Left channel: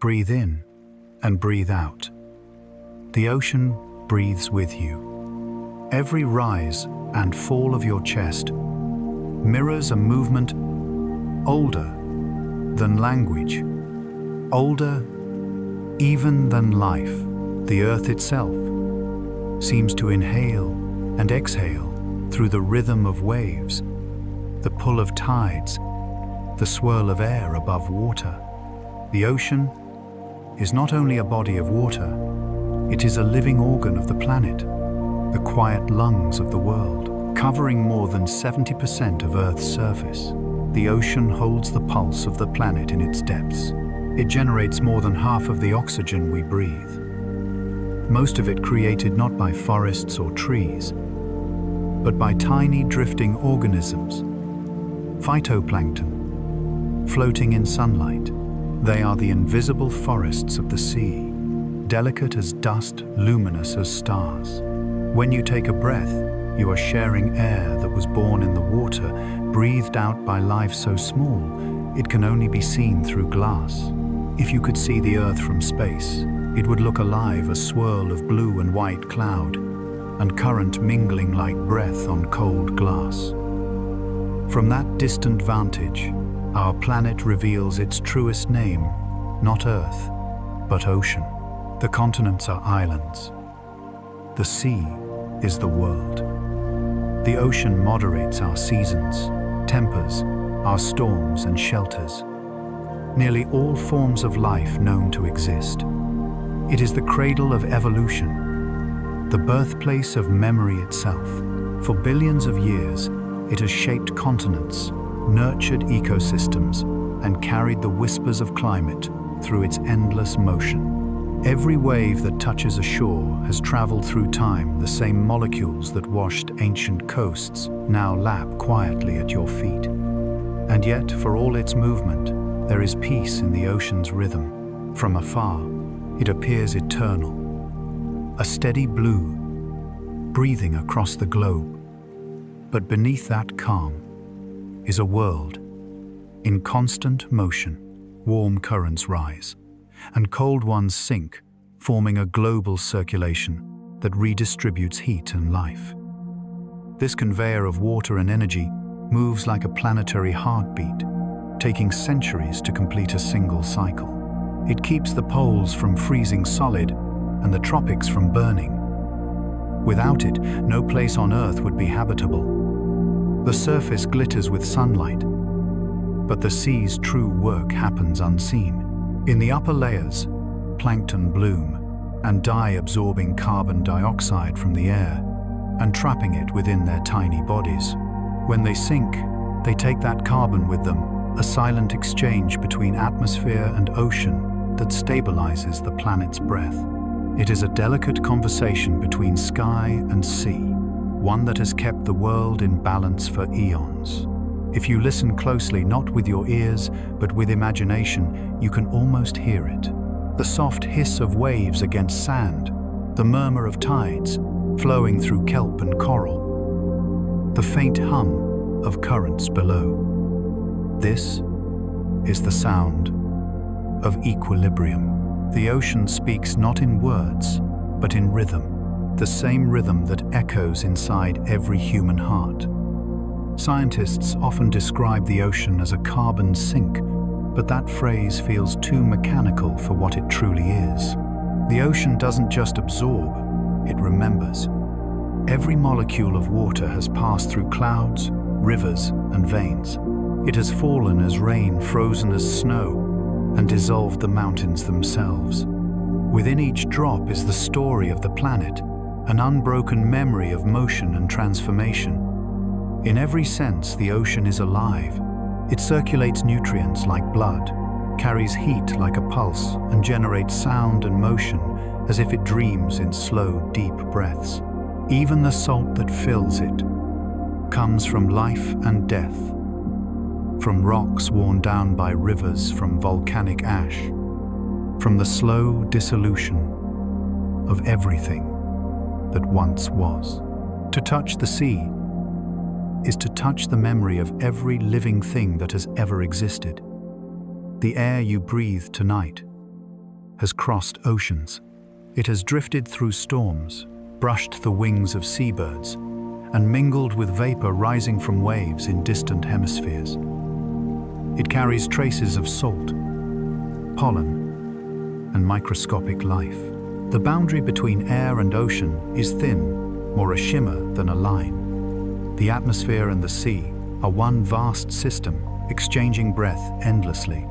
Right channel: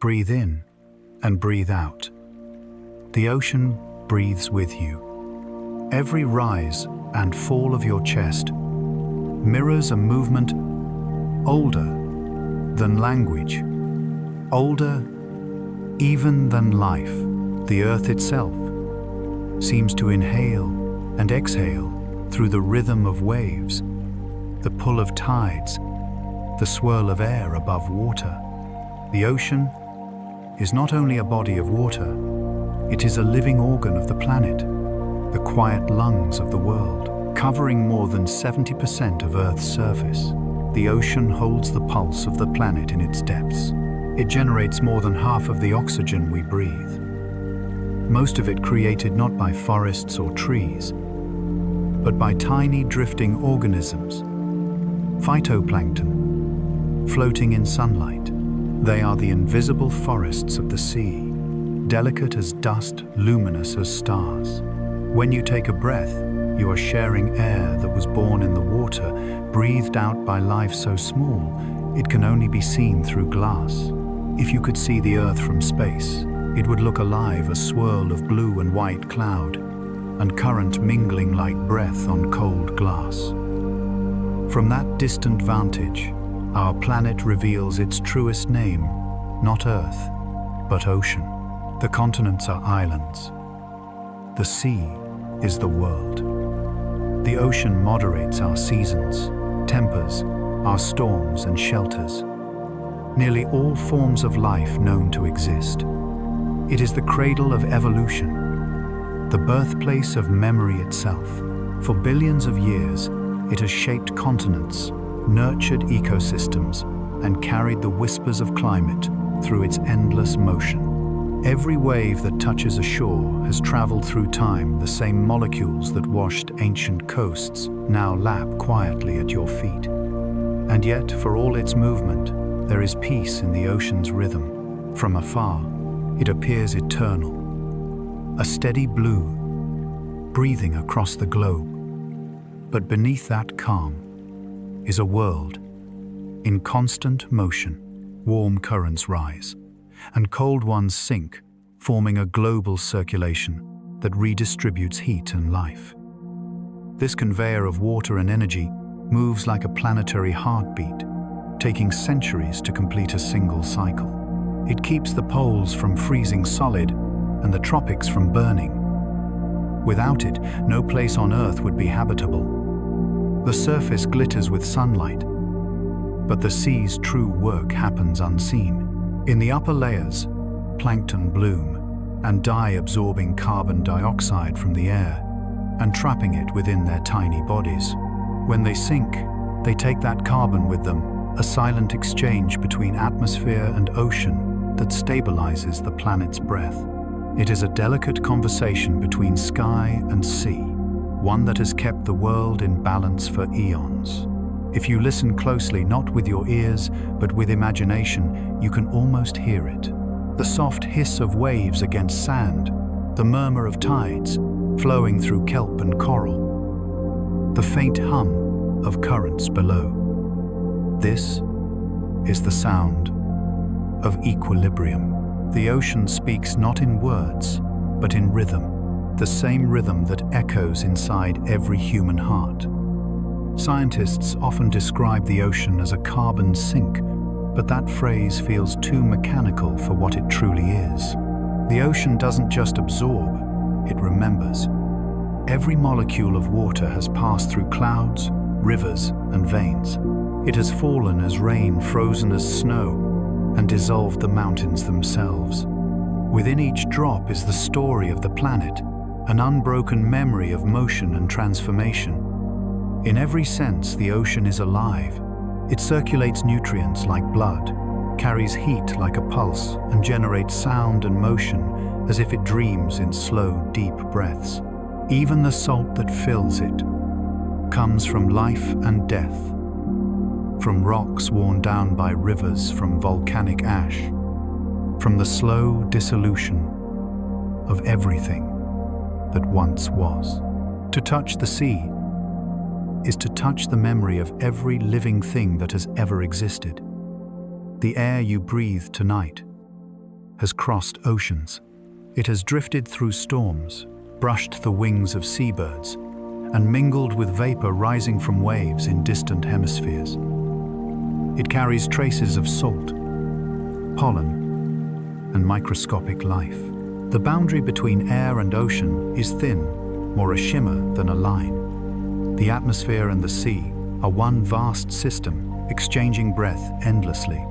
Breathe in and breathe out. The ocean breathes with you. Every rise and fall of your chest mirrors a movement older than language, older even than life. The earth itself seems to inhale and exhale through the rhythm of waves, the pull of tides, the swirl of air above water. The ocean is not only a body of water, it is a living organ of the planet, the quiet lungs of the world. Covering more than 70% of Earth's surface, the ocean holds the pulse of the planet in its depths. It generates more than half of the oxygen we breathe, most of it created not by forests or trees, but by tiny drifting organisms, phytoplankton, floating in sunlight. They are the invisible forests of the sea, delicate as dust, luminous as stars. When you take a breath, you are sharing air that was born in the water, breathed out by life so small, it can only be seen through glass. If you could see the Earth from space, it would look alive, a swirl of blue and white cloud, and current mingling like breath on cold glass. From that distant vantage, our planet reveals its truest name, not Earth, but ocean. The continents are islands. The sea is the world. The ocean moderates our seasons, tempers our storms and shelters nearly all forms of life known to exist. It is the cradle of evolution, the birthplace of memory itself. For billions of years, it has shaped continents, nurtured ecosystems, and carried the whispers of climate through its endless motion. Every wave that touches a shore has traveled through time. The same molecules that washed ancient coasts now lap quietly at your feet. And yet, for all its movement, there is peace in the ocean's rhythm. From afar, it appears eternal, a steady blue, breathing across the globe. But beneath that calm is a world in constant motion. Warm currents rise, and cold ones sink, forming a global circulation that redistributes heat and life. This conveyor of water and energy moves like a planetary heartbeat, taking centuries to complete a single cycle. It keeps the poles from freezing solid and the tropics from burning. Without it, no place on Earth would be habitable. The surface glitters with sunlight, but the sea's true work happens unseen. In the upper layers, plankton bloom and die, absorbing carbon dioxide from the air and trapping it within their tiny bodies. When they sink, they take that carbon with them, a silent exchange between atmosphere and ocean that stabilizes the planet's breath. It is a delicate conversation between sky and sea, one that has kept the world in balance for eons. If you listen closely, not with your ears, but with imagination, you can almost hear it. The soft hiss of waves against sand, the murmur of tides flowing through kelp and coral, the faint hum of currents below. This is the sound of equilibrium. The ocean speaks not in words, but in rhythm, the same rhythm that echoes inside every human heart. Scientists often describe the ocean as a carbon sink, but that phrase feels too mechanical for what it truly is. The ocean doesn't just absorb, it remembers. Every molecule of water has passed through clouds, rivers, and veins. It has fallen as rain, frozen as snow, and dissolved the mountains themselves. Within each drop is the story of the planet, an unbroken memory of motion and transformation. In every sense, the ocean is alive. It circulates nutrients like blood, carries heat like a pulse, and generates sound and motion as if it dreams in slow, deep breaths. Even the salt that fills it comes from life and death, from rocks worn down by rivers, from volcanic ash, from the slow dissolution of everything that once was. To touch the sea is to touch the memory of every living thing that has ever existed. The air you breathe tonight has crossed oceans. It has drifted through storms, brushed the wings of seabirds, and mingled with vapor rising from waves in distant hemispheres. It carries traces of salt, pollen, and microscopic life. The boundary between air and ocean is thin, more a shimmer than a line. The atmosphere and the sea are one vast system, exchanging breath endlessly.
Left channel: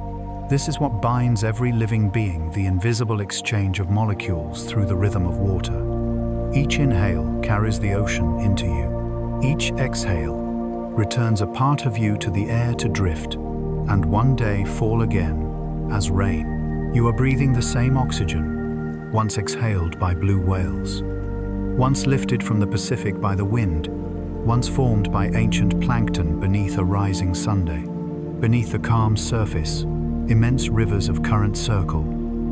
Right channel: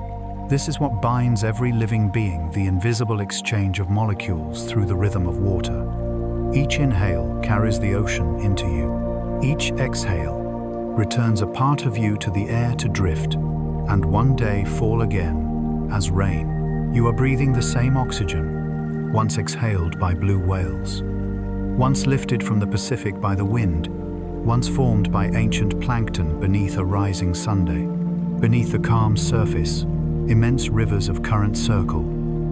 This is what binds every living being, the invisible exchange of molecules through the rhythm of water. Each inhale carries the ocean into you. Each exhale returns a part of you to the air to drift, and one day fall again as rain. You are breathing the same oxygen, once exhaled by blue whales, once lifted from the Pacific by the wind, once formed by ancient plankton beneath a rising Sunday. Beneath the calm surface, immense rivers of current circle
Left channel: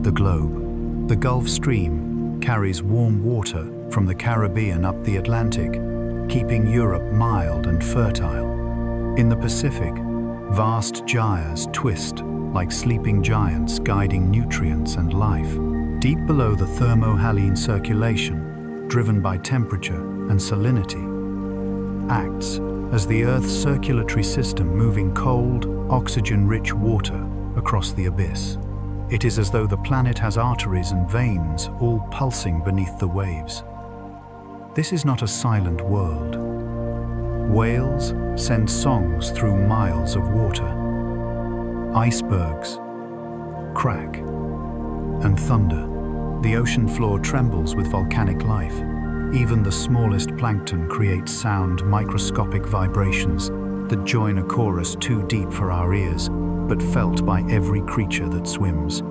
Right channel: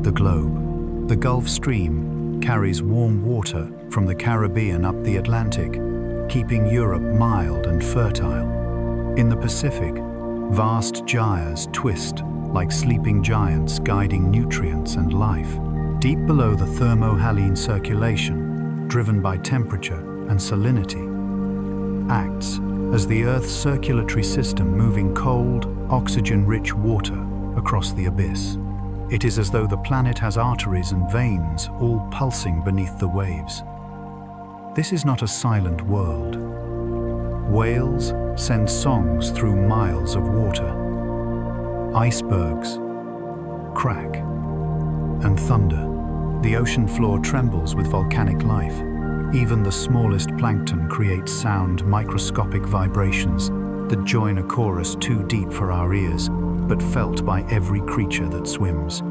the globe. The Gulf Stream carries warm water from the Caribbean up the Atlantic, keeping Europe mild and fertile. In the Pacific, vast gyres twist like sleeping giants guiding nutrients and life. Deep below the thermohaline circulation, driven by temperature and salinity, acts as the Earth's circulatory system moving cold, oxygen-rich water across the abyss. It is as though the planet has arteries and veins all pulsing beneath the waves. This is not a silent world. Whales send songs through miles of water. Icebergs crack and thunder. The ocean floor trembles with volcanic life. Even the smallest plankton creates sound, microscopic vibrations that join a chorus too deep for our ears, but felt by every creature that swims.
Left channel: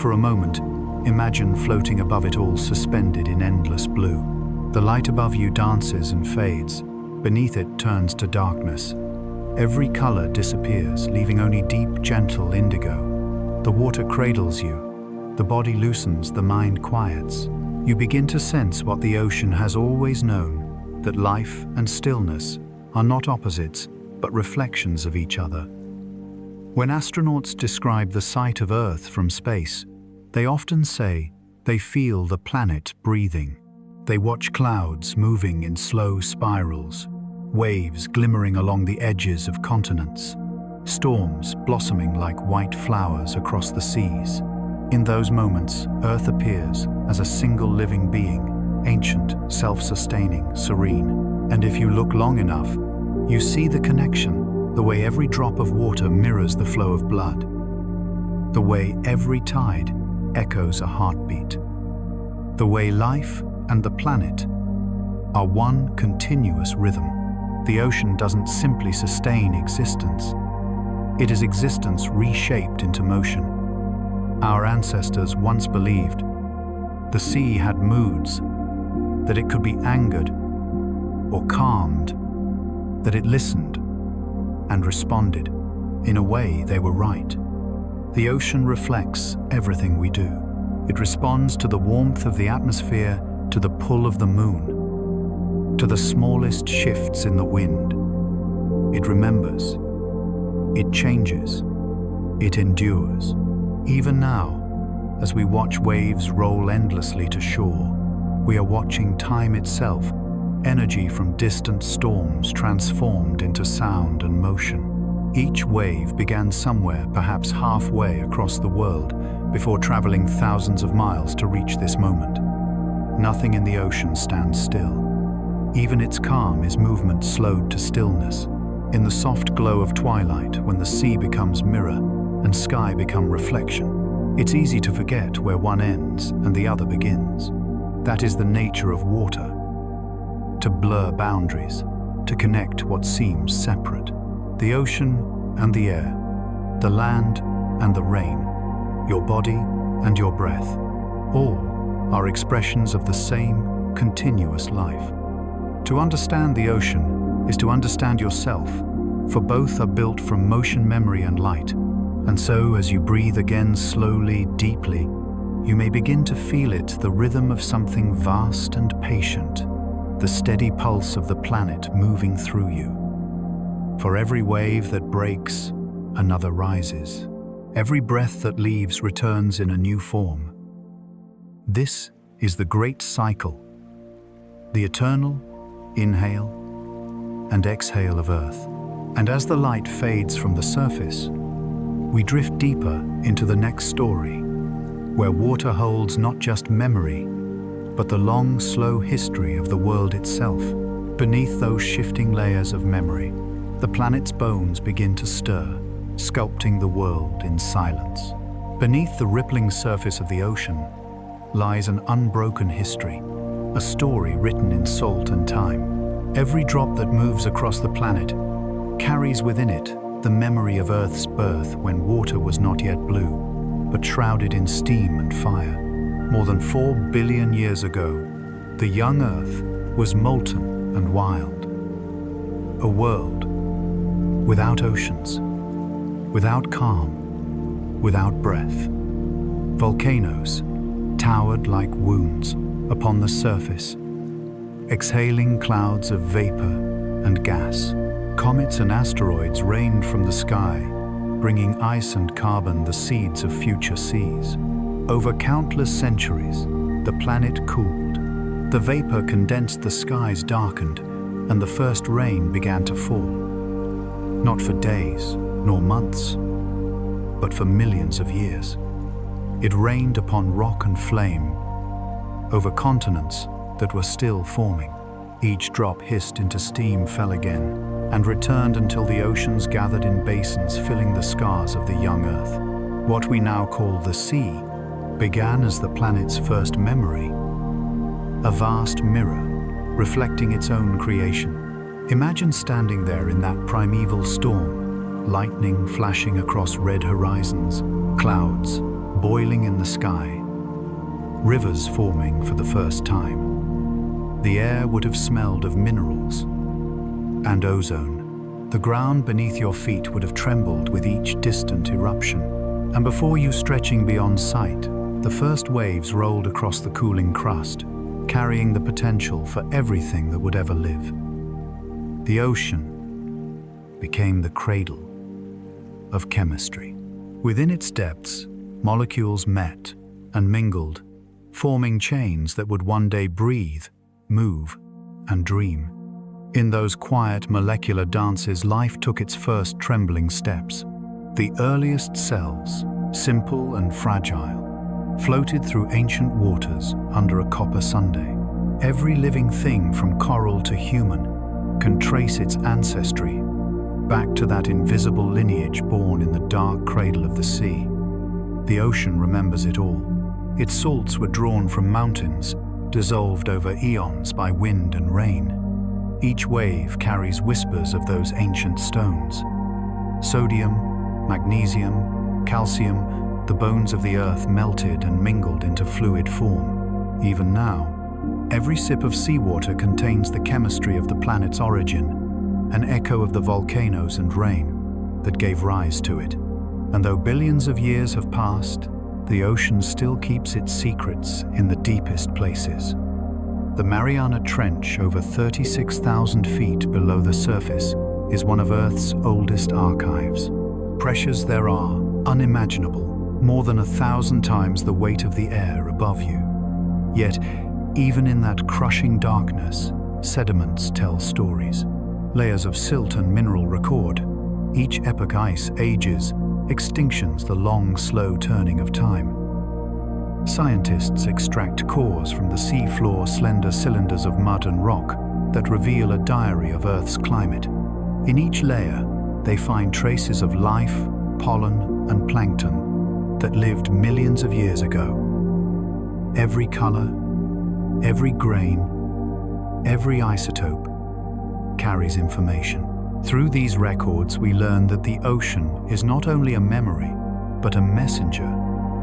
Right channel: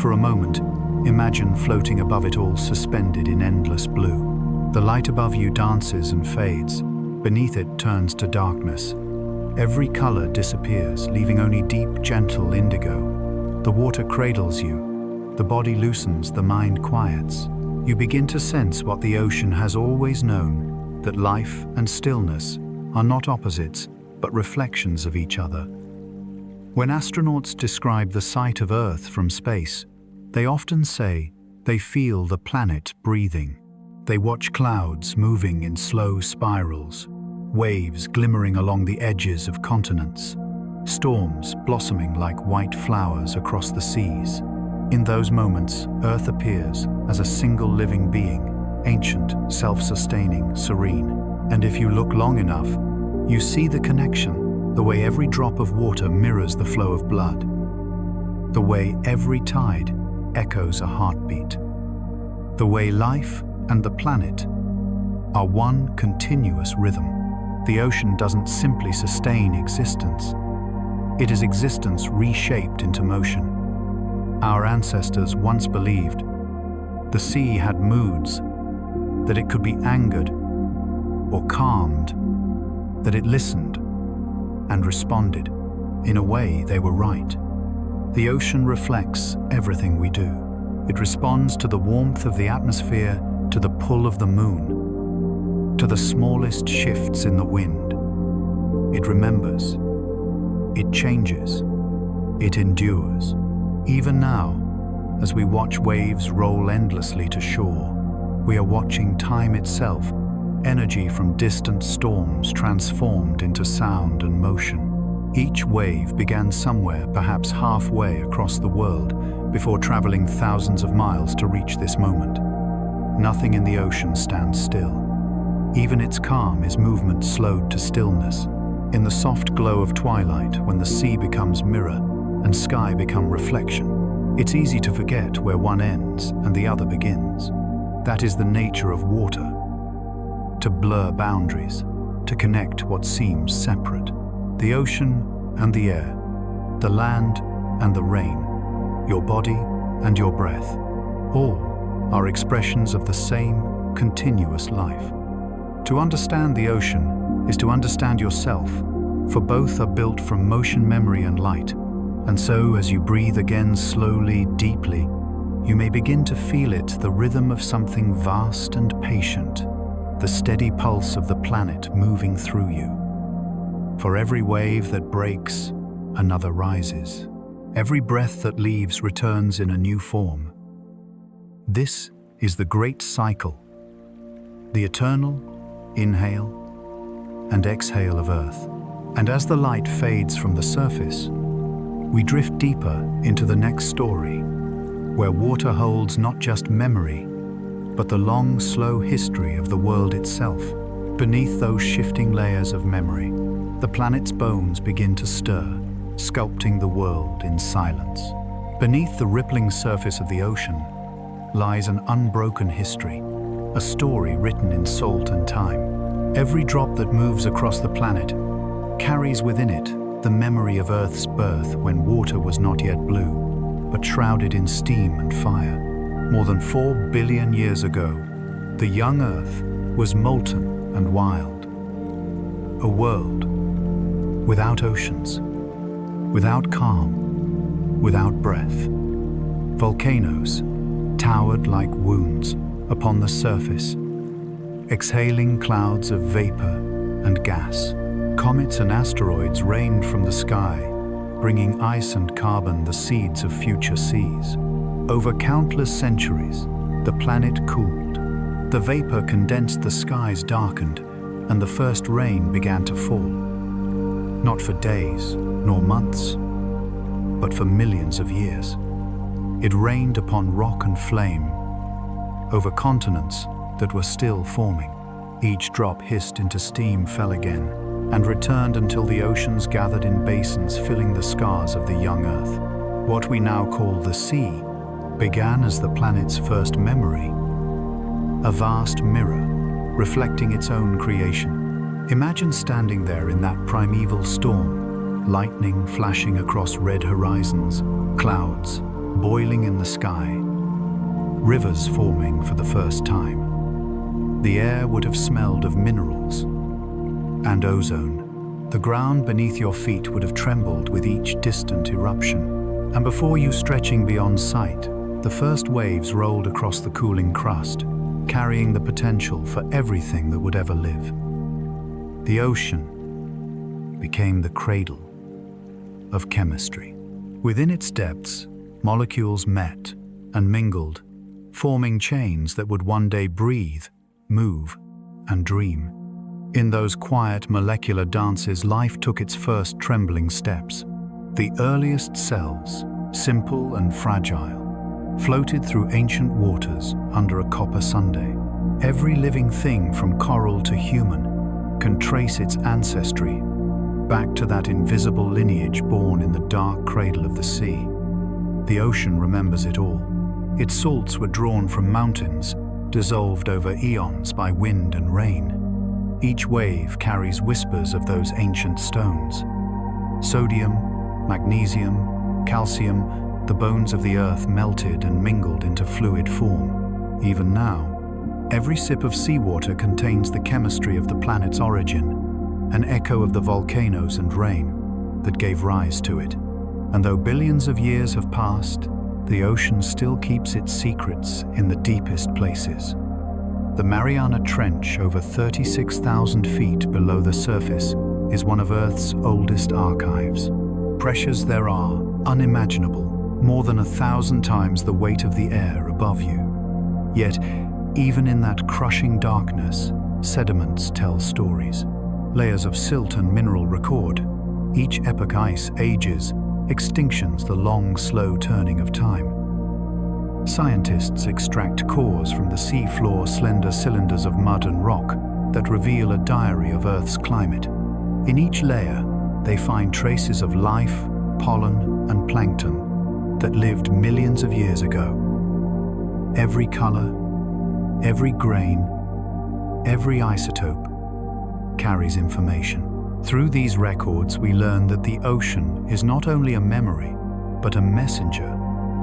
For a moment, imagine floating above it all, suspended in endless blue. The light above you dances and fades. Beneath it turns to darkness. Every color disappears, leaving only deep, gentle indigo. The water cradles you. The body loosens, the mind quiets. You begin to sense what the ocean has always known, that life and stillness are not opposites, but reflections of each other. When astronauts describe the sight of Earth from space, they often say they feel the planet breathing. They watch clouds moving in slow spirals, waves glimmering along the edges of continents, storms blossoming like white flowers across the seas. In those moments, Earth appears as a single living being, ancient, self-sustaining, serene. And if you look long enough, you see the connection. The way every drop of water mirrors the flow of blood. The way every tide echoes a heartbeat. The way life and the planet are one continuous rhythm. The ocean doesn't simply sustain existence. It is existence reshaped into motion. Our ancestors once believed the sea had moods, that it could be angered or calmed, that it listened and responded. In a way, they were right. The ocean reflects everything we do. It responds to the warmth of the atmosphere, to the pull of the moon, to the smallest shifts in the wind. It remembers. It changes. It endures. Even now, as we watch waves roll endlessly to shore, we are watching time itself, energy from distant storms transformed into sound and motion. Each wave began somewhere, perhaps halfway across the world, before traveling thousands of miles to reach this moment. Nothing in the ocean stands still. Even its calm is movement slowed to stillness. In the soft glow of twilight, when the sea becomes mirror and sky become reflection, it's easy to forget where one ends and the other begins. That is the nature of water. To blur boundaries, to connect what seems separate. The ocean and the air, the land and the rain, your body and your breath, all are expressions of the same continuous life. To understand the ocean is to understand yourself, for both are built from motion, memory and light. And so, as you breathe again slowly, deeply, you may begin to feel it, the rhythm of something vast and patient, the steady pulse of the planet moving through you. For every wave that breaks, another rises. Every breath that leaves returns in a new form. This is the great cycle, the eternal inhale and exhale of Earth. And as the light fades from the surface, we drift deeper into the next story, where water holds not just memory, but the long, slow history of the world itself. Beneath those shifting layers of memory, the planet's bones begin to stir, sculpting the world in silence. Beneath the rippling surface of the ocean lies an unbroken history, a story written in salt and time. Every drop that moves across the planet carries within it the memory of Earth's birth when water was not yet blue, but shrouded in steam and fire. More than 4 billion years ago, the young Earth was molten and wild. A world without oceans, without calm, without breath. Volcanoes towered like wounds upon the surface, exhaling clouds of vapor and gas. Comets and asteroids rained from the sky, bringing ice and carbon, the seeds of future seas. Over countless centuries, the planet cooled. The vapor condensed, the skies darkened, and the first rain began to fall. Not for days, nor months, but for millions of years. It rained upon rock and flame, over continents that were still forming. Each drop hissed into steam, fell again, and returned until the oceans gathered in basins, filling the scars of the young Earth. What we now call the sea began as the planet's first memory, a vast mirror reflecting its own creation. Imagine standing there in that primeval storm, lightning flashing across red horizons, clouds boiling in the sky, rivers forming for the first time. The air would have smelled of minerals and ozone. The ground beneath your feet would have trembled with each distant eruption. And before you, stretching beyond sight, the first waves rolled across the cooling crust, carrying the potential for everything that would ever live. The ocean became the cradle of chemistry. Within its depths, molecules met and mingled, forming chains that would one day breathe, move, and dream. In those quiet molecular dances, life took its first trembling steps. The earliest cells, simple and fragile, floated through ancient waters under a copper sundae. Every living thing, from coral to human, can trace its ancestry back to that invisible lineage born in the dark cradle of the sea. The ocean remembers it all. Its salts were drawn from mountains, dissolved over eons by wind and rain. Each wave carries whispers of those ancient stones. Sodium, magnesium, calcium, the bones of the earth melted and mingled into fluid form. Even now, every sip of seawater contains the chemistry of the planet's origin, an echo of the volcanoes and rain that gave rise to it. And though billions of years have passed, the ocean still keeps its secrets in the deepest places. The Mariana Trench, over 36,000 feet below the surface, is one of Earth's oldest archives. Pressures there are unimaginable, more than 1,000 times the weight of the air above you. Yet, even in that crushing darkness, sediments tell stories. Layers of silt and mineral record. Each epoch ice ages, extinctions, the long, slow turning of time. Scientists extract cores from the sea floor, slender cylinders of mud and rock that reveal a diary of Earth's climate. In each layer, they find traces of life, pollen, and plankton that lived millions of years ago. Every color, every grain, every isotope carries information. Through these records, we learn that the ocean is not only a memory, but a messenger,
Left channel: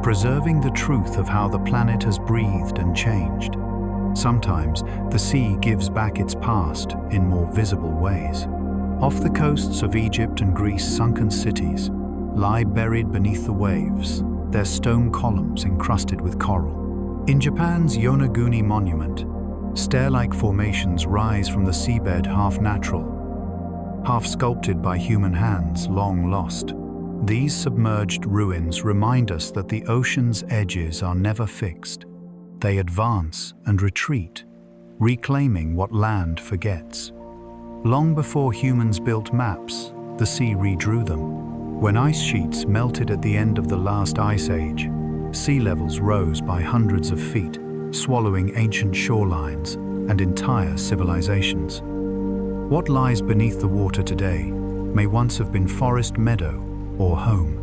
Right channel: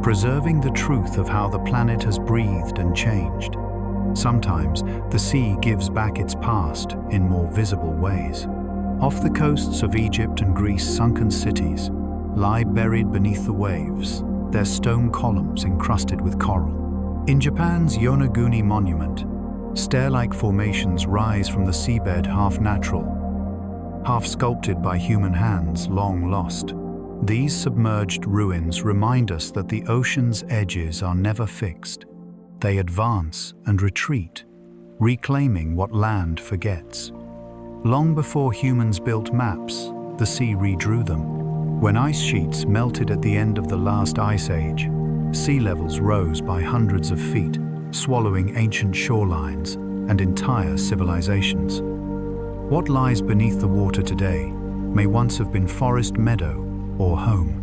preserving the truth of how the planet has breathed and changed. Sometimes, the sea gives back its past in more visible ways. Off the coasts of Egypt and Greece, sunken cities lie buried beneath the waves, their stone columns encrusted with coral. In Japan's Yonaguni Monument, stair-like formations rise from the seabed, half natural, half sculpted by human hands long lost. These submerged ruins remind us that the ocean's edges are never fixed. They advance and retreat, reclaiming what land forgets. Long before humans built maps, the sea redrew them. When ice sheets melted at the end of the last ice age, sea levels rose by hundreds of feet, swallowing ancient shorelines and entire civilizations. What lies beneath the water today may once have been forest meadow or home,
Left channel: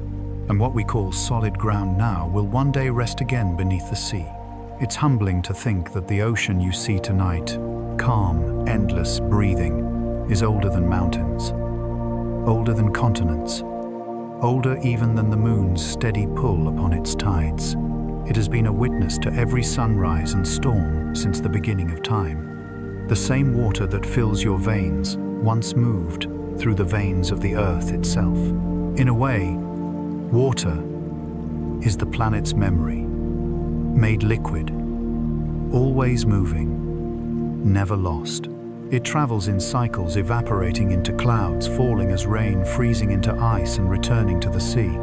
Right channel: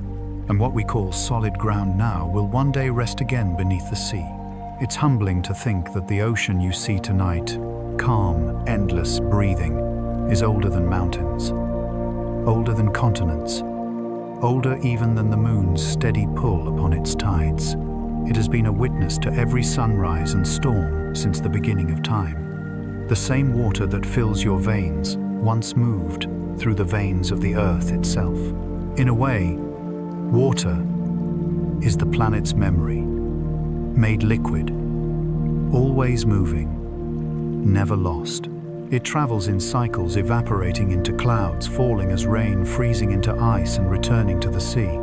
and what we call solid ground now will one day rest again beneath the sea. It's humbling to think that the ocean you see tonight, calm, endless, breathing, is older than mountains, older than continents, older even than the moon's steady pull upon its tides. It has been a witness to every sunrise and storm since the beginning of time. The same water that fills your veins once moved through the veins of the earth itself. In a way, water is the planet's memory, made liquid, always moving, never lost. It travels in cycles, evaporating into clouds, falling as rain, freezing into ice and returning to the sea.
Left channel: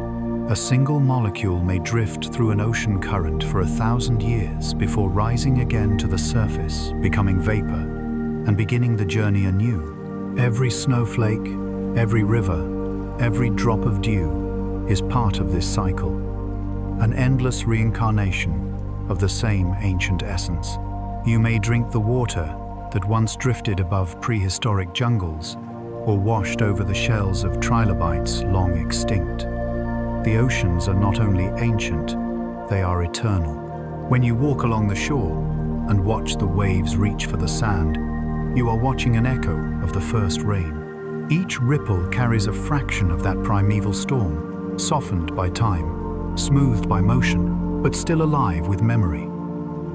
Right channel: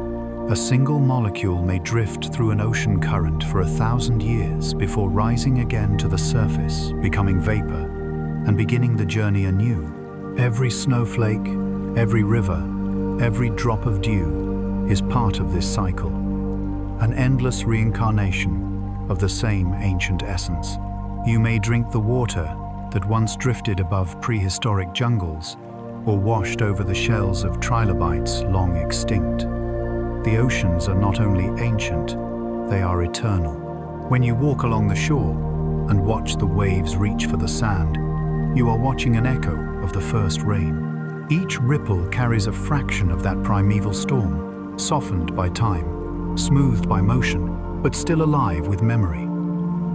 A single molecule may drift through an ocean current for 1,000 years before rising again to the surface, becoming vapor, and beginning the journey anew. Every snowflake, every river, every drop of dew is part of this cycle, an endless reincarnation of the same ancient essence. You may drink the water that once drifted above prehistoric jungles or washed over the shells of trilobites long extinct. The oceans are not only ancient, they are eternal. When you walk along the shore and watch the waves reach for the sand, you are watching an echo of the first rain. Each ripple carries a fraction of that primeval storm, softened by time, smoothed by motion, but still alive with memory.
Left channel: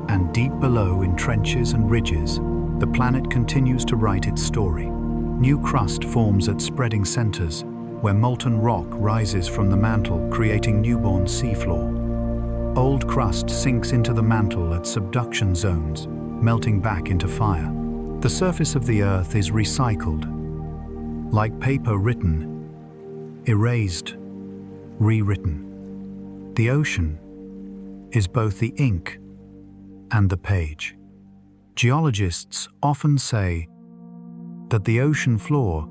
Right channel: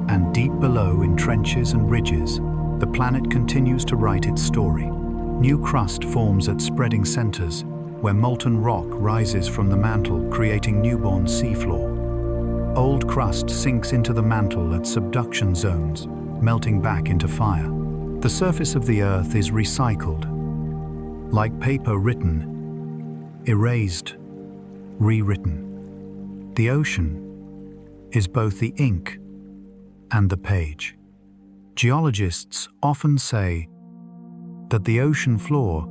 And deep below, in trenches and ridges, the planet continues to write its story. New crust forms at spreading centers, where molten rock rises from the mantle, creating newborn seafloor. Old crust sinks into the mantle at subduction zones, melting back into fire. The surface of the Earth is recycled, like paper written, erased, rewritten. The ocean is both the ink and the page. Geologists often say that the ocean floor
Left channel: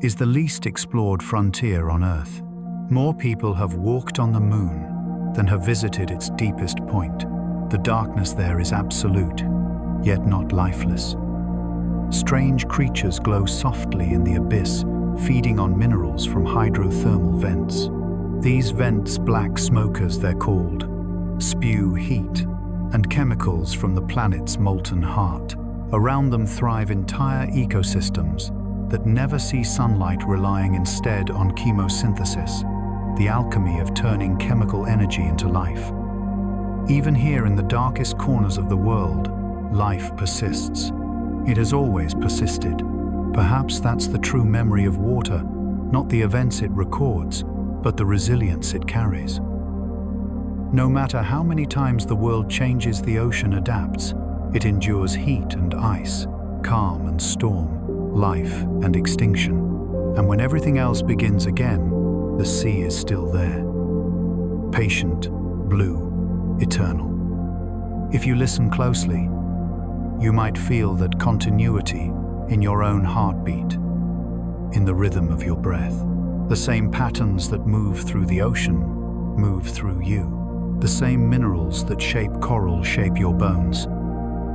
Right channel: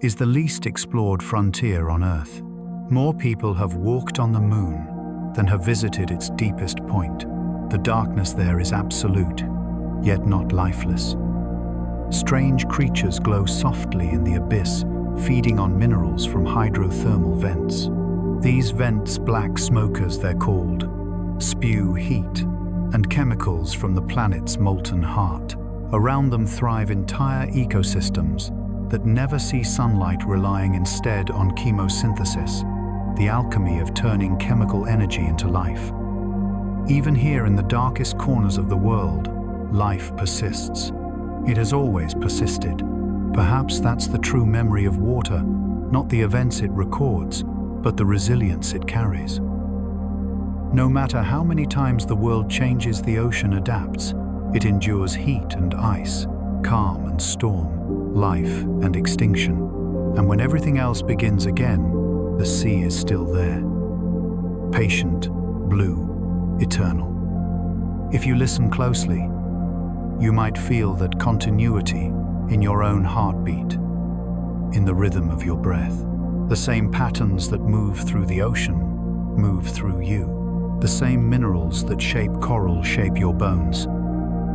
is the least explored frontier on Earth. More people have walked on the moon than have visited its deepest point. The darkness there is absolute, yet not lifeless. Strange creatures glow softly in the abyss, feeding on minerals from hydrothermal vents. These vents, black smokers they're called, spew heat and chemicals from the planet's molten heart. Around them thrive entire ecosystems that never see sunlight, relying instead on chemosynthesis, the alchemy of turning chemical energy into life. Even here in the darkest corners of the world, life persists. It has always persisted. Perhaps that's the true memory of water, not the events it records, but the resilience it carries. No matter how many times the world changes, the ocean adapts. It endures heat and ice, calm and storm, life and extinction. And when everything else begins again, the sea is still there. Patient, blue, eternal. If you listen closely, you might feel that continuity in your own heartbeat, in the rhythm of your breath. The same patterns that move through the ocean move through you. The same minerals that shape coral shape your bones.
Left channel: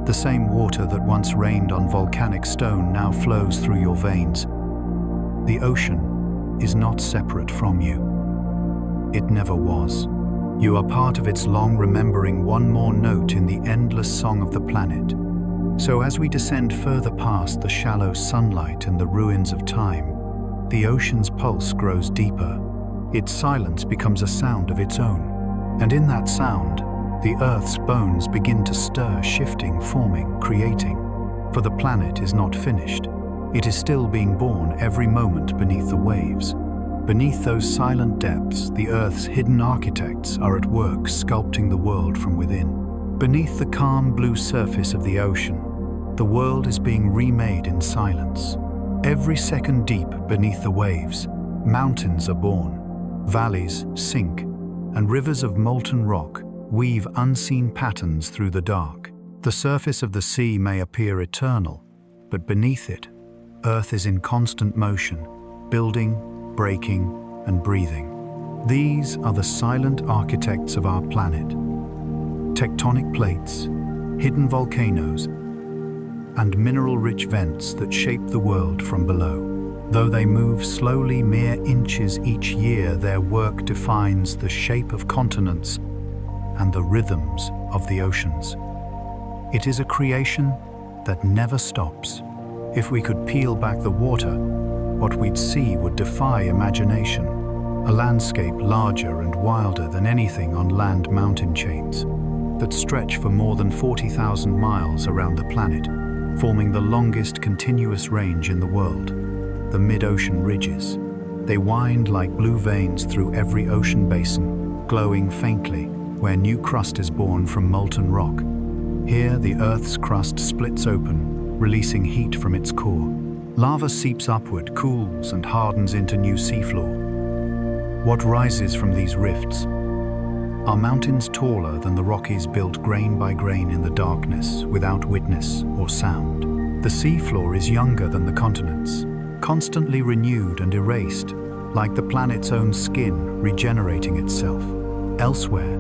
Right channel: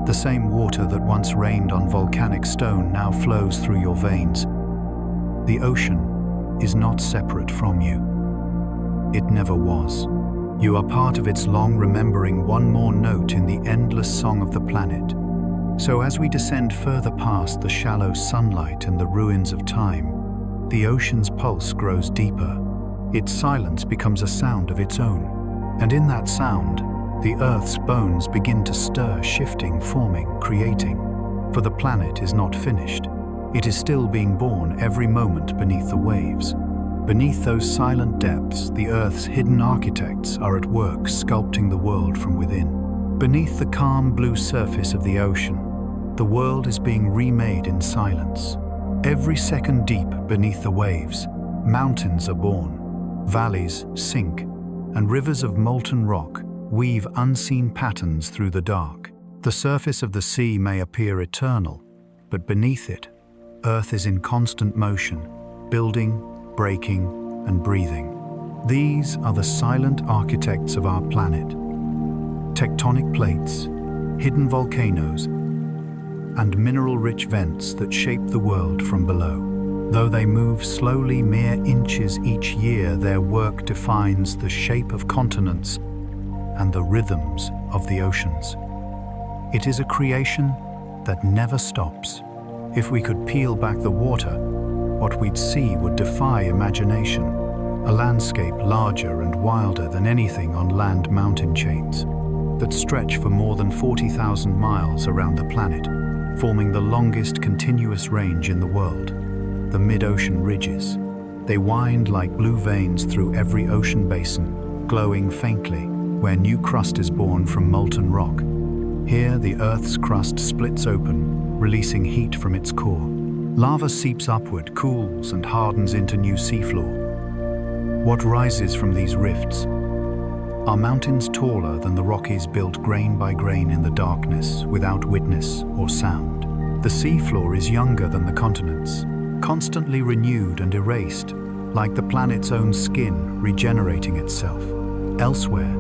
The same water that once rained on volcanic stone now flows through your veins. The ocean is not separate from you. It never was. You are part of its long remembering, one more note in the endless song of the planet. So as we descend further past the shallow sunlight and the ruins of time, the ocean's pulse grows deeper. Its silence becomes a sound of its own. And in that sound, the Earth's bones begin to stir, shifting, forming, creating. For the planet is not finished. It is still being born every moment beneath the waves. Beneath those silent depths, the Earth's hidden architects are at work sculpting the world from within. Beneath the calm blue surface of the ocean, the world is being remade in silence. Every second deep beneath the waves, mountains are born. Valleys sink, and rivers of molten rock weave unseen patterns through the dark. The surface of the sea may appear eternal, but beneath it, Earth is in constant motion, building, breaking, and breathing. These are the silent architects of our planet. Tectonic plates, hidden volcanoes, and mineral-rich vents that shape the world from below. Though they move slowly mere inches each year, their work defines the shape of continents and the rhythms of the oceans. It is a creation that never stops. If we could peel back the water, what we'd see would defy imagination. A landscape larger and wilder than anything on land mountain chains that stretch for more than 40,000 miles around the planet, forming the longest continuous range in the world. The mid-ocean ridges. They wind like blue veins through every ocean basin, glowing faintly where new crust is born from molten rock. Here, the Earth's crust splits open, releasing heat from its core. Lava seeps upward, cools, and hardens into new seafloor. What rises from these rifts? Are mountains taller than the Rockies built grain by grain in the darkness, without witness or sound? The seafloor is younger than the continents, constantly renewed and erased, like the planet's own skin regenerating itself. Elsewhere,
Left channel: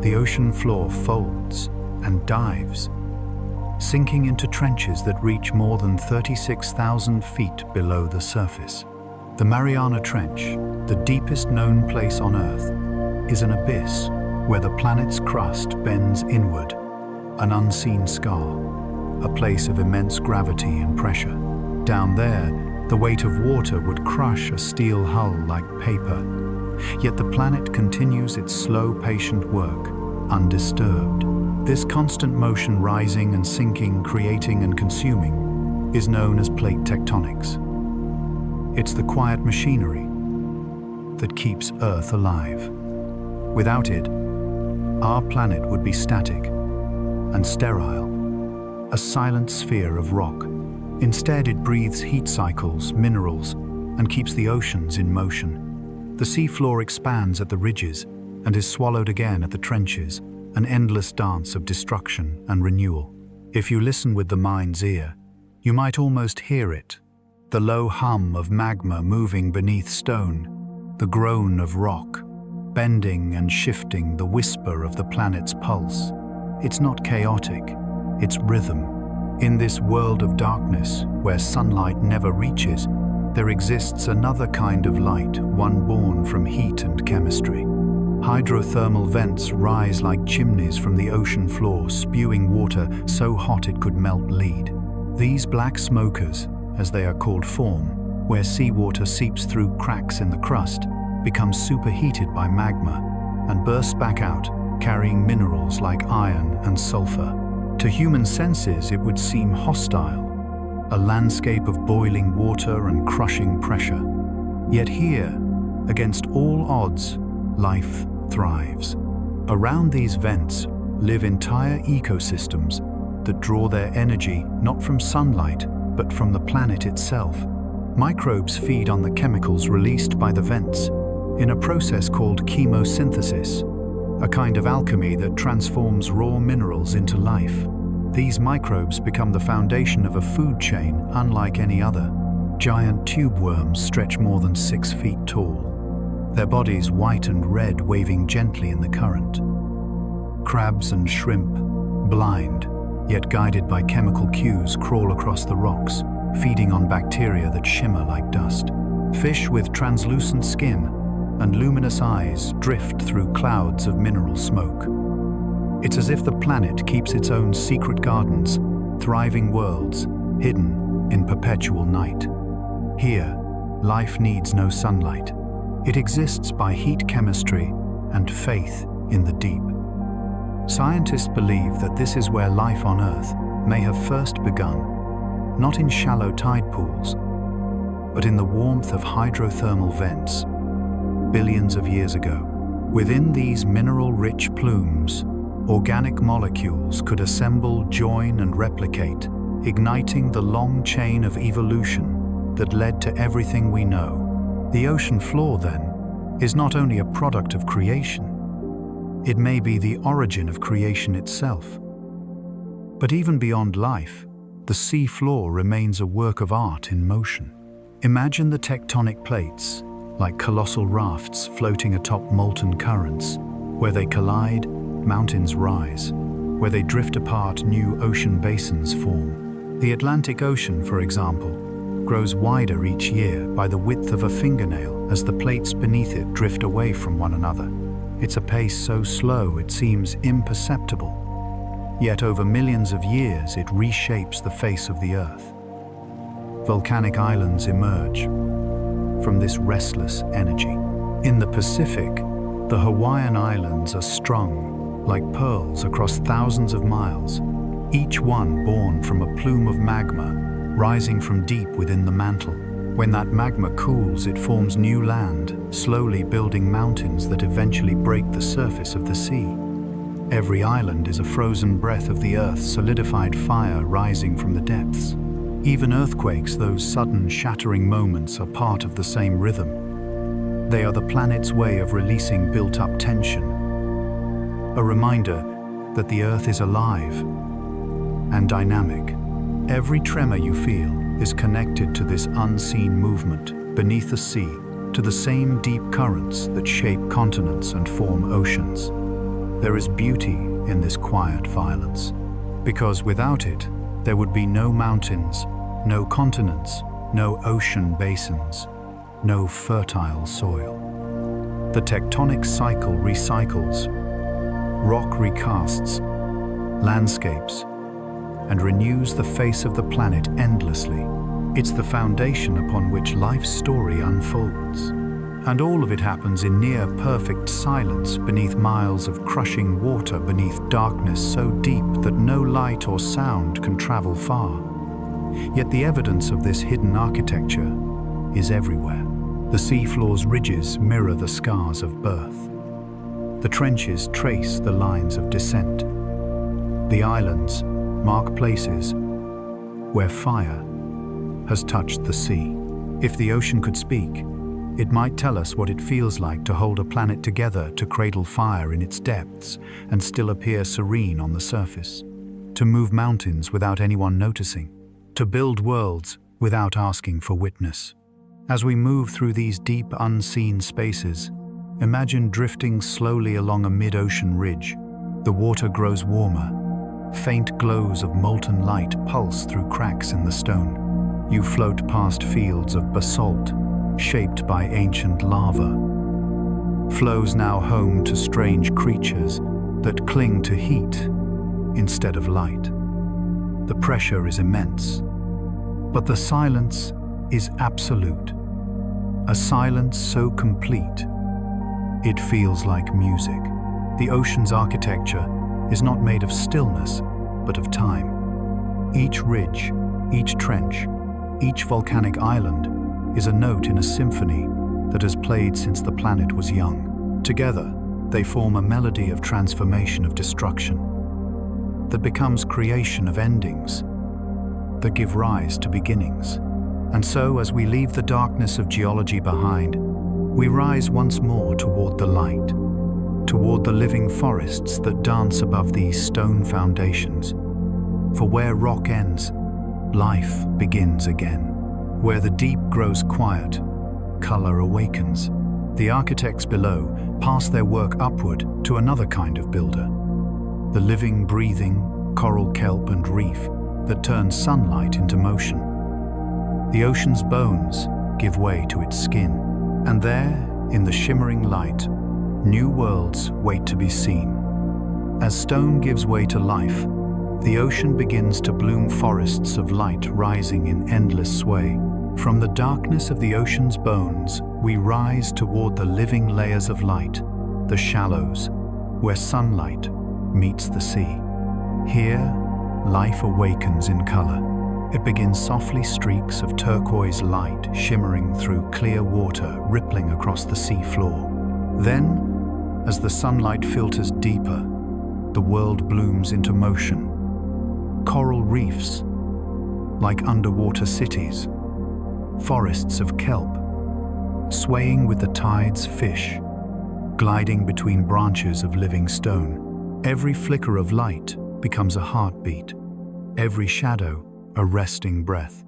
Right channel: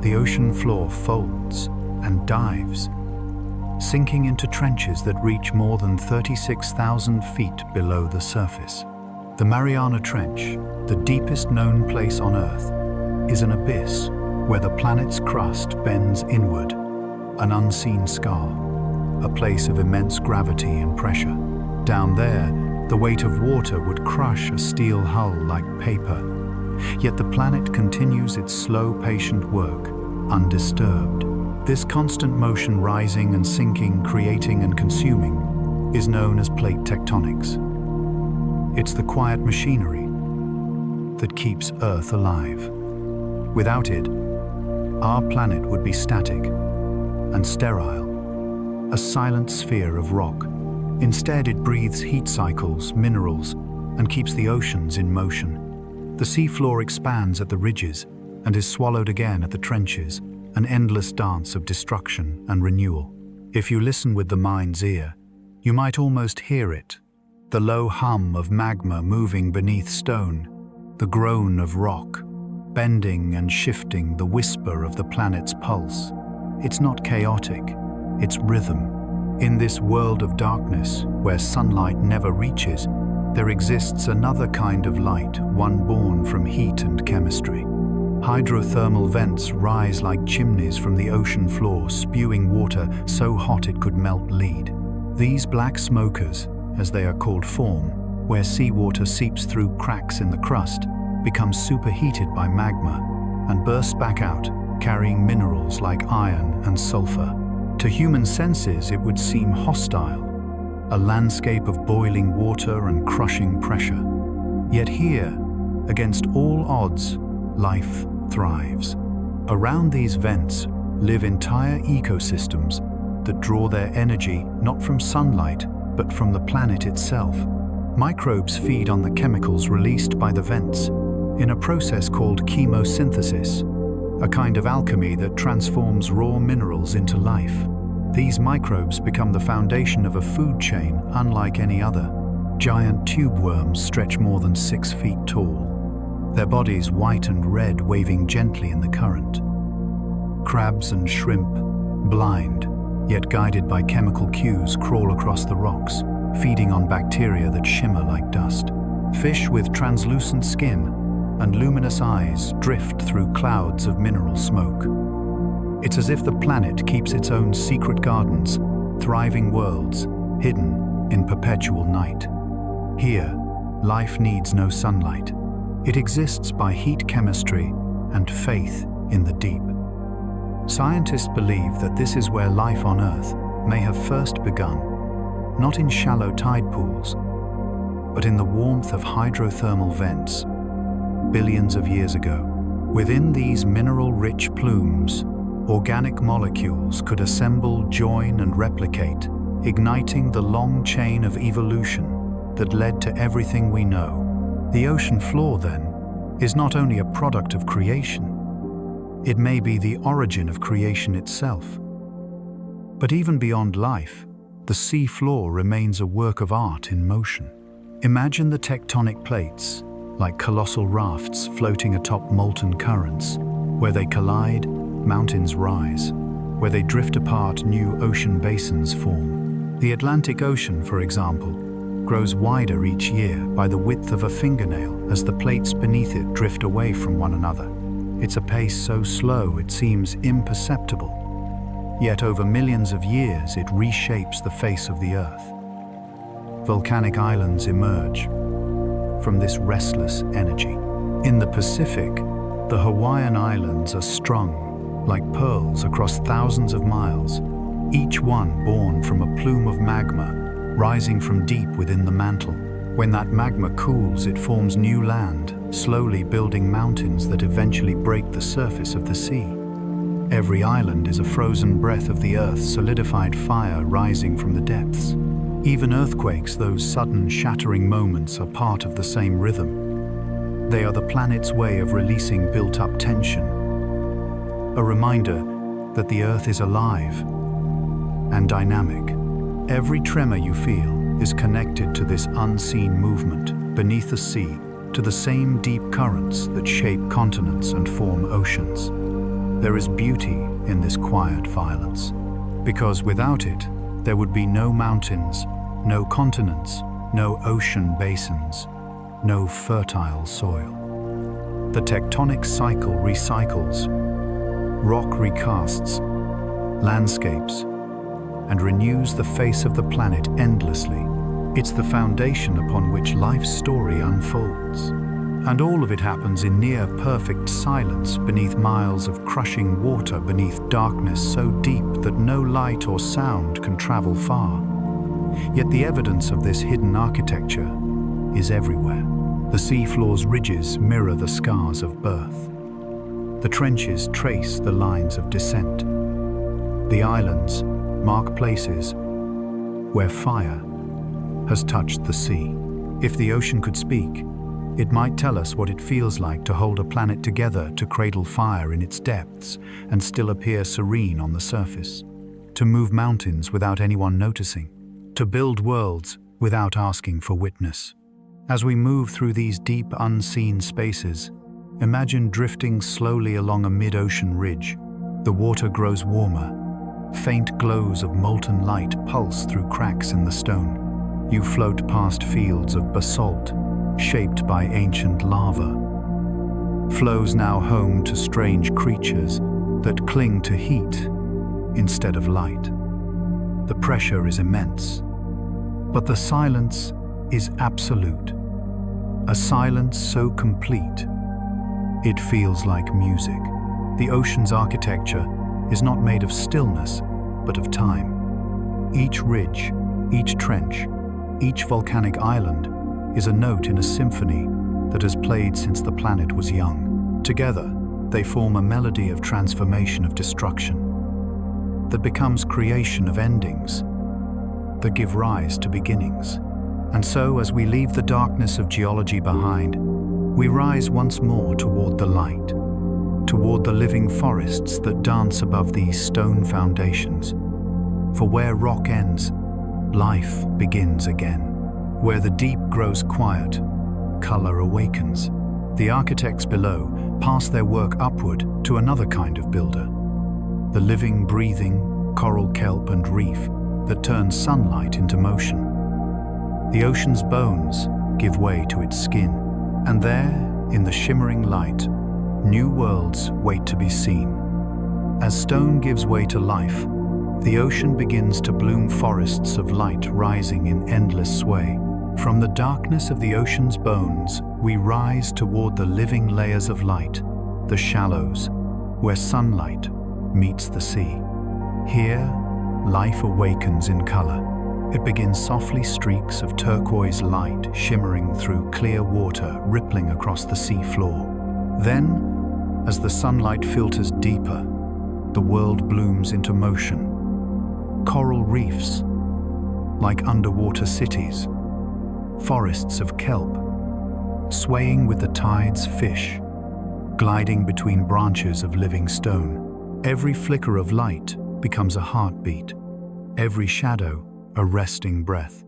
the ocean floor folds and dives, sinking into trenches that reach more than 36,000 feet below the surface. The Mariana Trench, the deepest known place on Earth, is an abyss where the planet's crust bends inward, an unseen scar, a place of immense gravity and pressure. Down there, the weight of water would crush a steel hull like paper. Yet the planet continues its slow, patient work, undisturbed. This constant motion, rising and sinking, creating and consuming, is known as plate tectonics. It's the quiet machinery that keeps Earth alive. Without it, our planet would be static and sterile, a silent sphere of rock. Instead, it breathes heat cycles, minerals, and keeps the oceans in motion. The seafloor expands at the ridges and is swallowed again at the trenches, an endless dance of destruction and renewal. If you listen with the mind's ear, you might almost hear it, the low hum of magma moving beneath stone, the groan of rock, bending and shifting, the whisper of the planet's pulse. It's not chaotic, it's rhythm. In this world of darkness, where sunlight never reaches, there exists another kind of light, one born from heat and chemistry. Hydrothermal vents rise like chimneys from the ocean floor, spewing water so hot it could melt lead. These black smokers, as they are called, form where seawater seeps through cracks in the crust, becomes superheated by magma, and bursts back out, carrying minerals like iron and sulfur. To human senses, it would seem hostile, a landscape of boiling water and crushing pressure. Yet here, against all odds, life thrives. Around these vents live entire ecosystems that draw their energy not from sunlight, but from the planet itself. Microbes feed on the chemicals released by the vents in a process called chemosynthesis, a kind of alchemy that transforms raw minerals into life. These microbes become the foundation of a food chain unlike any other. Giant tube worms stretch more than 6 feet tall, their bodies white and red, waving gently in the current. Crabs and shrimp, blind, yet guided by chemical cues, crawl across the rocks, feeding on bacteria that shimmer like dust. Fish with translucent skin and luminous eyes drift through clouds of mineral smoke. It's as if the planet keeps its own secret gardens, thriving worlds, hidden in perpetual night. Here, life needs no sunlight. It exists by heat chemistry and faith in the deep. Scientists believe that this is where life on Earth may have first begun, not in shallow tide pools, but in the warmth of hydrothermal vents, billions of years ago. Within these mineral-rich plumes, organic molecules could assemble, join, and replicate, igniting the long chain of evolution that led to everything we know. The ocean floor, then, is not only a product of creation, it may be the origin of creation itself. But even beyond life, the sea floor remains a work of art in motion. Imagine the tectonic plates, like colossal rafts floating atop molten currents. Where they collide, mountains rise. Where they drift apart, new ocean basins form. The Atlantic Ocean, for example, grows wider each year by the width of a fingernail as the plates beneath it drift away from one another. It's a pace so slow it seems imperceptible. Yet over millions of years it reshapes the face of the Earth. Volcanic islands emerge from this restless energy. In the Pacific, the Hawaiian Islands are strung like pearls across thousands of miles, each one born from a plume of magma rising from deep within the mantle. When that magma cools, it forms new land, slowly building mountains that eventually break the surface of the sea. Every island is a frozen breath of the Earth's solidified fire rising from the depths. Even earthquakes, those sudden shattering moments, are part of the same rhythm. They are the planet's way of releasing built-up tension. A reminder that the Earth is alive and dynamic. Every tremor you feel is connected to this unseen movement beneath the sea, to the same deep currents that shape continents and form oceans. There is beauty in this quiet violence, because without it, there would be no mountains, no continents, no ocean basins, no fertile soil. The tectonic cycle recycles, rock recasts, landscapes, and renews the face of the planet endlessly. It's the foundation upon which life's story unfolds. And all of it happens in near-perfect silence beneath miles of crushing water, beneath darkness so deep that no light or sound can travel far. Yet the evidence of this hidden architecture is everywhere. The seafloor's ridges mirror the scars of birth. The trenches trace the lines of descent. The islands mark places where fire has touched the sea. If the ocean could speak, it might tell us what it feels like to hold a planet together, to cradle fire in its depths and still appear serene on the surface, to move mountains without anyone noticing, to build worlds without asking for witness. As we move through these deep, unseen spaces, imagine drifting slowly along a mid-ocean ridge. The water grows warmer. Faint glows of molten light pulse through cracks in the stone. You float past fields of basalt, shaped by ancient lava. Flows now home to strange creatures that cling to heat instead of light. The pressure is immense, but the silence is absolute. A silence so complete, it feels like music. The ocean's architecture is not made of stillness, but of time. Each ridge, each trench, each volcanic island is a note in a symphony that has played since the planet was young. Together, they form a melody of transformation, of destruction, that becomes creation of endings, that give rise to beginnings. And so, as we leave the darkness of geology behind, we rise once more toward the light, toward the living forests that dance above these stone foundations. For where rock ends, life begins again. Where the deep grows quiet, color awakens. The architects below pass their work upward to another kind of builder, the living, breathing coral, kelp, and reef that turns sunlight into motion. The ocean's bones give way to its skin, and there, in the shimmering light, new worlds wait to be seen. As stone gives way to life, the ocean begins to bloom, forests of light rising in endless sway. From the darkness of the ocean's bones, we rise toward the living layers of light, the shallows, where sunlight meets the sea. Here, life awakens in color. It begins softly, streaks of turquoise light shimmering through clear water, rippling across the sea floor. Then, as the sunlight filters deeper, the world blooms into motion. Coral reefs, like underwater cities, forests of kelp, swaying with the tide's fish, gliding between branches of living stone. Every flicker of light becomes a heartbeat, every shadow a resting breath.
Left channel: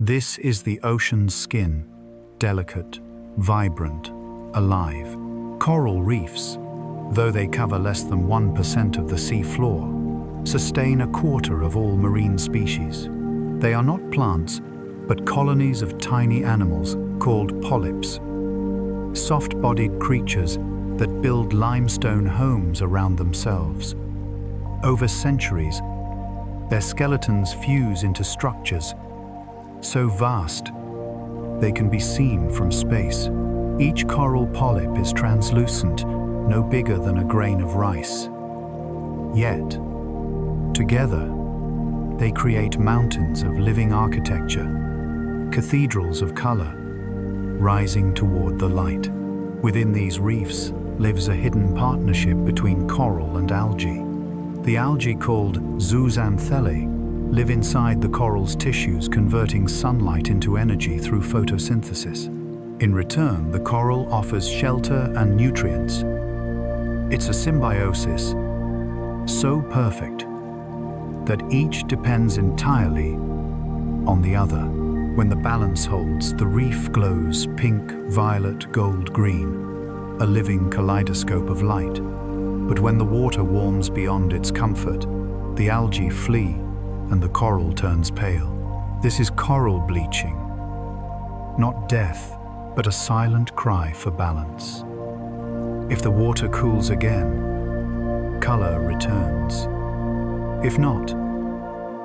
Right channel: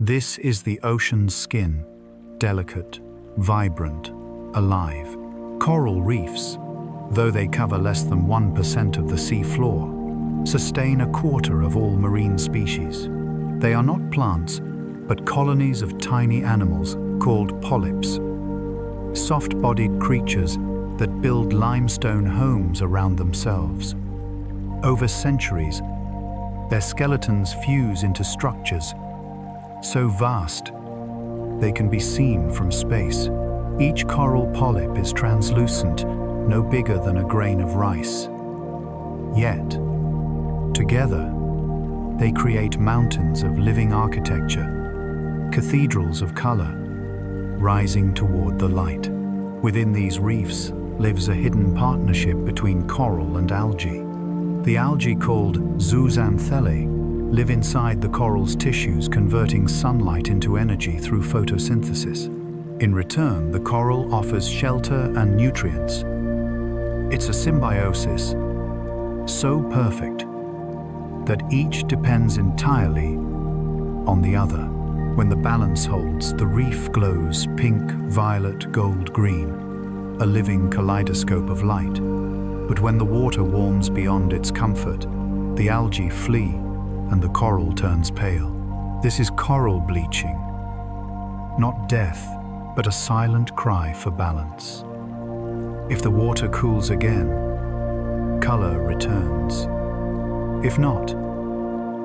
This is the ocean's skin, delicate, vibrant, alive. Coral reefs, though they cover less than 1% of the sea floor, sustain a quarter of all marine species. They are not plants, but colonies of tiny animals called polyps, soft-bodied creatures that build limestone homes around themselves. Over centuries, their skeletons fuse into structures so vast they can be seen from space. Each coral polyp is translucent, no bigger than a grain of rice. Yet, together, they create mountains of living architecture, cathedrals of color, rising toward the light. Within these reefs lives a hidden partnership between coral and algae. The algae, called zooxanthellae, live inside the coral's tissues, converting sunlight into energy through photosynthesis. In return, the coral offers shelter and nutrients. It's a symbiosis so perfect that each depends entirely on the other. When the balance holds, the reef glows pink, violet, gold, green, a living kaleidoscope of light. But when the water warms beyond its comfort, the algae flee and the coral turns pale. This is coral bleaching, not death, but a silent cry for balance. If the water cools again, color returns. If not,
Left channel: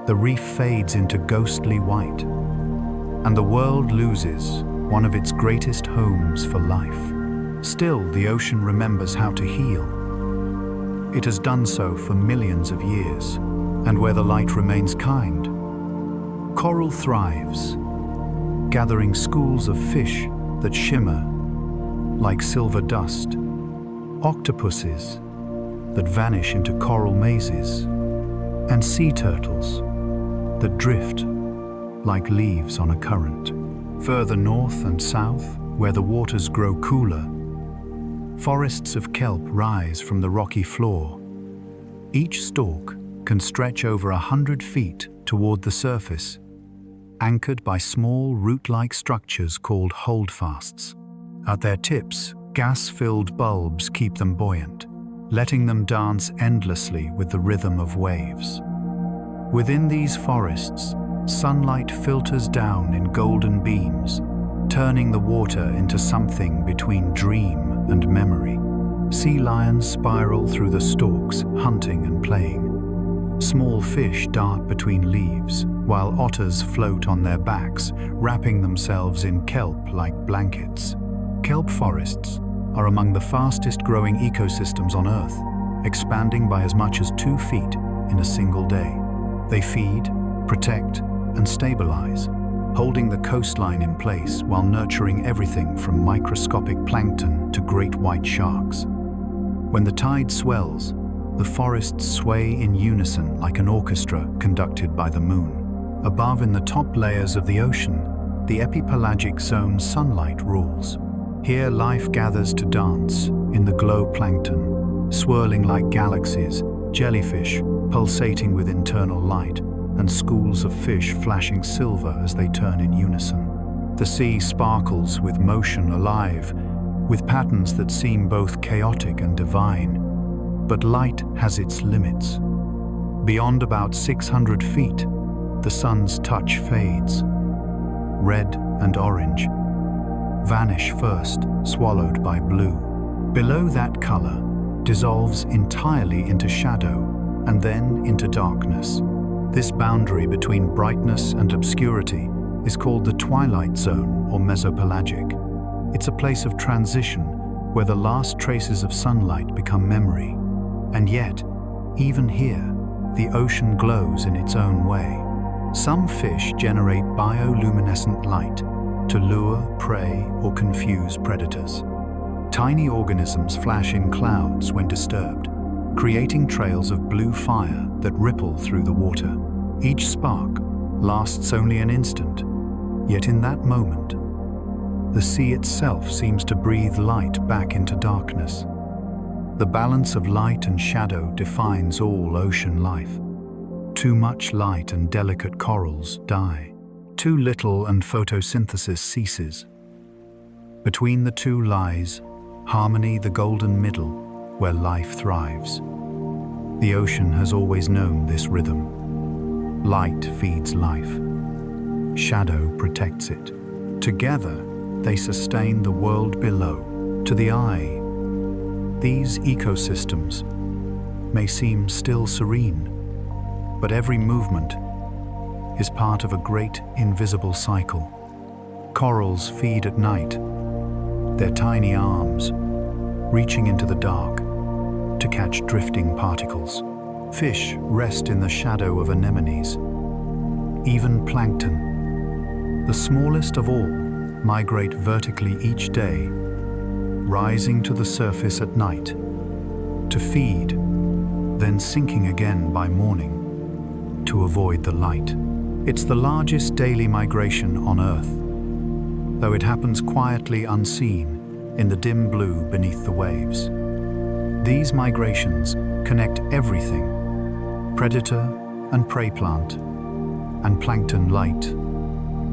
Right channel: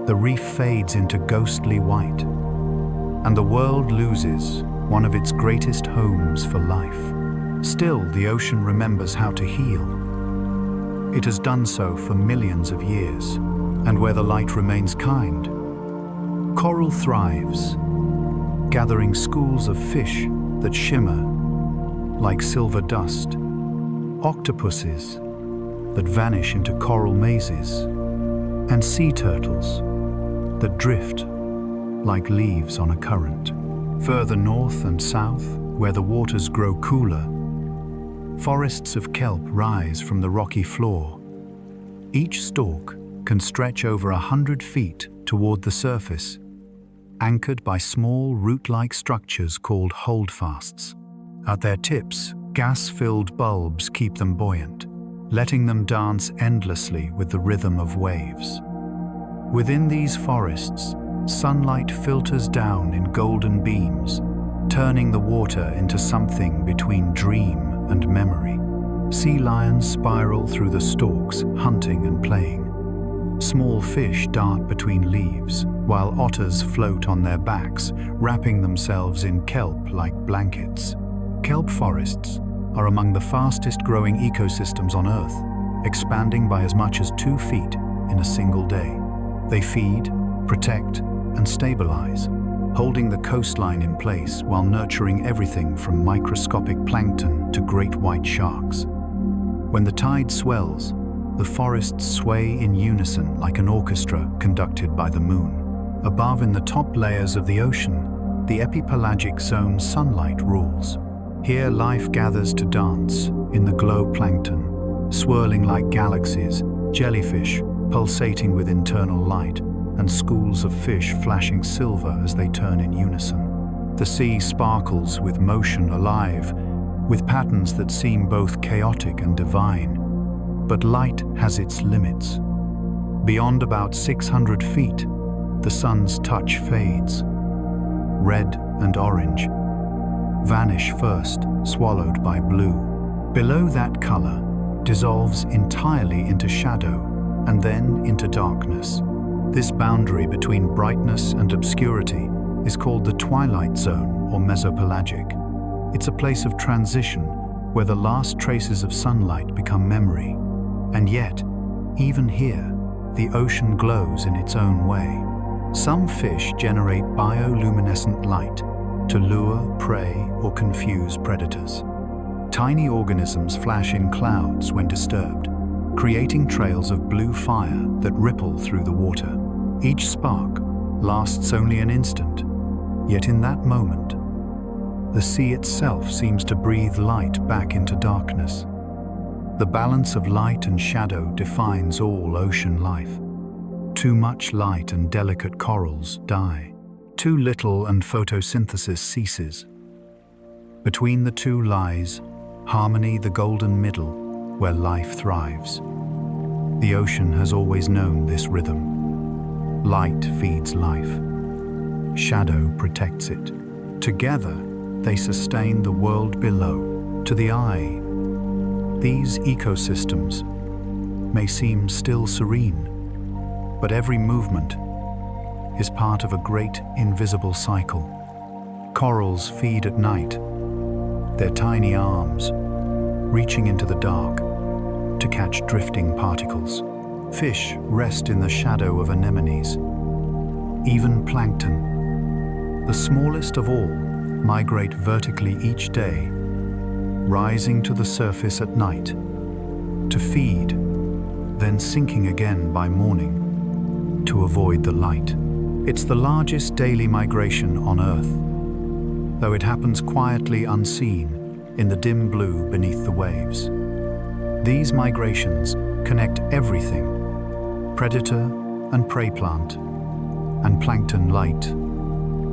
the reef fades into ghostly white, and the world loses one of its greatest homes for life. Still, the ocean remembers how to heal. It has done so for millions of years, and where the light remains kind, coral thrives, gathering schools of fish that shimmer like silver dust, octopuses that vanish into coral mazes, and sea turtles that drift like leaves on a current. Further north and south, where the waters grow cooler, forests of kelp rise from the rocky floor. Each stalk can stretch over 100 feet toward the surface, anchored by small root-like structures called holdfasts. At their tips, gas-filled bulbs keep them buoyant, letting them dance endlessly with the rhythm of waves. Within these forests, sunlight filters down in golden beams, turning the water into something between dream and memory. Sea lions spiral through the stalks, hunting and playing. Small fish dart between leaves, while otters float on their backs, wrapping themselves in kelp like blankets. Kelp forests are among the fastest-growing ecosystems on Earth, expanding by as much as 2 feet in a single day. They feed, protect, and stabilize, holding the coastline in place while nurturing everything from microscopic plankton to great white sharks. When the tide swells, the forests sway in unison like an orchestra conducted by the moon. Above, in the top layers of the ocean, the epipelagic zone sunlight rules. Here life gathers to dance in the glow plankton, swirling like galaxies, jellyfish pulsating with internal light, and schools of fish flashing silver as they turn in unison. The sea sparkles with motion, alive, with patterns that seem both chaotic and divine. But light has its limits. Beyond about 600 feet, the sun's touch fades. Red and orange vanish first, swallowed by blue. Below, that color dissolves entirely into shadow and then into darkness. This boundary between brightness and obscurity is called the twilight zone or mesopelagic. It's a place of transition where the last traces of sunlight become memory. And yet, even here, the ocean glows in its own way. Some fish generate bioluminescent light to lure, prey, or confuse predators. Tiny organisms flash in clouds when disturbed, creating trails of blue fire that ripple through the water. Each spark lasts only an instant, yet in that moment, the sea itself seems to breathe light back into darkness. The balance of light and shadow defines all ocean life. Too much light and delicate corals die. Too little and photosynthesis ceases. Between the two lies harmony, the golden middle, where life thrives. The ocean has always known this rhythm. Light feeds life. Shadow protects it. Together, they sustain the world below. To the eye, these ecosystems may seem still serene, but every movement is part of a great invisible cycle. Corals feed at night, their tiny arms reaching into the dark to catch drifting particles. Fish rest in the shadow of anemones. Even plankton, the smallest of all, migrate vertically each day, rising to the surface at night to feed, then sinking again by morning to avoid the light. It's the largest daily migration on Earth, though it happens quietly unseen in the dim blue beneath the waves. These migrations connect everything: predator and prey plant, and plankton, light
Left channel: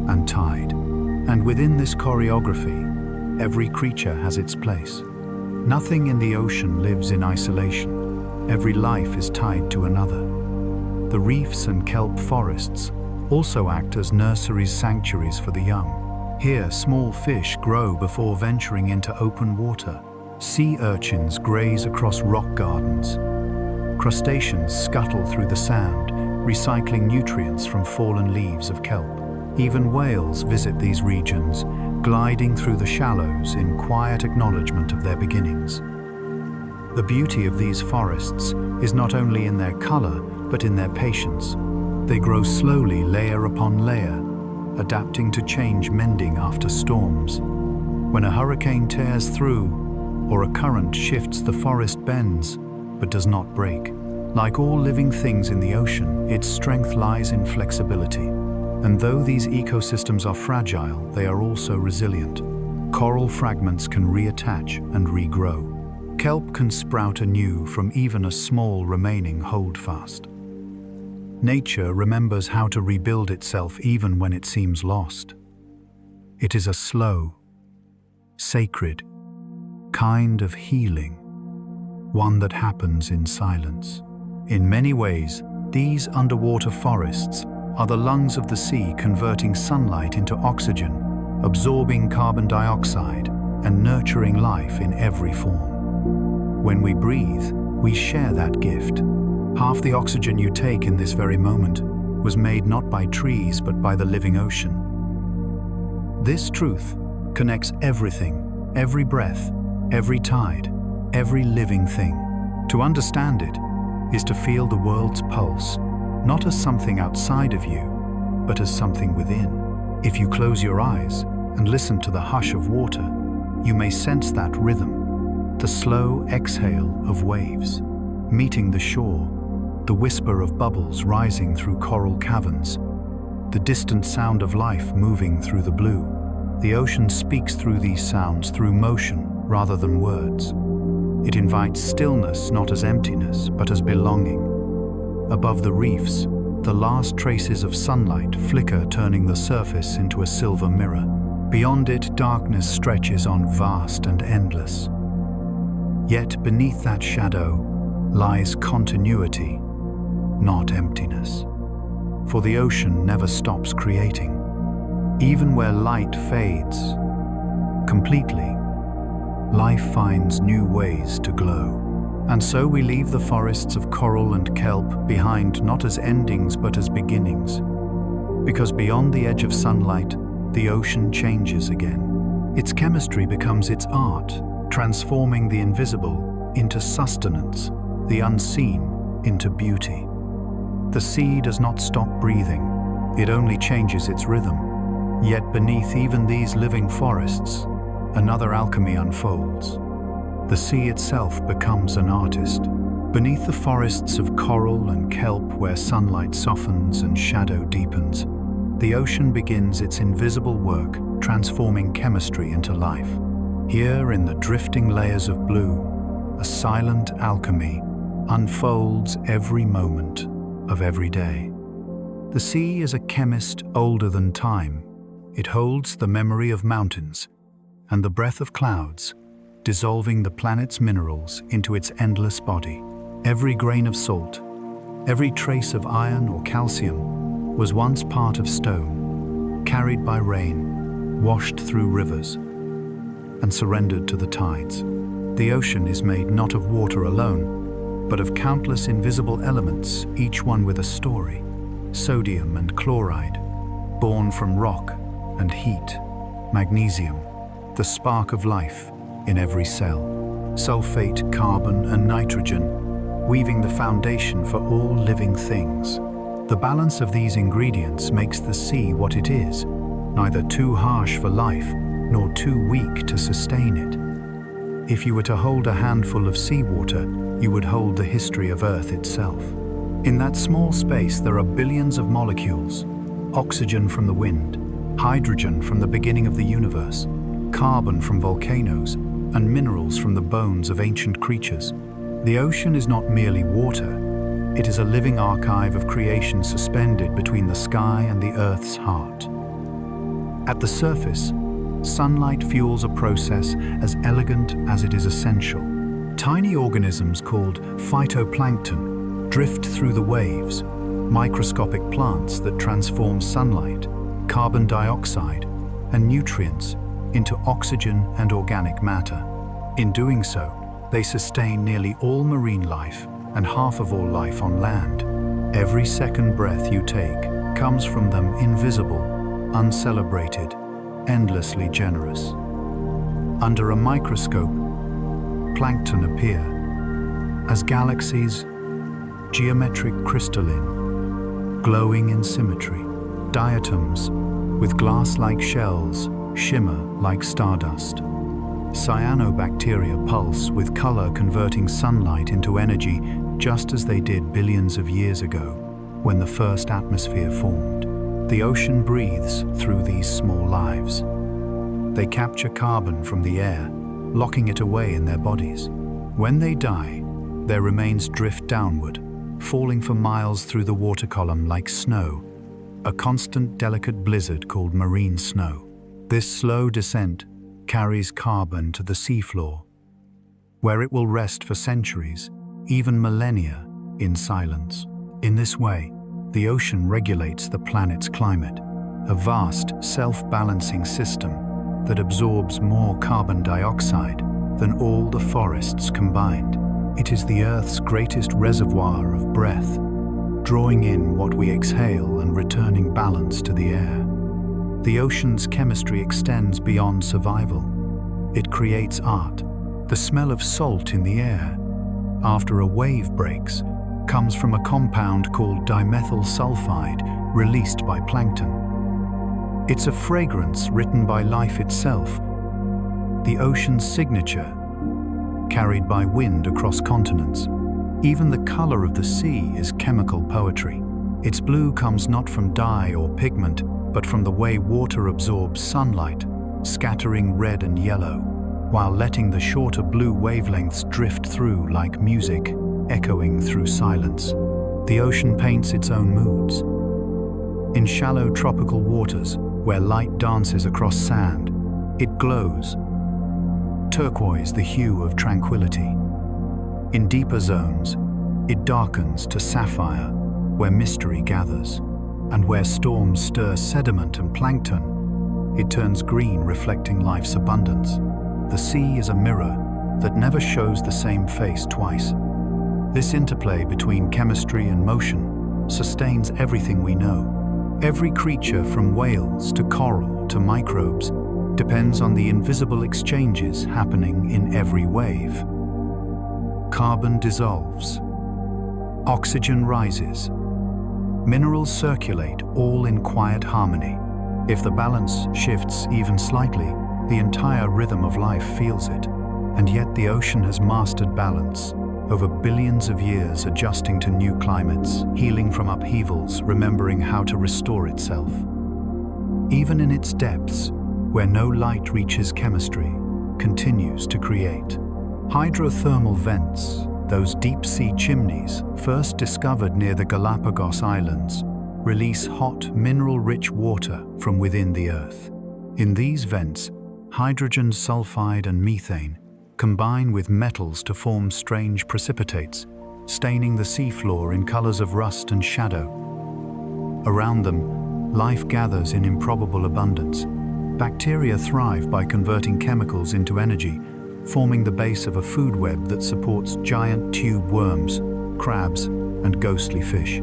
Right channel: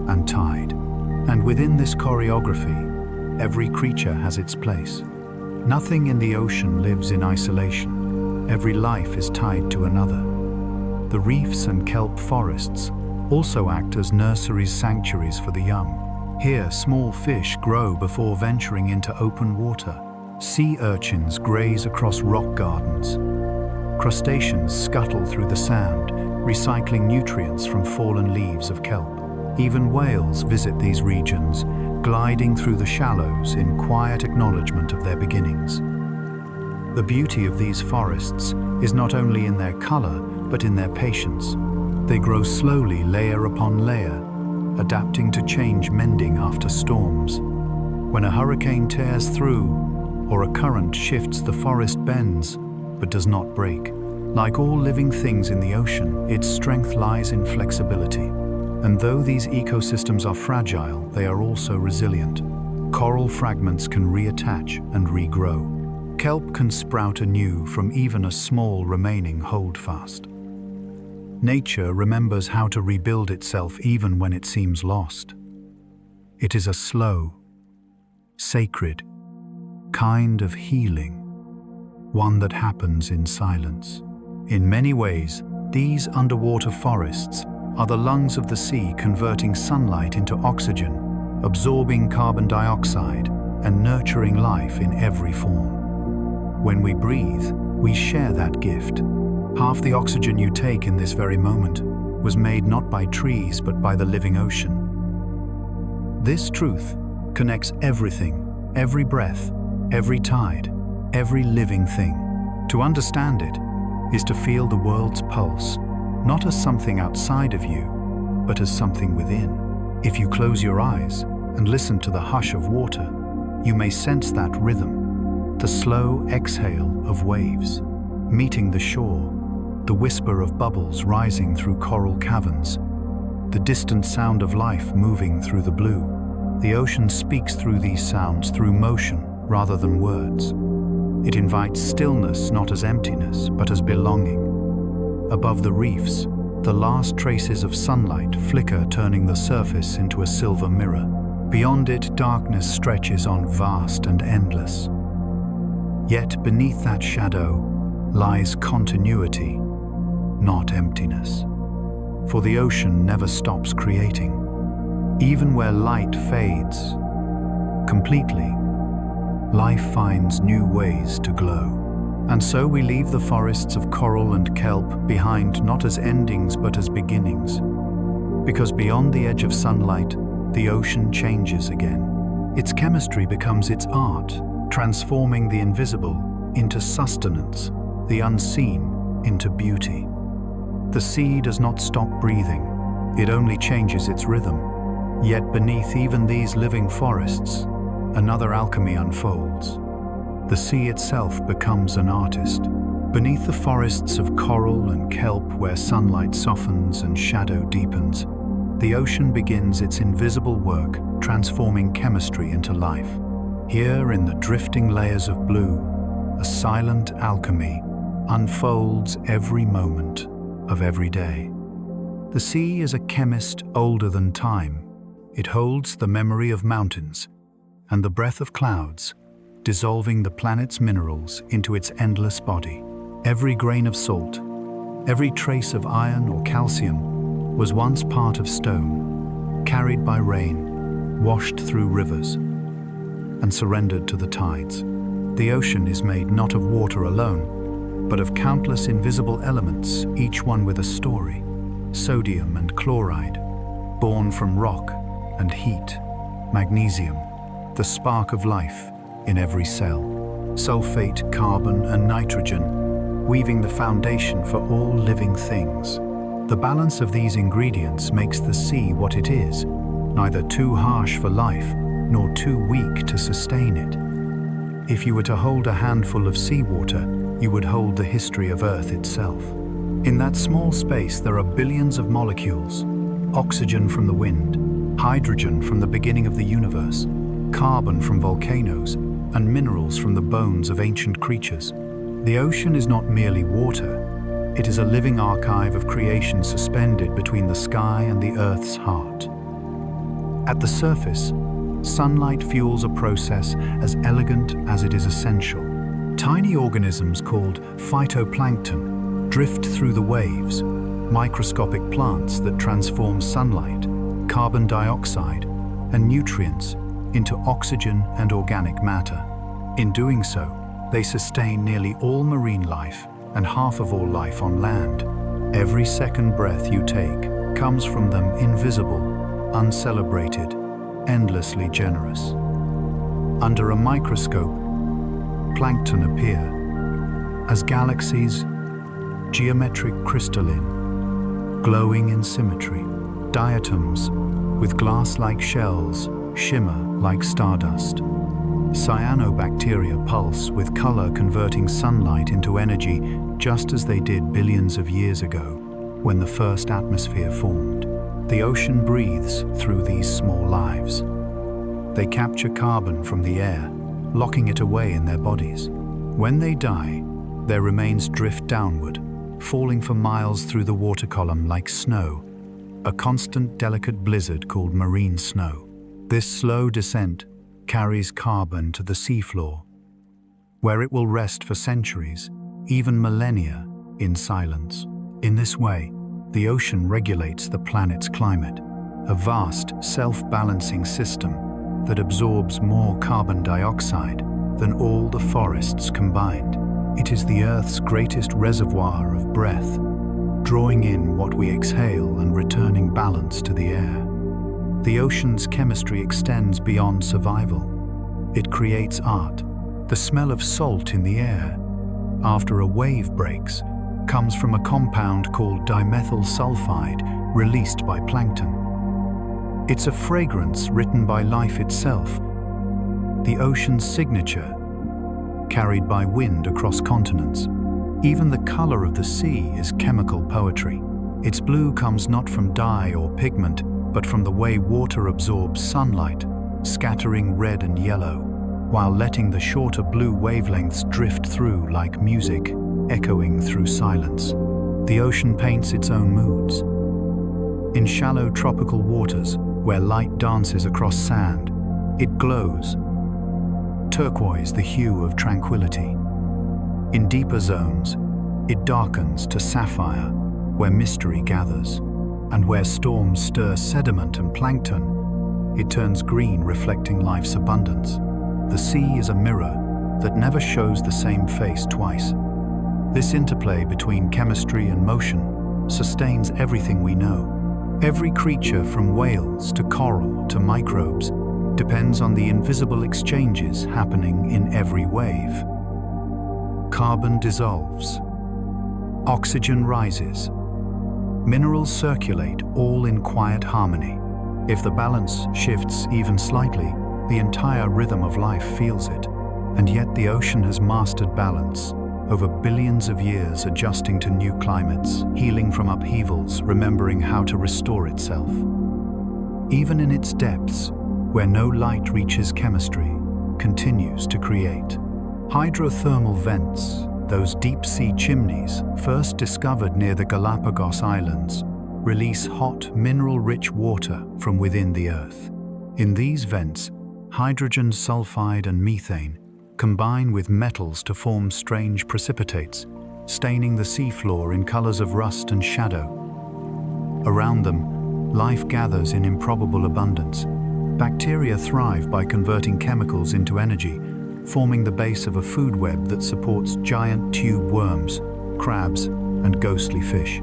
and tide. And within this choreography, every creature has its place. Nothing in the ocean lives in isolation. Every life is tied to another. The reefs and kelp forests also act as nurseries, sanctuaries for the young. Here, small fish grow before venturing into open water. Sea urchins graze across rock gardens. Crustaceans scuttle through the sand, recycling nutrients from fallen leaves of kelp. Even whales visit these regions, gliding through the shallows in quiet acknowledgement of their beginnings. The beauty of these forests is not only in their color, but in their patience. They grow slowly, layer upon layer, adapting to change, mending after storms. When a hurricane tears through, or a current shifts, the forest bends, but does not break. Like all living things in the ocean, its strength lies in flexibility. And though these ecosystems are fragile, they are also resilient. Coral fragments can reattach and regrow. Kelp can sprout anew from even a small remaining holdfast. Nature remembers how to rebuild itself even when it seems lost. It is a slow, sacred kind of healing, one that happens in silence. In many ways, these underwater forests are the lungs of the sea, converting sunlight into oxygen, absorbing carbon dioxide, and nurturing life in every form. When we breathe, we share that gift. Half the oxygen you take in this very moment was made not by trees but by the living ocean. This truth connects everything, every breath, every tide, every living thing. To understand it is to feel the world's pulse, not as something outside of you, but as something within. If you close your eyes and listen to the hush of water, you may sense that rhythm, the slow exhale of waves meeting the shore, the whisper of bubbles rising through coral caverns, the distant sound of life moving through the blue. The ocean speaks through these sounds, through motion rather than words. It invites stillness not as emptiness, but as belonging. Above the reefs, the last traces of sunlight flicker, turning the surface into a silver mirror. Beyond it, darkness stretches on, vast and endless. Yet beneath that shadow lies continuity, not emptiness. For the ocean never stops creating. Even where light fades completely, life finds new ways to glow. And so we leave the forests of coral and kelp behind, not as endings but as beginnings. Because beyond the edge of sunlight, the ocean changes again. Its chemistry becomes its art, transforming the invisible into sustenance, the unseen into beauty. The sea does not stop breathing, it only changes its rhythm. Yet beneath even these living forests, another alchemy unfolds. The sea itself becomes an artist. Beneath the forests of coral and kelp, where sunlight softens and shadow deepens, the ocean begins its invisible work, transforming chemistry into life. Here, in the drifting layers of blue, a silent alchemy unfolds every moment of every day. The sea is a chemist older than time. It holds the memory of mountains and the breath of clouds, dissolving the planet's minerals into its endless body. Every grain of salt, every trace of iron or calcium was once part of stone, carried by rain, washed through rivers, and surrendered to the tides. The ocean is made not of water alone, but of countless invisible elements, each one with a story. Sodium and chloride, born from rock and heat. Magnesium, the spark of life in every cell. Sulfate, carbon, and nitrogen, weaving the foundation for all living things. The balance of these ingredients makes the sea what it is, neither too harsh for life, nor too weak to sustain it. If you were to hold a handful of seawater, you would hold the history of Earth itself. In that small space, there are billions of molecules: oxygen from the wind, hydrogen from the beginning of the universe, carbon from volcanoes, and minerals from the bones of ancient creatures. The ocean is not merely water, it is a living archive of creation suspended between the sky and the Earth's heart. At the surface, sunlight fuels a process as elegant as it is essential. Tiny organisms called phytoplankton drift through the waves, microscopic plants that transform sunlight, carbon dioxide, and nutrients into oxygen and organic matter. In doing so, they sustain nearly all marine life and half of all life on land. Every second breath you take comes from them, invisible, uncelebrated, endlessly generous. Under a microscope, plankton appear as galaxies, geometric crystalline, glowing in symmetry. Diatoms, with glass-like shells, shimmer like stardust. Cyanobacteria pulse with color, converting sunlight into energy just as they did billions of years ago when the first atmosphere formed. The ocean breathes through these small lives. They capture carbon from the air, locking it away in their bodies. When they die, their remains drift downward, falling for miles through the water column like snow, a constant delicate blizzard called marine snow. This slow descent carries carbon to the seafloor, where it will rest for centuries, even millennia, in silence. In this way, the ocean regulates the planet's climate, a vast, self-balancing system that absorbs more carbon dioxide than all the forests combined. It is the Earth's greatest reservoir of breath, drawing in what we exhale and returning balance to the air. The ocean's chemistry extends beyond survival. It creates art. The smell of salt in the air, after a wave breaks, comes from a compound called dimethyl sulfide released by plankton. It's a fragrance written by life itself, the ocean's signature, carried by wind across continents. Even the color of the sea is chemical poetry. Its blue comes not from dye or pigment, but from the way water absorbs sunlight, scattering red and yellow, while letting the shorter blue wavelengths drift through like music, echoing through silence. The ocean paints its own moods. In shallow tropical waters, where light dances across sand, it glows, turquoise, the hue of tranquility. In deeper zones, it darkens to sapphire, where mystery gathers. And where storms stir sediment and plankton, it turns green, reflecting life's abundance. The sea is a mirror that never shows the same face twice. This interplay between chemistry and motion sustains everything we know. Every creature, from whales to coral to microbes, depends on the invisible exchanges happening in every wave. Carbon dissolves. Oxygen rises. Minerals circulate, all in quiet harmony. If the balance shifts even slightly, the entire rhythm of life feels it. And yet the ocean has mastered balance, over billions of years adjusting to new climates, healing from upheavals, remembering how to restore itself. even in its depths, where no light reaches, chemistry continues to create. Hydrothermal vents, those deep-sea chimneys first discovered near the Galapagos Islands, release hot, mineral-rich water from within the earth. In these vents, hydrogen sulfide and methane combine with metals to form strange precipitates, staining the seafloor in colors of rust and shadow. Around them, life gathers in improbable abundance. Bacteria thrive by converting chemicals into energy, forming the base of a food web that supports giant tube worms, crabs, and ghostly fish.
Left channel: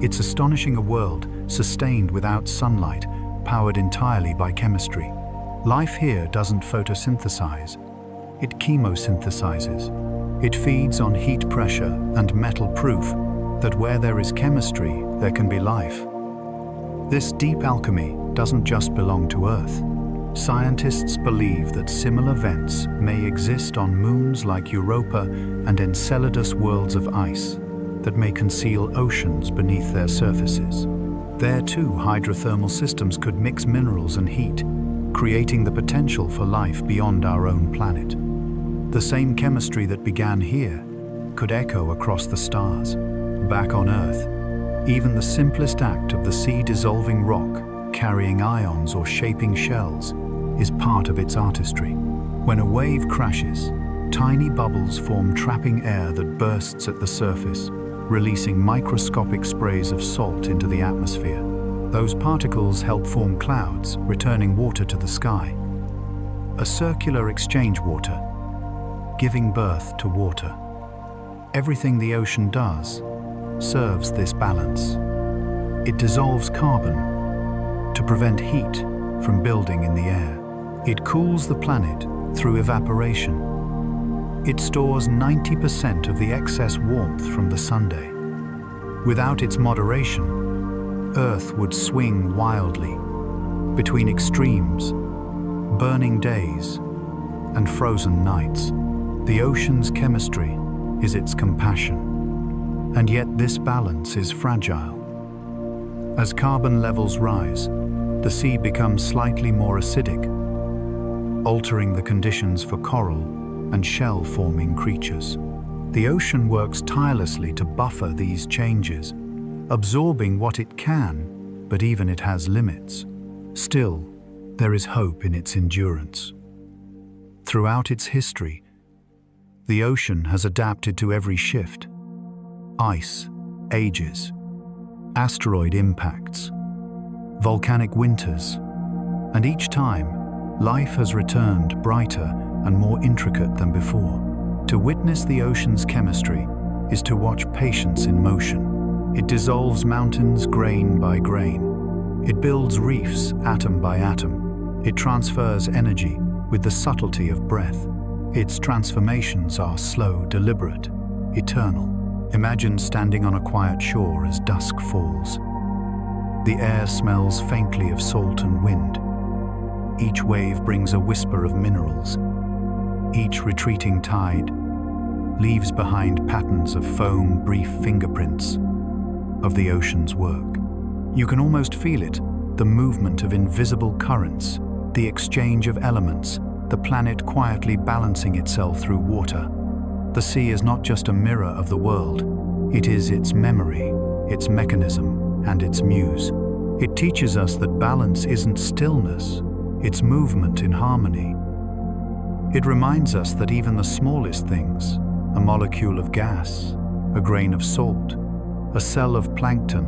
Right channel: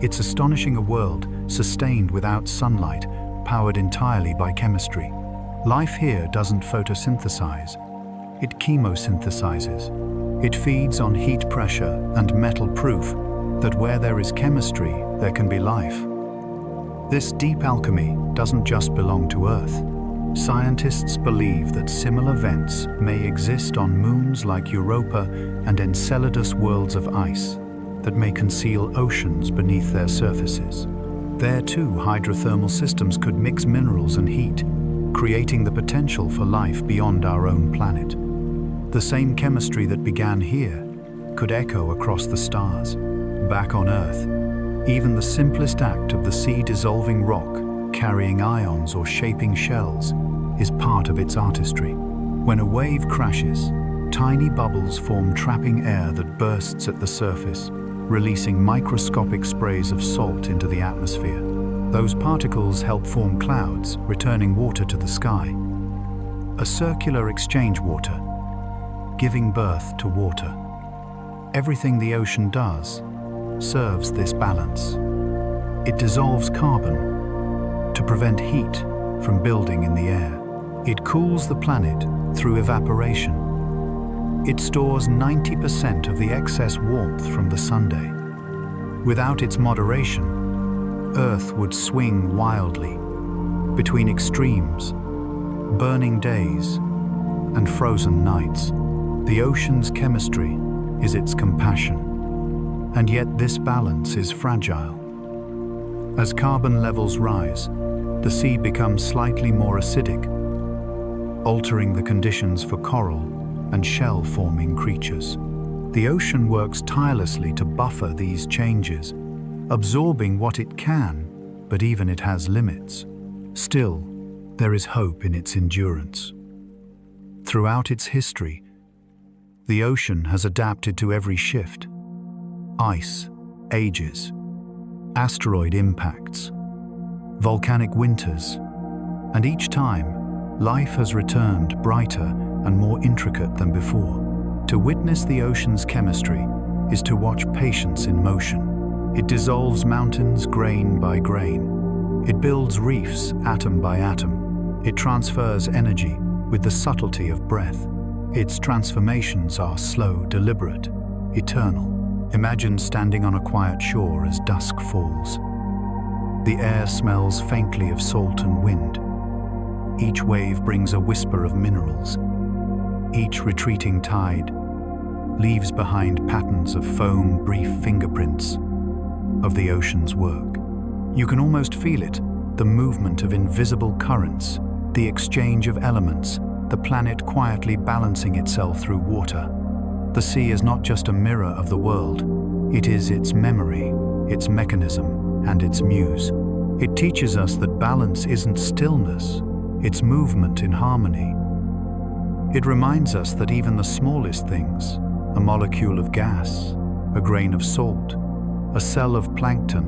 It's astonishing, a world sustained without sunlight, powered entirely by chemistry. Life here doesn't photosynthesize, it chemosynthesizes. It feeds on heat, pressure, and metal, proof that where there is chemistry, there can be life. This deep alchemy doesn't just belong to Earth. Scientists believe that similar vents may exist on moons like Europa and Enceladus, worlds of ice that may conceal oceans beneath their surfaces. There too, hydrothermal systems could mix minerals and heat, creating the potential for life beyond our own planet. The same chemistry that began here could echo across the stars. Back on Earth, even the simplest act of the sea dissolving rock, carrying ions or shaping shells, is part of its artistry. When a wave crashes, tiny bubbles form, trapping air that bursts at the surface, releasing microscopic sprays of salt into the atmosphere. Those particles help form clouds, returning water to the sky. A circular exchange, water giving birth to water. Everything the ocean does serves this balance. It dissolves carbon to prevent heat from building in the air. It cools the planet through evaporation. It stores 90% of the excess warmth from the sunday. Without its moderation, Earth would swing wildly between extremes, burning days and frozen nights. The ocean's chemistry is its compassion. And yet this balance is fragile. As carbon levels rise, the sea becomes slightly more acidic, altering the conditions for coral and shell-forming creatures. The ocean works tirelessly to buffer these changes, absorbing what it can, but even it has limits. Still, there is hope in its endurance. Throughout its history, the ocean has adapted to every shift. Ice ages, asteroid impacts, volcanic winters, and each time, life has returned brighter and more intricate than before. To witness the ocean's chemistry is to watch patience in motion. It dissolves mountains grain by grain. It builds reefs atom by atom. It transfers energy with the subtlety of breath. Its transformations are slow, deliberate, eternal. Imagine standing on a quiet shore as dusk falls. The air smells faintly of salt and wind. Each wave brings a whisper of minerals. Each retreating tide leaves behind patterns of foam, brief fingerprints of the ocean's work. You can almost feel it, the movement of invisible currents, the exchange of elements, the planet quietly balancing itself through water. The sea is not just a mirror of the world, it is its memory, its mechanism, and its muse. It teaches us that balance isn't stillness, it's movement in harmony. It reminds us that even the smallest things, a molecule of gas, a grain of salt, a cell of plankton,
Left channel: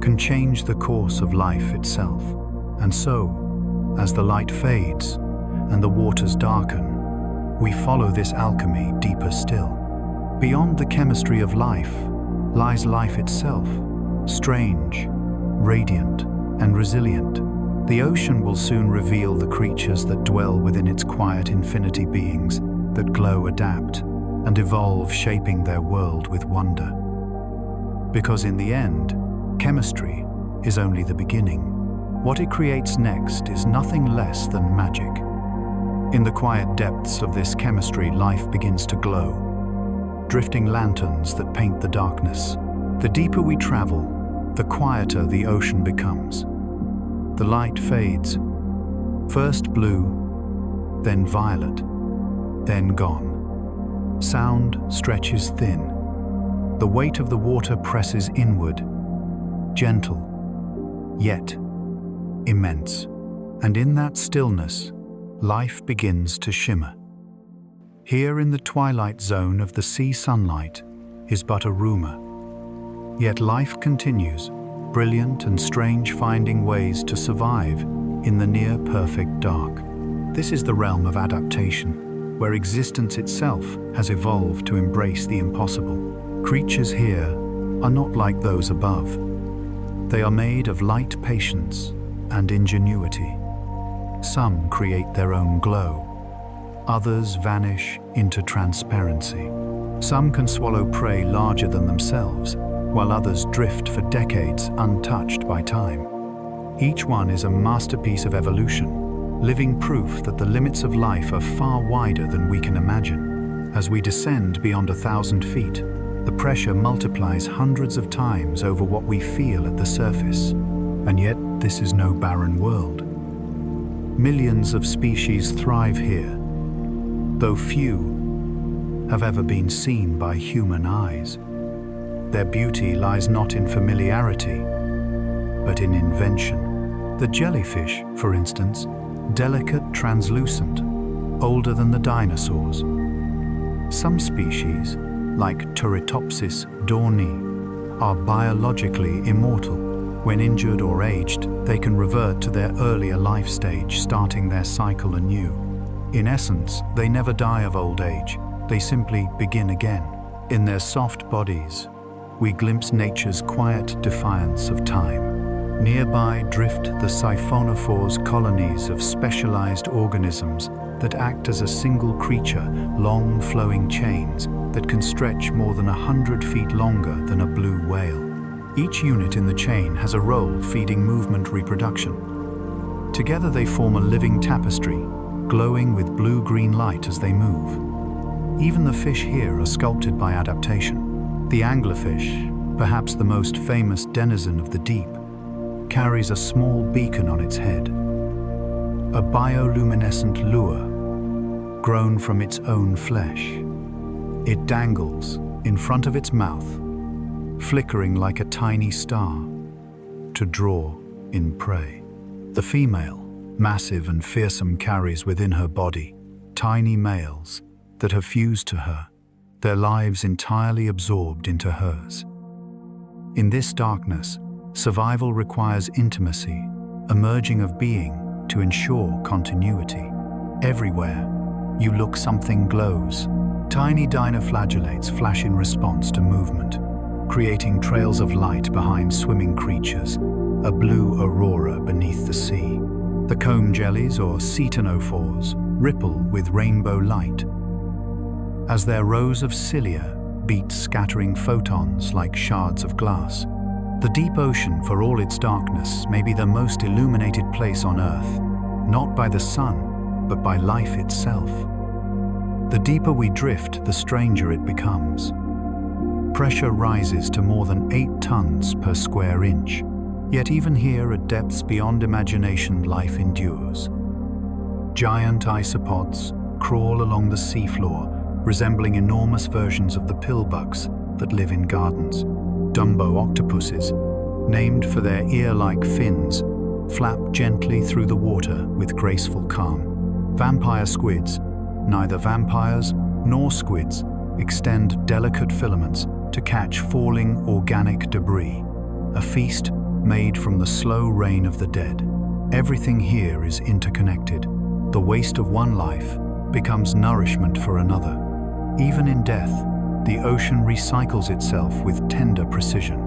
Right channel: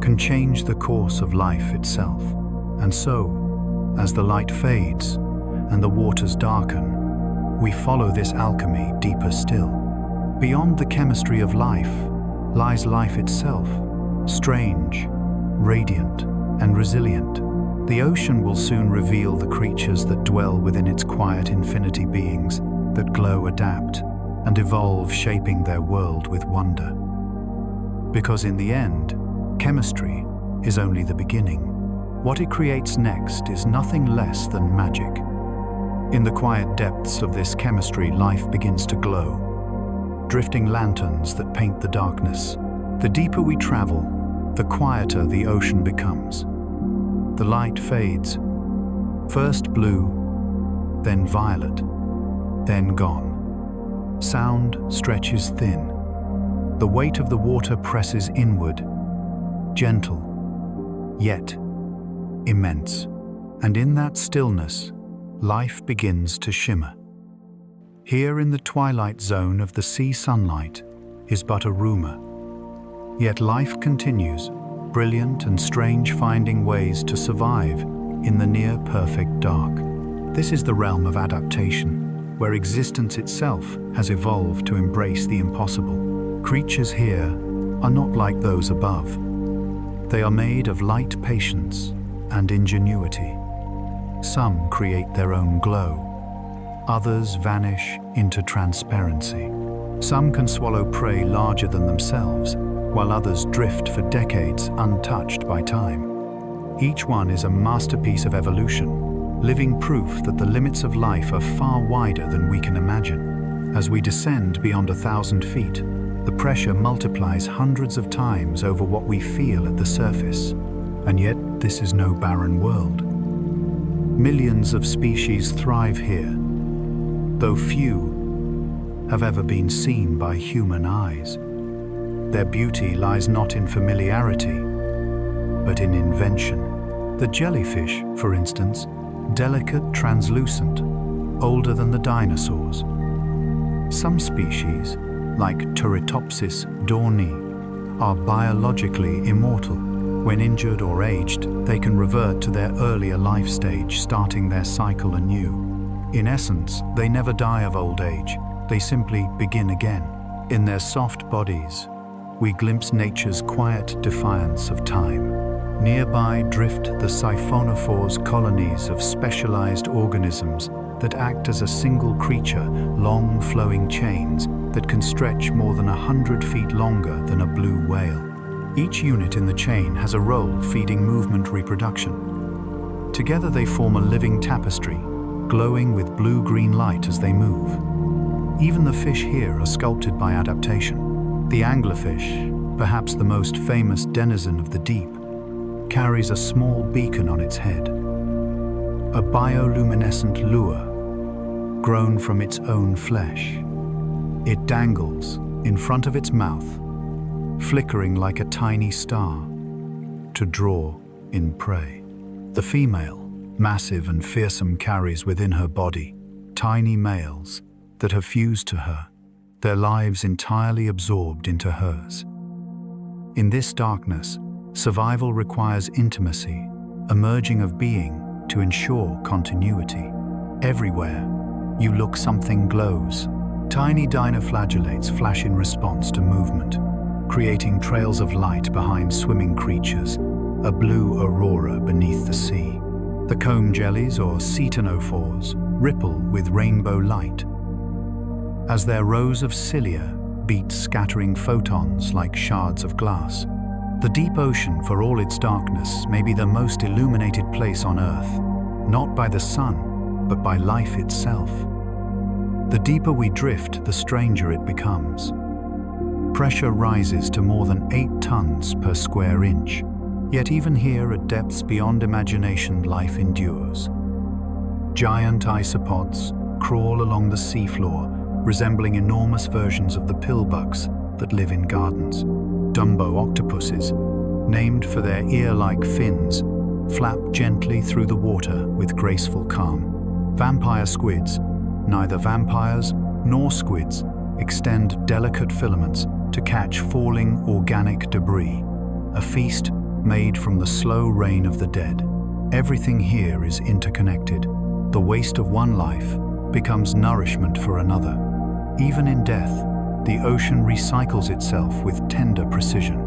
can change the course of life itself. And so, as the light fades and the waters darken, we follow this alchemy deeper still. Beyond the chemistry of life lies life itself, strange, radiant, and resilient. The ocean will soon reveal the creatures that dwell within its quiet infinity, beings that glow, adapt, and evolve, shaping their world with wonder. Because in the end, chemistry is only the beginning. What it creates next is nothing less than magic. In the quiet depths of this chemistry, life begins to glow, drifting lanterns that paint the darkness. The deeper we travel, the quieter the ocean becomes. The light fades. First blue, then violet, then gone. Sound stretches thin. The weight of the water presses inward, gentle, yet immense. And in that stillness, life begins to shimmer. Here in the twilight zone of the sea sunlight is but a rumor. Yet life continues, brilliant and strange, finding ways to survive in the near-perfect dark. This is the realm of adaptation, where existence itself has evolved to embrace the impossible. Creatures here are not like those above. They are made of light patience and ingenuity. Some create their own glow. Others vanish into transparency. Some can swallow prey larger than themselves, while others drift for decades untouched by time. Each one is a masterpiece of evolution, living proof that the limits of life are far wider than we can imagine. As we descend beyond 1,000 feet, the pressure multiplies hundreds of times over what we feel at the surface. And yet, this is no barren world. Millions of species thrive here, though few have ever been seen by human eyes. Their beauty lies not in familiarity, but in invention. The jellyfish, for instance, delicate, translucent, older than the dinosaurs. Some species, like Turritopsis dorni, are biologically immortal. When injured or aged, they can revert to their earlier life stage, starting their cycle anew. In essence, they never die of old age, they simply begin again. In their soft bodies, we glimpse nature's quiet defiance of time. Nearby drift the siphonophores, colonies of specialized organisms that act as a single creature, long flowing chains that can stretch more than 100 feet longer than a blue whale. Each unit in the chain has a role feeding movement, reproduction. Together they form a living tapestry, glowing with blue-green light as they move. Even the fish here are sculpted by adaptation. The anglerfish, perhaps the most famous denizen of the deep, carries a small beacon on its head, a bioluminescent lure grown from its own flesh. It dangles in front of its mouth, flickering like a tiny star, to draw in prey. The female, massive and fearsome, carries within her body tiny males that have fused to her, their lives entirely absorbed into hers. In this darkness, survival requires intimacy, a merging of being to ensure continuity. Everywhere you look, something glows. Tiny dinoflagellates flash in response to movement, creating trails of light behind swimming creatures, a blue aurora beneath the sea. The comb jellies, or cetinophores, ripple with rainbow light, as their rows of cilia beat, scattering photons like shards of glass. The deep ocean, for all its darkness, may be the most illuminated place on Earth, not by the sun, but by life itself. The deeper we drift, the stranger it becomes. Pressure rises to more than 8 tons per square inch. Yet even here, at depths beyond imagination, life endures. Giant isopods crawl along the seafloor, resembling enormous versions of the pillbugs that live in gardens. Dumbo octopuses, named for their ear-like fins, flap gently through the water with graceful calm. Vampire squids, neither vampires nor squids, extend delicate filaments to catch falling organic debris, a feast made from the slow rain of the dead. Everything here is interconnected. The waste of one life becomes nourishment for another. Even in death, the ocean recycles itself with tender precision.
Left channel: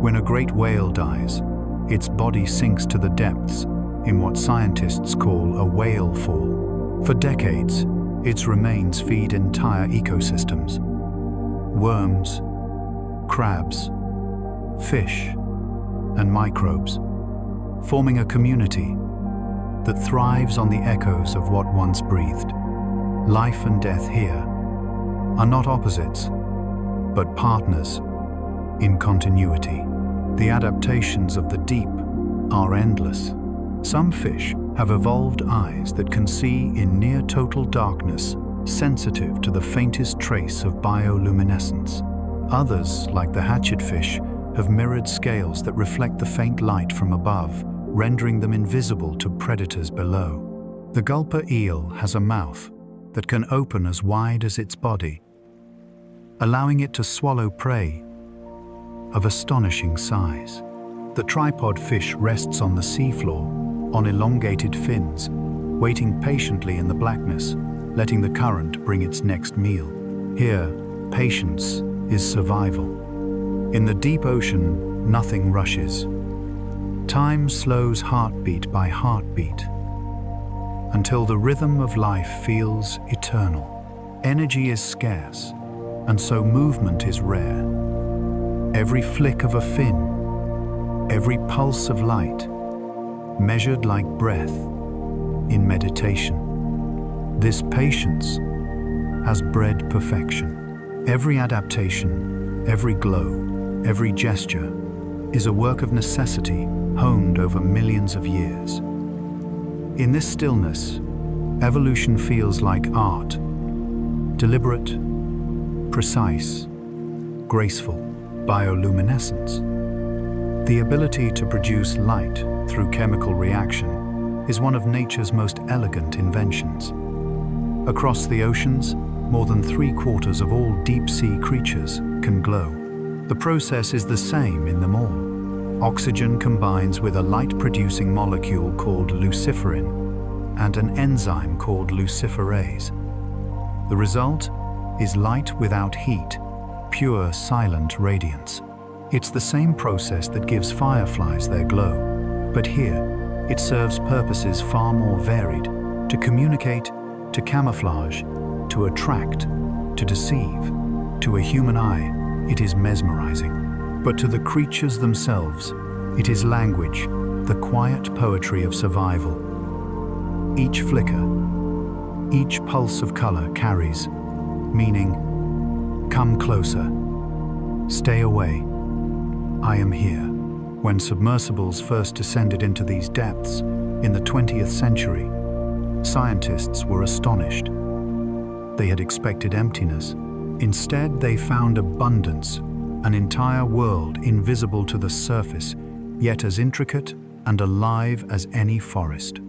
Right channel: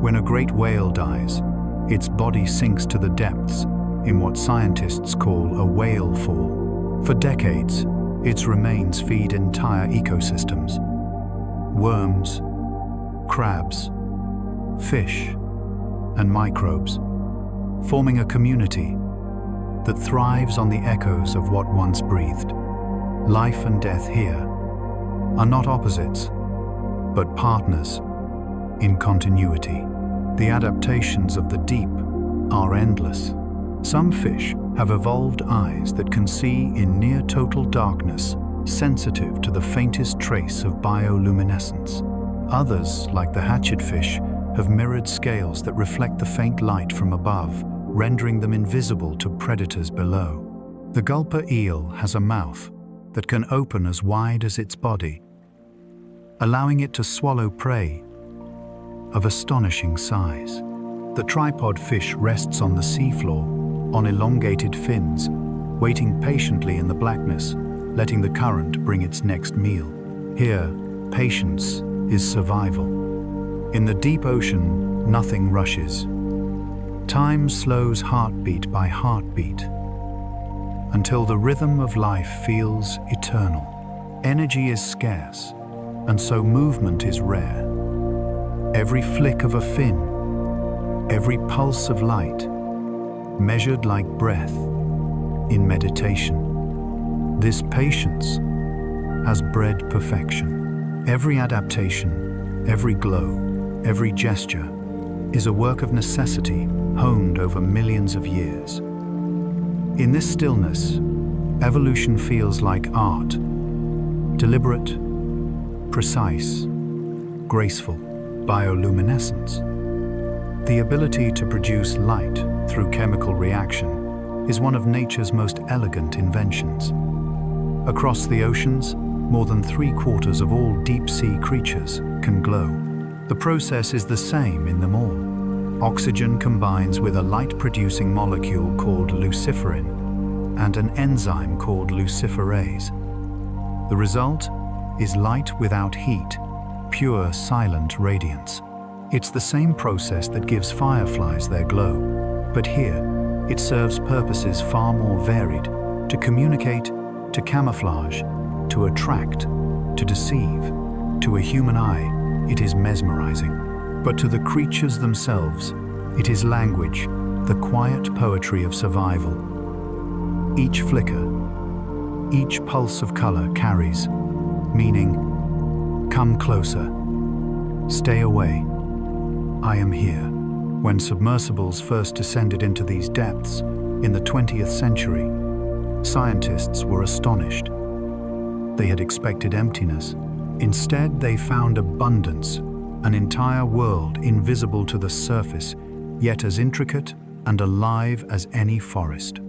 When a great whale dies, its body sinks to the depths in what scientists call a whale fall. For decades, its remains feed entire ecosystems. Worms, crabs, fish, and microbes, forming a community that thrives on the echoes of what once breathed. Life and death here are not opposites, but partners in continuity. The adaptations of the deep are endless. Some fish have evolved eyes that can see in near total darkness, sensitive to the faintest trace of bioluminescence. Others, like the hatchetfish, have mirrored scales that reflect the faint light from above, rendering them invisible to predators below. The gulper eel has a mouth that can open as wide as its body, allowing it to swallow prey of astonishing size. The tripod fish rests on the seafloor, on elongated fins, waiting patiently in the blackness, letting the current bring its next meal. Here, patience is survival. In the deep ocean, nothing rushes. Time slows heartbeat by heartbeat, until the rhythm of life feels eternal. Energy is scarce, and so movement is rare. Every flick of a fin, every pulse of light, measured like breath in meditation. This patience has bred perfection. Every adaptation, every glow, every gesture is a work of necessity honed over millions of years. In this stillness, evolution feels like art, deliberate, precise, graceful. Bioluminescence, the ability to produce light through chemical reaction, is one of nature's most elegant inventions. Across the oceans, more than 3/4 of all deep-sea creatures can glow. The process is the same in them all. Oxygen combines with a light-producing molecule called luciferin and an enzyme called luciferase. The result is light without heat, pure, silent radiance. It's the same process that gives fireflies their glow, but here, it serves purposes far more varied: to communicate, to camouflage, to attract, to deceive. To a human eye, it is mesmerizing. But to the creatures themselves, it is language, the quiet poetry of survival. Each flicker, each pulse of color carries meaning. Come closer. Stay away. I am here. When submersibles first descended into these depths in the 20th century, scientists were astonished. They had expected emptiness. Instead, they found abundance, an entire world invisible to the surface, yet as intricate and alive as any forest.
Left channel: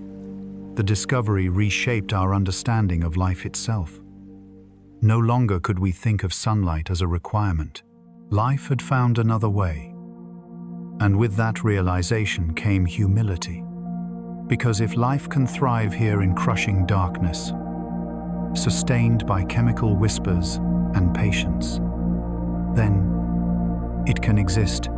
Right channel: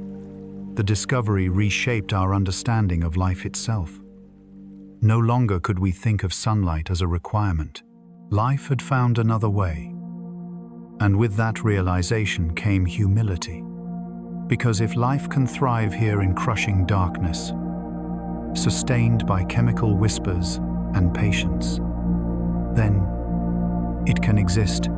The discovery reshaped our understanding of life itself. No longer could we think of sunlight as a requirement. Life had found another way. And with that realization came humility. Because if life can thrive here in crushing darkness, sustained by chemical whispers and patience, then it can exist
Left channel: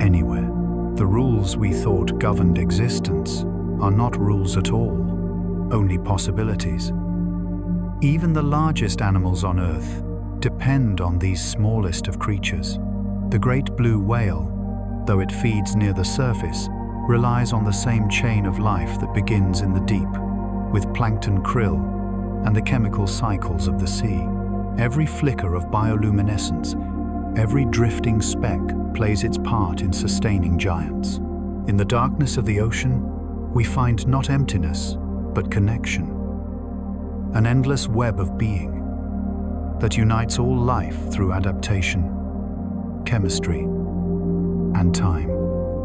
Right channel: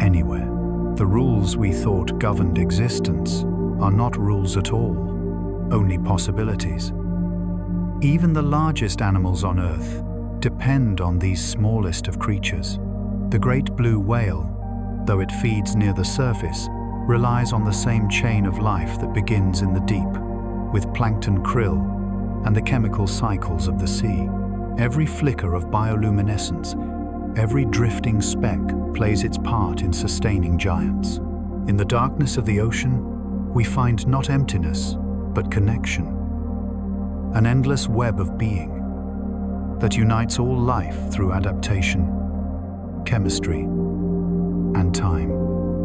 anywhere. The rules we thought governed existence are not rules at all, only possibilities. Even the largest animals on Earth depend on these smallest of creatures. The great blue whale, though it feeds near the surface, relies on the same chain of life that begins in the deep, with plankton krill and the chemical cycles of the sea. Every flicker of bioluminescence, every drifting speck plays its part in sustaining giants. In the darkness of the ocean, we find not emptiness, but connection. An endless web of being that unites all life through adaptation, chemistry, and time.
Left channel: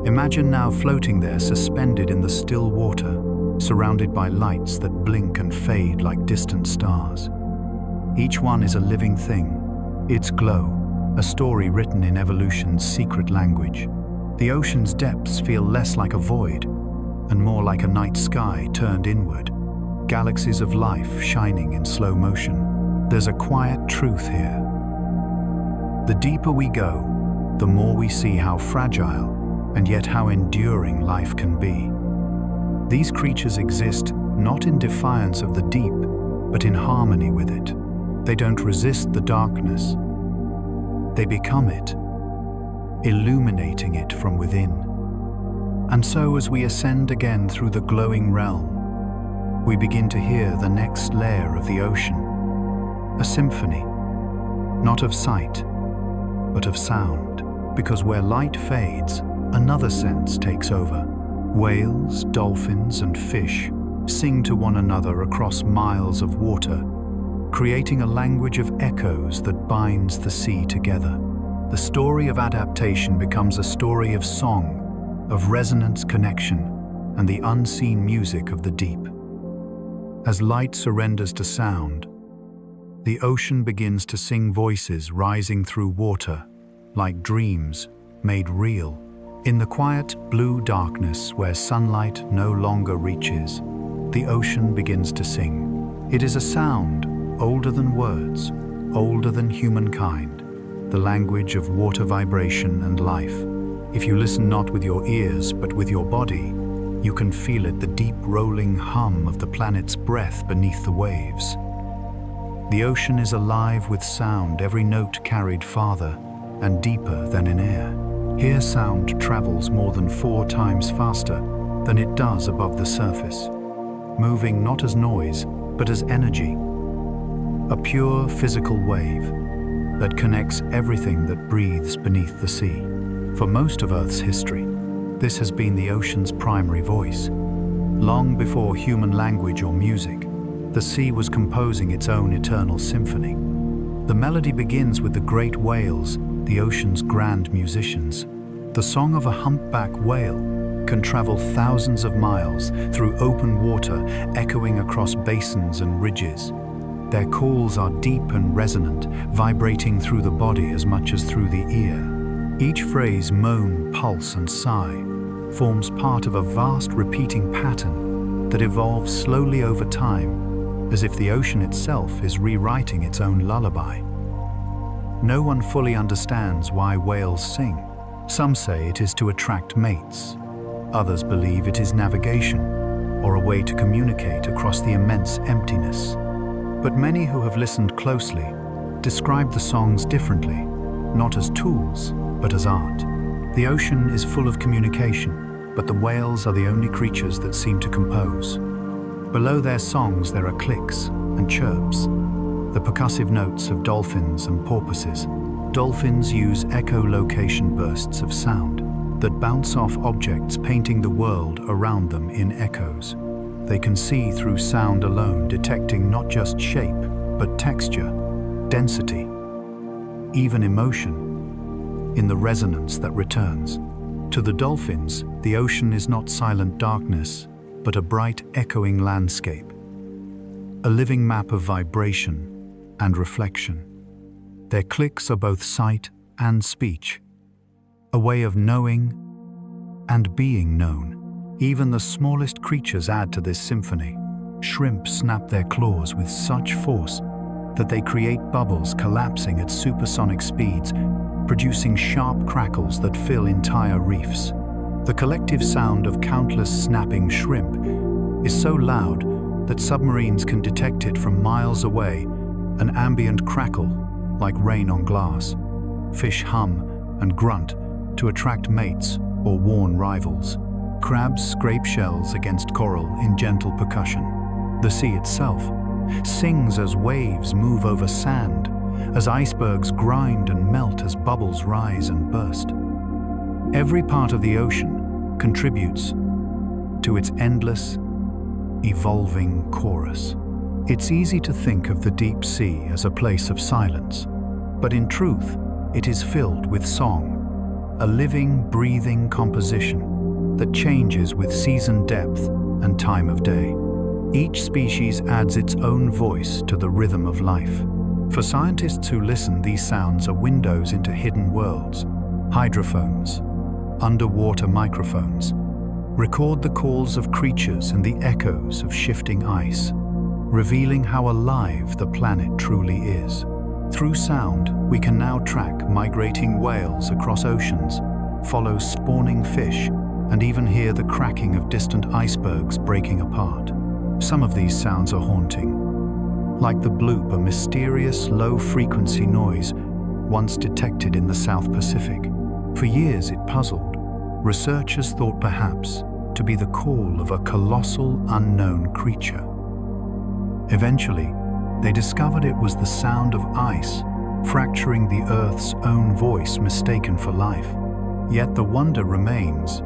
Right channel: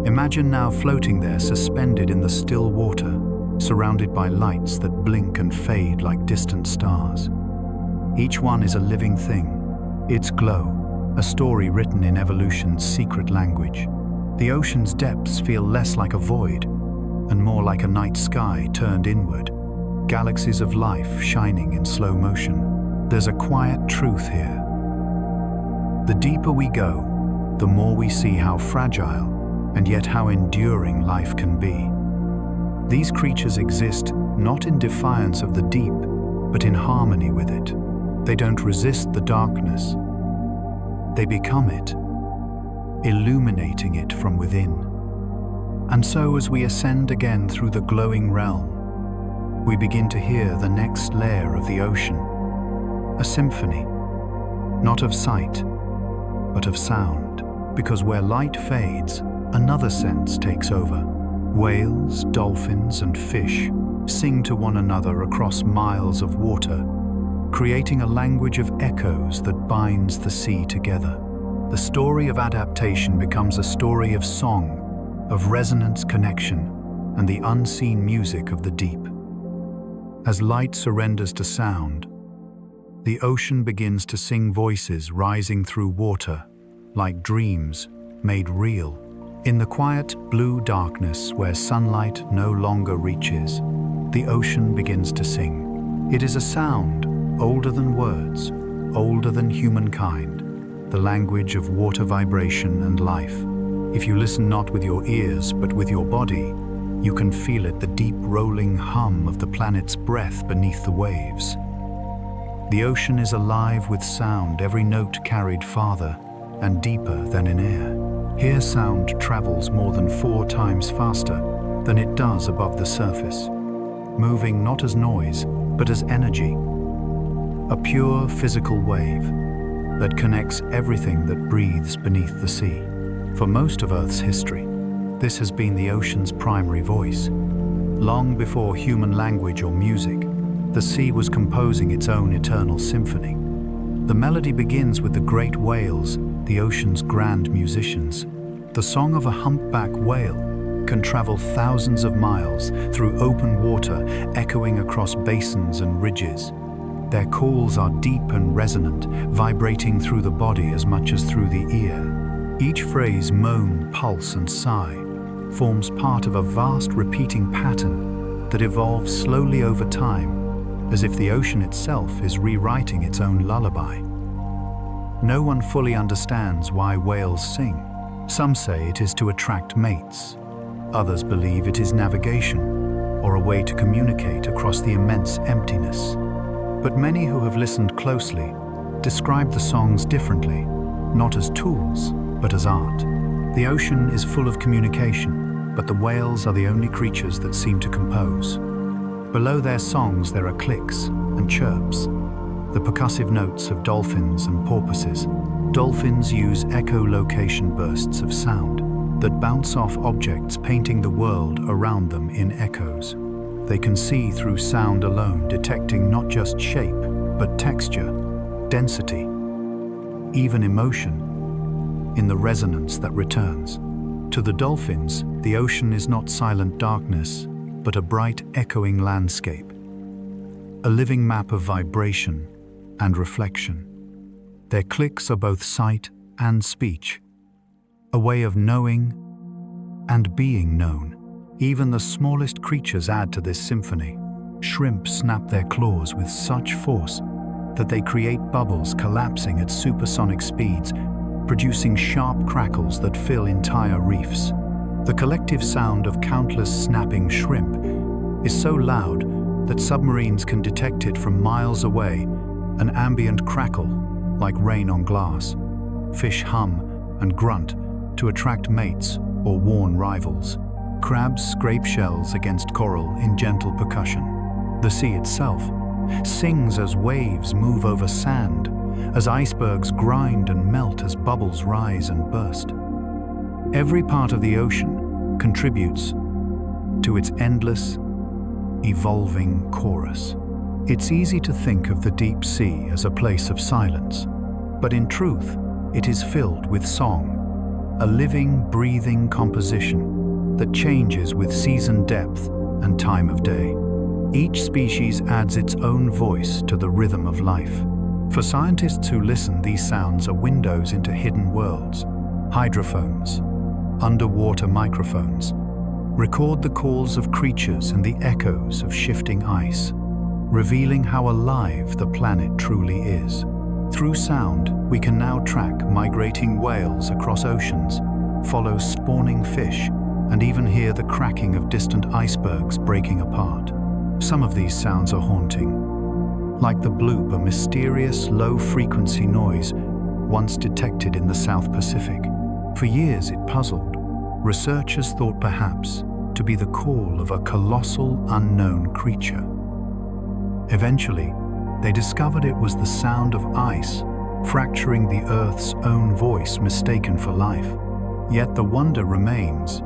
Imagine now floating there, suspended in the still water, surrounded by lights that blink and fade like distant stars. Each one is a living thing, its glow, a story written in evolution's secret language. The ocean's depths feel less like a void and more like a night sky turned inward, galaxies of life shining in slow motion. There's a quiet truth here. The deeper we go, the more we see how fragile and yet how enduring life can be. These creatures exist not in defiance of the deep, but in harmony with it. They don't resist the darkness. They become it, illuminating it from within. And so as we ascend again through the glowing realm, we begin to hear the next layer of the ocean, a symphony, not of sight, but of sound. Because where light fades, another sense takes over. Whales, dolphins, and fish sing to one another across miles of water, creating a language of echoes that binds the sea together. The story of adaptation becomes a story of song, of resonance connection, and the unseen music of the deep. As light surrenders to sound, the ocean begins to sing voices rising through water, like dreams made real. In the quiet, blue darkness where sunlight no longer reaches, the ocean begins to sing. It is a sound older than words, older than humankind, the language of water vibration and life. If you listen not with your ears but with your body, you can feel it, the deep rolling hum of the planet's breath beneath the waves. The ocean is alive with sound, every note carried farther and deeper than in air. Here sound travels more than 4 times faster than it does above the surface, moving not as noise, but as energy. A pure physical wave that connects everything that breathes beneath the sea. For most of Earth's history, this has been the ocean's primary voice. Long before human language or music, the sea was composing its own eternal symphony. The melody begins with the great whales, the ocean's grand musicians. The song of a humpback whale can travel thousands of miles through open water, echoing across basins and ridges. Their calls are deep and resonant, vibrating through the body as much as through the ear. Each phrase, moan, pulse, and sigh, forms part of a vast repeating pattern that evolves slowly over time, as if the ocean itself is rewriting its own lullaby. No one fully understands why whales sing. Some say it is to attract mates. Others believe it is navigation, or a way to communicate across the immense emptiness. But many who have listened closely describe the songs differently, not as tools, but as art. The ocean is full of communication, but the whales are the only creatures that seem to compose. Below their songs there are clicks and chirps, the percussive notes of dolphins and porpoises. Dolphins use echolocation bursts of sound that bounce off objects, painting the world around them in echoes. They can see through sound alone, detecting not just shape, but texture, density, even emotion, in the resonance that returns. To the dolphins, the ocean is not silent darkness, but a bright, echoing landscape, a living map of vibration and reflection. Their clicks are both sight and speech, a way of knowing and being known. Even the smallest creatures add to this symphony. Shrimp snap their claws with such force that they create bubbles collapsing at supersonic speeds, producing sharp crackles that fill entire reefs. The collective sound of countless snapping shrimp is so loud that submarines can detect it from miles away, an ambient crackle like rain on glass. Fish hum and grunt to attract mates or warn rivals. Crabs scrape shells against coral in gentle percussion. The sea itself sings as waves move over sand, as icebergs grind and melt, as bubbles rise and burst. Every part of the ocean contributes to its endless, evolving chorus. It's easy to think of the deep sea as a place of silence, but in truth, it is filled with song, a living, breathing composition that changes with season depth and time of day. Each species adds its own voice to the rhythm of life. For scientists who listen, these sounds are windows into hidden worlds. Hydrophones, underwater microphones, record the calls of creatures and the echoes of shifting ice, revealing how alive the planet truly is. Through sound, we can now track migrating whales across oceans, follow spawning fish, and even hear the cracking of distant icebergs breaking apart. Some of these sounds are haunting, like the bloop, a mysterious low-frequency noise once detected in the South Pacific. For years it puzzled. Researchers thought perhaps to be the call of a colossal unknown creature. Eventually, they discovered it was the sound of ice fracturing the Earth's own voice, mistaken for life. Yet the wonder remains,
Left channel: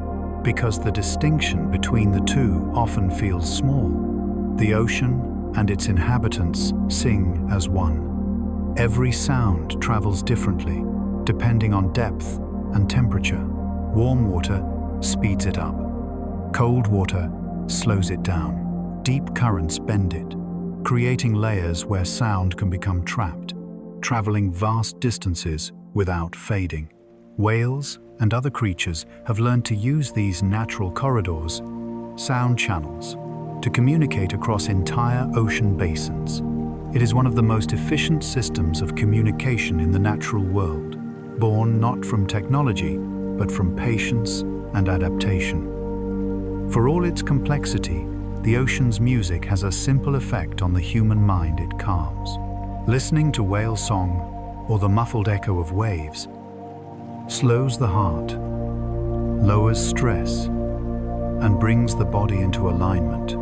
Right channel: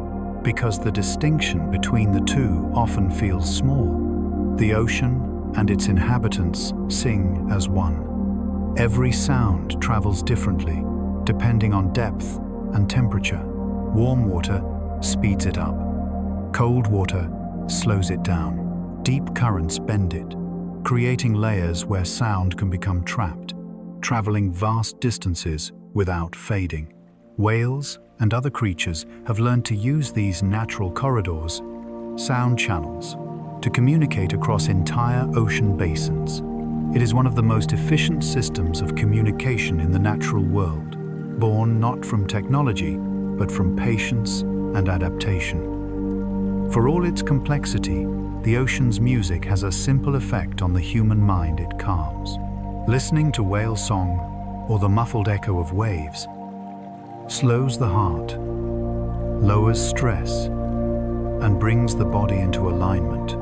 because the distinction between the two often feels small. The ocean and its inhabitants sing as one. Every sound travels differently, depending on depth and temperature. Warm water speeds it up. Cold water slows it down. Deep currents bend it, creating layers where sound can become trapped, traveling vast distances without fading. Whales and other creatures have learned to use these natural corridors, sound channels, to communicate across entire ocean basins. It is one of the most efficient systems of communication in the natural world, born not from technology, but from patience and adaptation. For all its complexity, the ocean's music has a simple effect on the human mind it calms. Listening to whale song or the muffled echo of waves slows the heart, lowers stress, and brings the body into alignment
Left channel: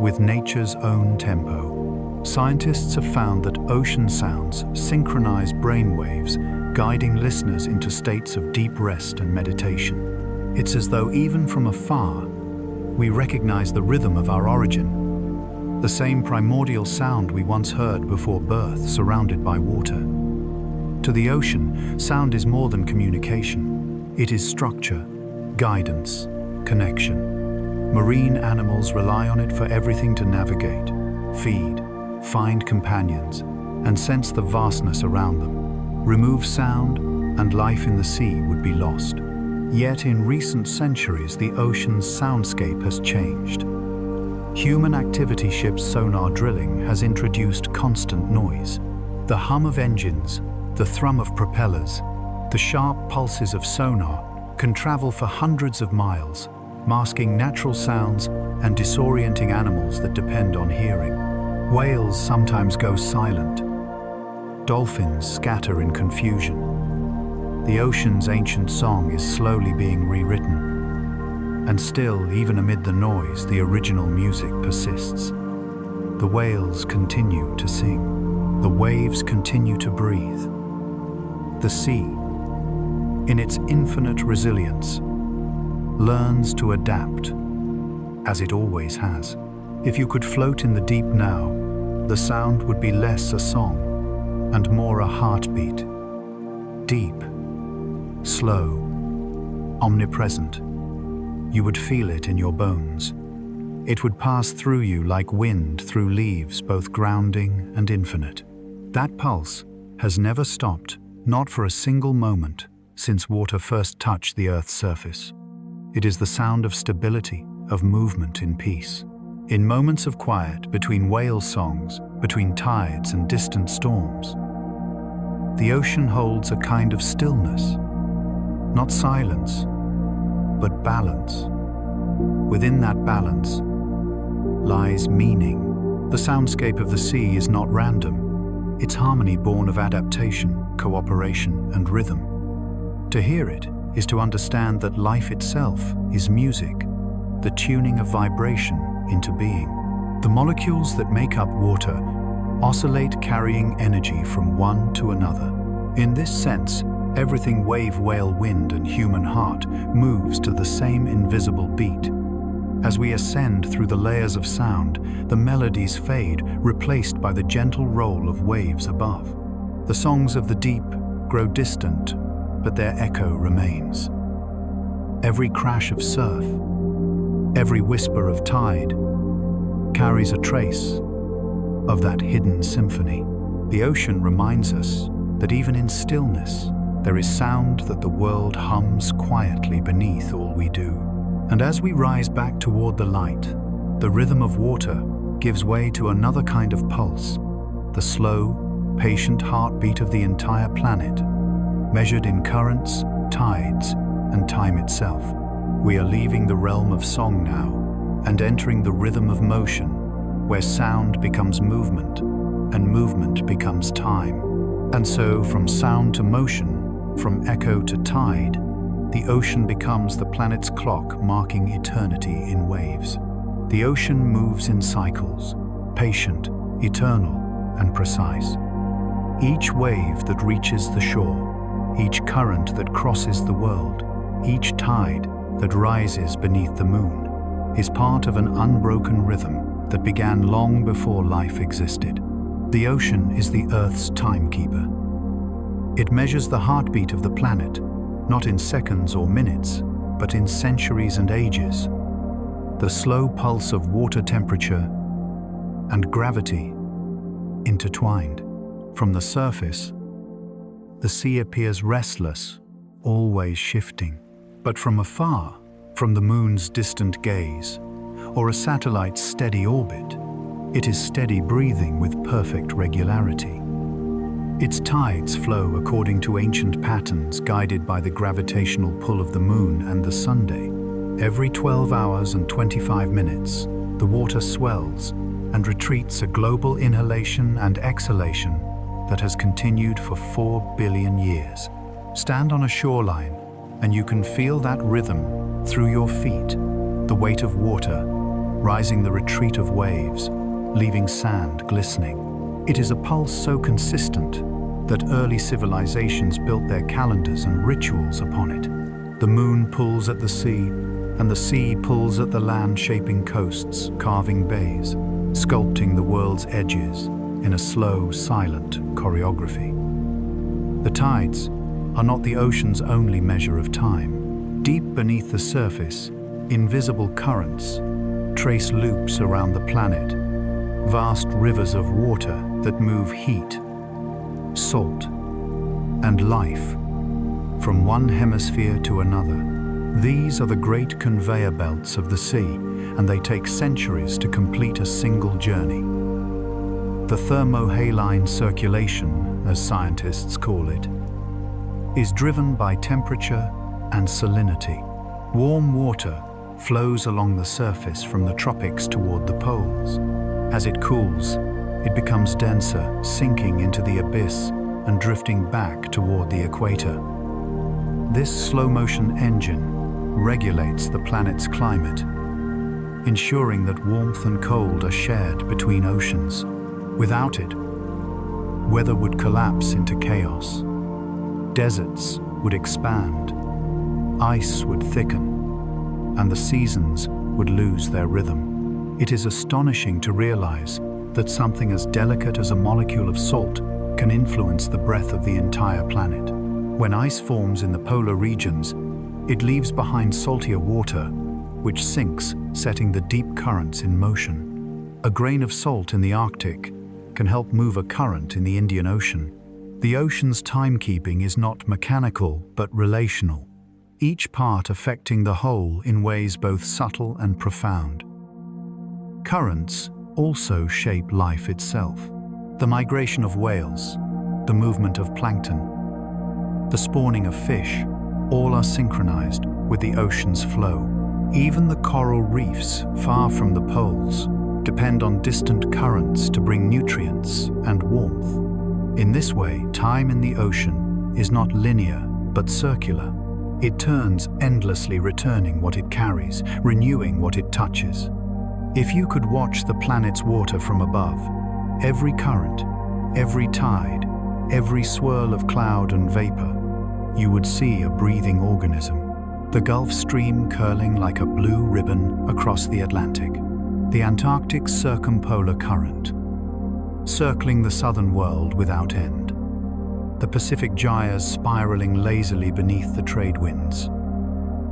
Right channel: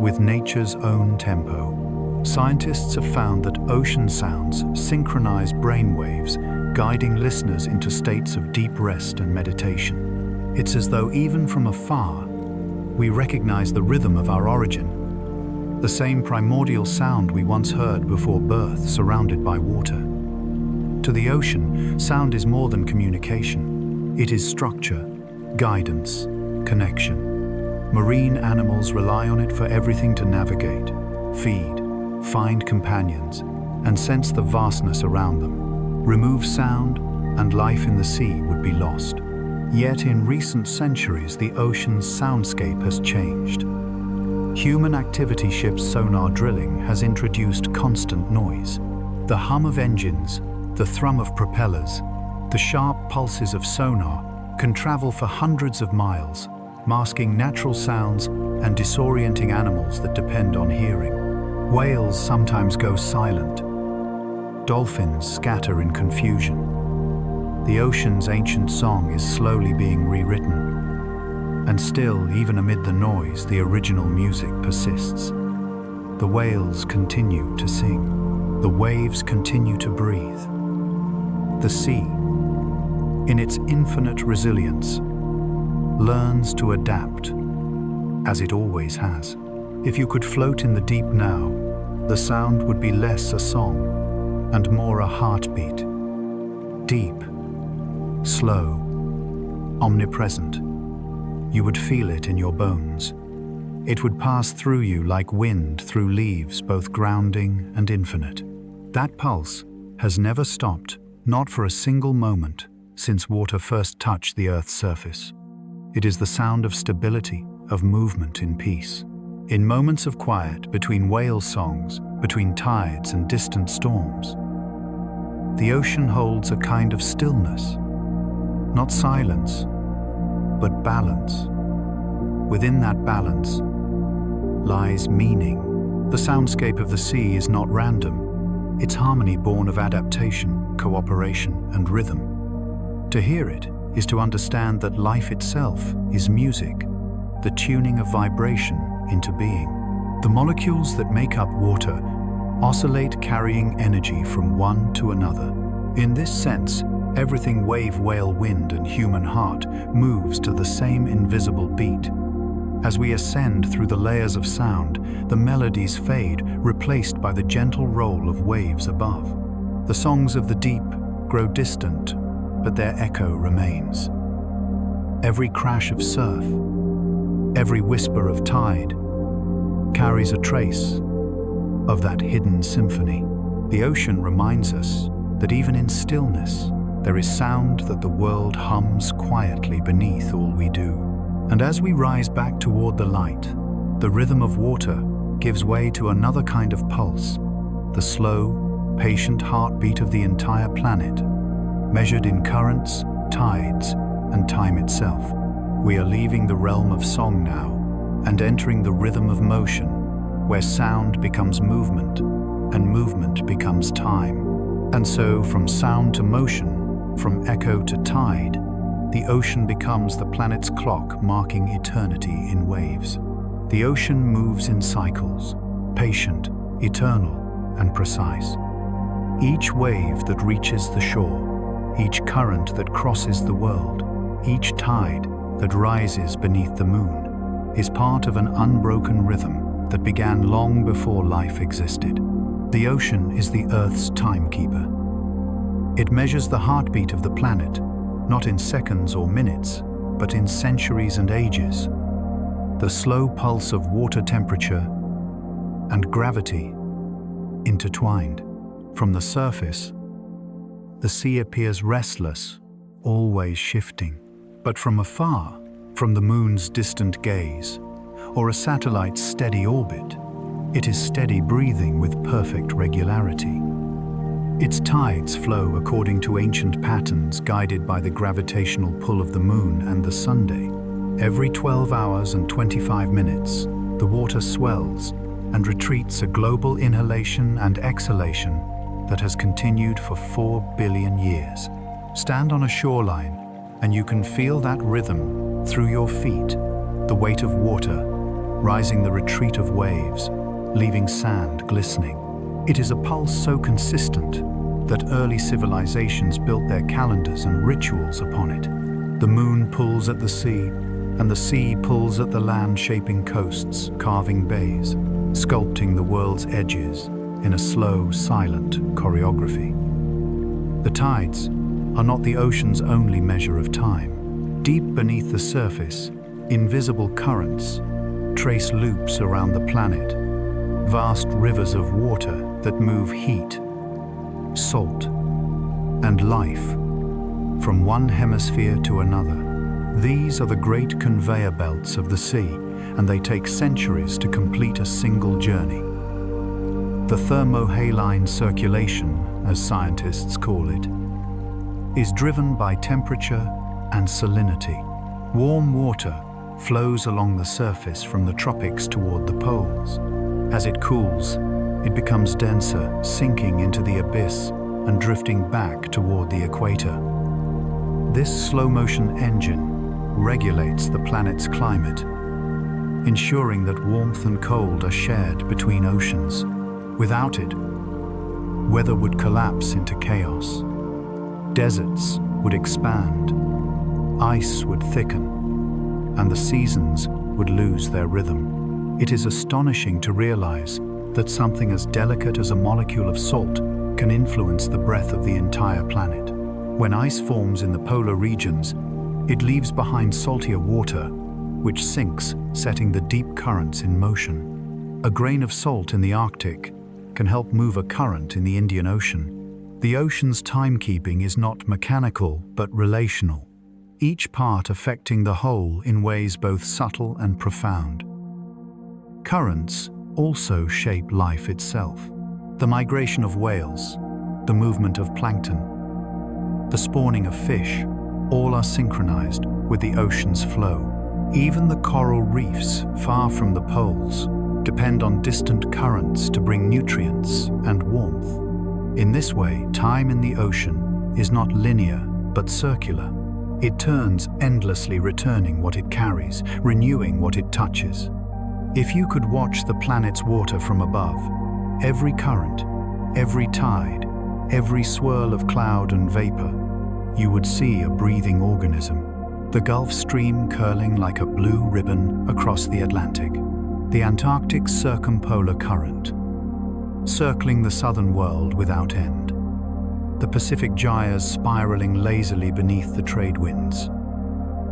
with nature's own tempo. Scientists have found that ocean sounds synchronize brain waves, guiding listeners into states of deep rest and meditation. It's as though even from afar, we recognize the rhythm of our origin, the same primordial sound we once heard before birth, surrounded by water. To the ocean, sound is more than communication. It is structure, guidance, connection. Marine animals rely on it for everything to navigate, feed, find companions, and sense the vastness around them. Remove sound, and life in the sea would be lost. Yet in recent centuries, the ocean's soundscape has changed. Human activity ships' sonar drilling has introduced constant noise. The hum of engines, the thrum of propellers, the sharp pulses of sonar can travel for hundreds of miles, masking natural sounds and disorienting animals that depend on hearing. Whales sometimes go silent. Dolphins scatter in confusion. The ocean's ancient song is slowly being rewritten. And still, even amid the noise, the original music persists. The whales continue to sing. The waves continue to breathe. The sea, in its infinite resilience, learns to adapt, as it always has. If you could float in the deep now, the sound would be less a song and more a heartbeat. Deep, slow, omnipresent. You would feel it in your bones. It would pass through you like wind through leaves, both grounding and infinite. That pulse has never stopped, not for a single moment, since water first touched the Earth's surface. It is the sound of stability, of movement in peace. In moments of quiet, between whale songs, between tides and distant storms, the ocean holds a kind of stillness, not silence, but balance. Within that balance lies meaning. The soundscape of the sea is not random. It's harmony born of adaptation, cooperation, and rhythm. To hear it is to understand that life itself is music, the tuning of vibration into being. The molecules that make up water oscillate, carrying energy from one to another. In this sense, everything wave, whale, wind, and human heart moves to the same invisible beat. As we ascend through the layers of sound, the melodies fade, replaced by the gentle roll of waves above. The songs of the deep grow distant, but their echo remains. Every crash of surf, every whisper of tide, carries a trace of that hidden symphony. The ocean reminds us that even in stillness, there is sound, that the world hums quietly beneath all we do. And as we rise back toward the light, the rhythm of water gives way to another kind of pulse, the slow, patient heartbeat of the entire planet, measured in currents, tides, and time itself. We are leaving the realm of song now and entering the rhythm of motion, where sound becomes movement and movement becomes time. And so, from sound to motion, from echo to tide, the ocean becomes the planet's clock, marking eternity in waves. The ocean moves in cycles, patient, eternal, and precise. Each wave that reaches the shore, each current that crosses the world, each tide that rises beneath the moon is part of an unbroken rhythm that began long before life existed. The ocean is the Earth's timekeeper. It measures the heartbeat of the planet, not in seconds or minutes, but in centuries and ages. The slow pulse of water temperature and gravity intertwined. From the surface, the sea appears restless, always shifting. But from afar, from the moon's distant gaze, or a satellite's steady orbit, it is steady breathing with perfect regularity. Its tides flow according to ancient patterns guided by the gravitational pull of the moon and the sunday. Every 12 hours and 25 minutes, the water swells and retreats, a global inhalation and exhalation that has continued for 4 billion years. Stand on a shoreline and you can feel that rhythm through your feet, the weight of water, rising the retreat of waves, leaving sand glistening. It is a pulse so consistent that early civilizations built their calendars and rituals upon it. The moon pulls at the sea, and the sea pulls at the land, shaping coasts, carving bays, sculpting the world's edges in a slow, silent choreography. The tides are not the ocean's only measure of time. Deep beneath the surface, invisible currents trace loops around the planet, vast rivers of water that move heat, salt, and life from one hemisphere to another. These are the great conveyor belts of the sea, and they take centuries to complete a single journey. The thermohaline circulation, as scientists call it, is driven by temperature and salinity. Warm water flows along the surface from the tropics toward the poles. As it cools, it becomes denser, sinking into the abyss and drifting back toward the equator. This slow-motion engine regulates the planet's climate, ensuring that warmth and cold are shared between oceans. Without it, weather would collapse into chaos. Deserts would expand, ice would thicken, and the seasons would lose their rhythm. It is astonishing to realize that something as delicate as a molecule of salt can influence the breath of the entire planet. When ice forms in the polar regions, it leaves behind saltier water, which sinks, setting the deep currents in motion. A grain of salt in the Arctic can help move a current in the Indian Ocean. The ocean's timekeeping is not mechanical, but relational, each part affecting the whole in ways both subtle and profound. Currents also shape life itself. The migration of whales, the movement of plankton, the spawning of fish, all are synchronized with the ocean's flow. Even the coral reefs, far from the poles, depend on distant currents to bring nutrients and warmth. In this way, time in the ocean is not linear, but circular. It turns endlessly, returning what it carries, renewing what it touches. If you could watch the planet's water from above, every current, every tide, every swirl of cloud and vapor, you would see a breathing organism. The Gulf Stream curling like a blue ribbon across the Atlantic. The Antarctic's circumpolar current, circling the southern world without end. The Pacific gyres spiraling lazily beneath the trade winds.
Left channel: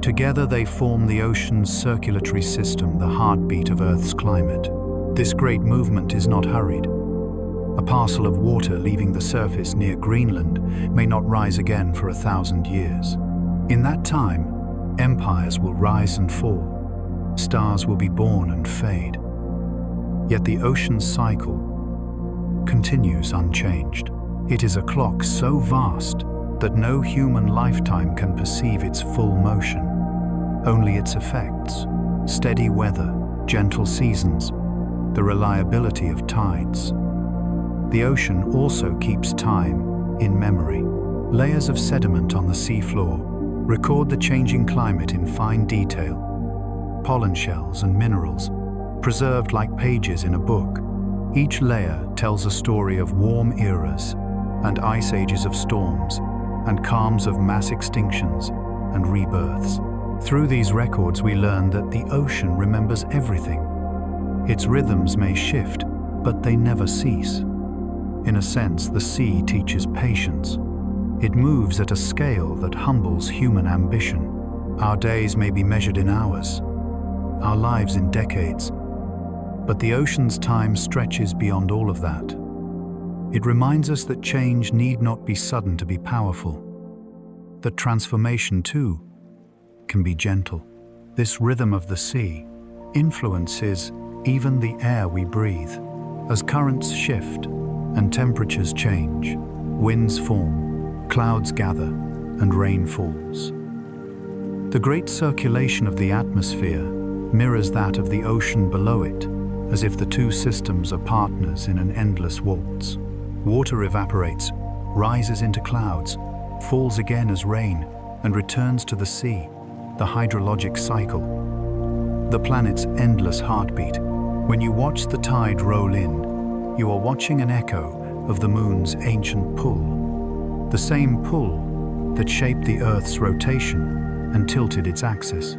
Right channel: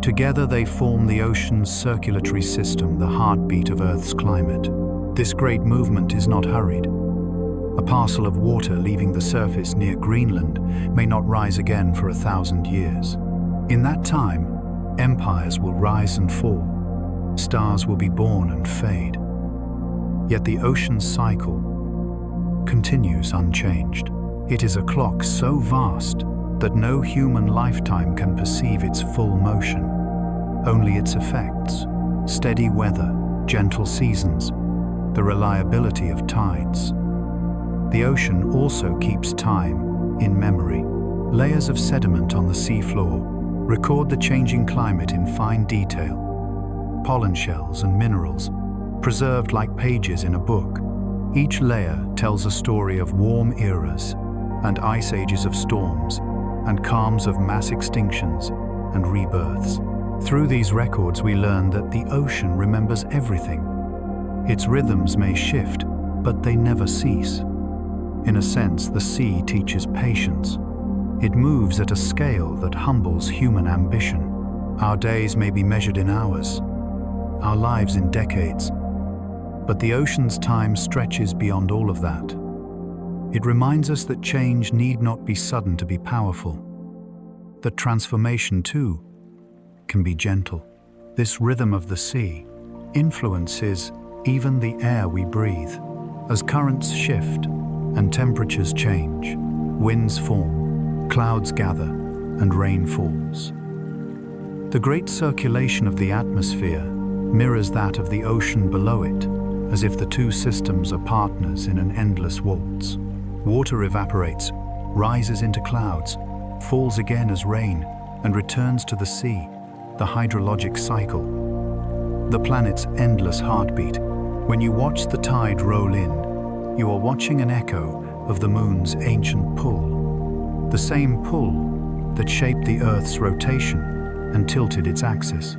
Together they form the ocean's circulatory system, the heartbeat of Earth's climate. This great movement is not hurried. A parcel of water leaving the surface near Greenland may not rise again for 1,000 years. In that time, empires will rise and fall. Stars will be born and fade. Yet the ocean's cycle continues unchanged. It is a clock so vast that no human lifetime can perceive its full motion. Only its effects: steady weather, gentle seasons, the reliability of tides. The ocean also keeps time in memory. Layers of sediment on the seafloor record the changing climate in fine detail. Pollen shells and minerals, preserved like pages in a book. Each layer tells a story of warm eras and ice ages of storms and calms of mass extinctions and rebirths. Through these records, we learn that the ocean remembers everything. Its rhythms may shift, but they never cease. In a sense, the sea teaches patience. It moves at a scale that humbles human ambition. Our days may be measured in hours, our lives in decades, but the ocean's time stretches beyond all of that. It reminds us that change need not be sudden to be powerful, that transformation, too, can be gentle. This rhythm of the sea influences even the air we breathe. As currents shift and temperatures change, winds form, clouds gather, and rain falls. The great circulation of the atmosphere mirrors that of the ocean below it, as if the two systems are partners in an endless waltz. Water evaporates, rises into clouds, falls again as rain, and returns to the sea, the hydrologic cycle. The planet's endless heartbeat. When you watch the tide roll in, you are watching an echo of the moon's ancient pull, the same pull that shaped the Earth's rotation and tilted its axis.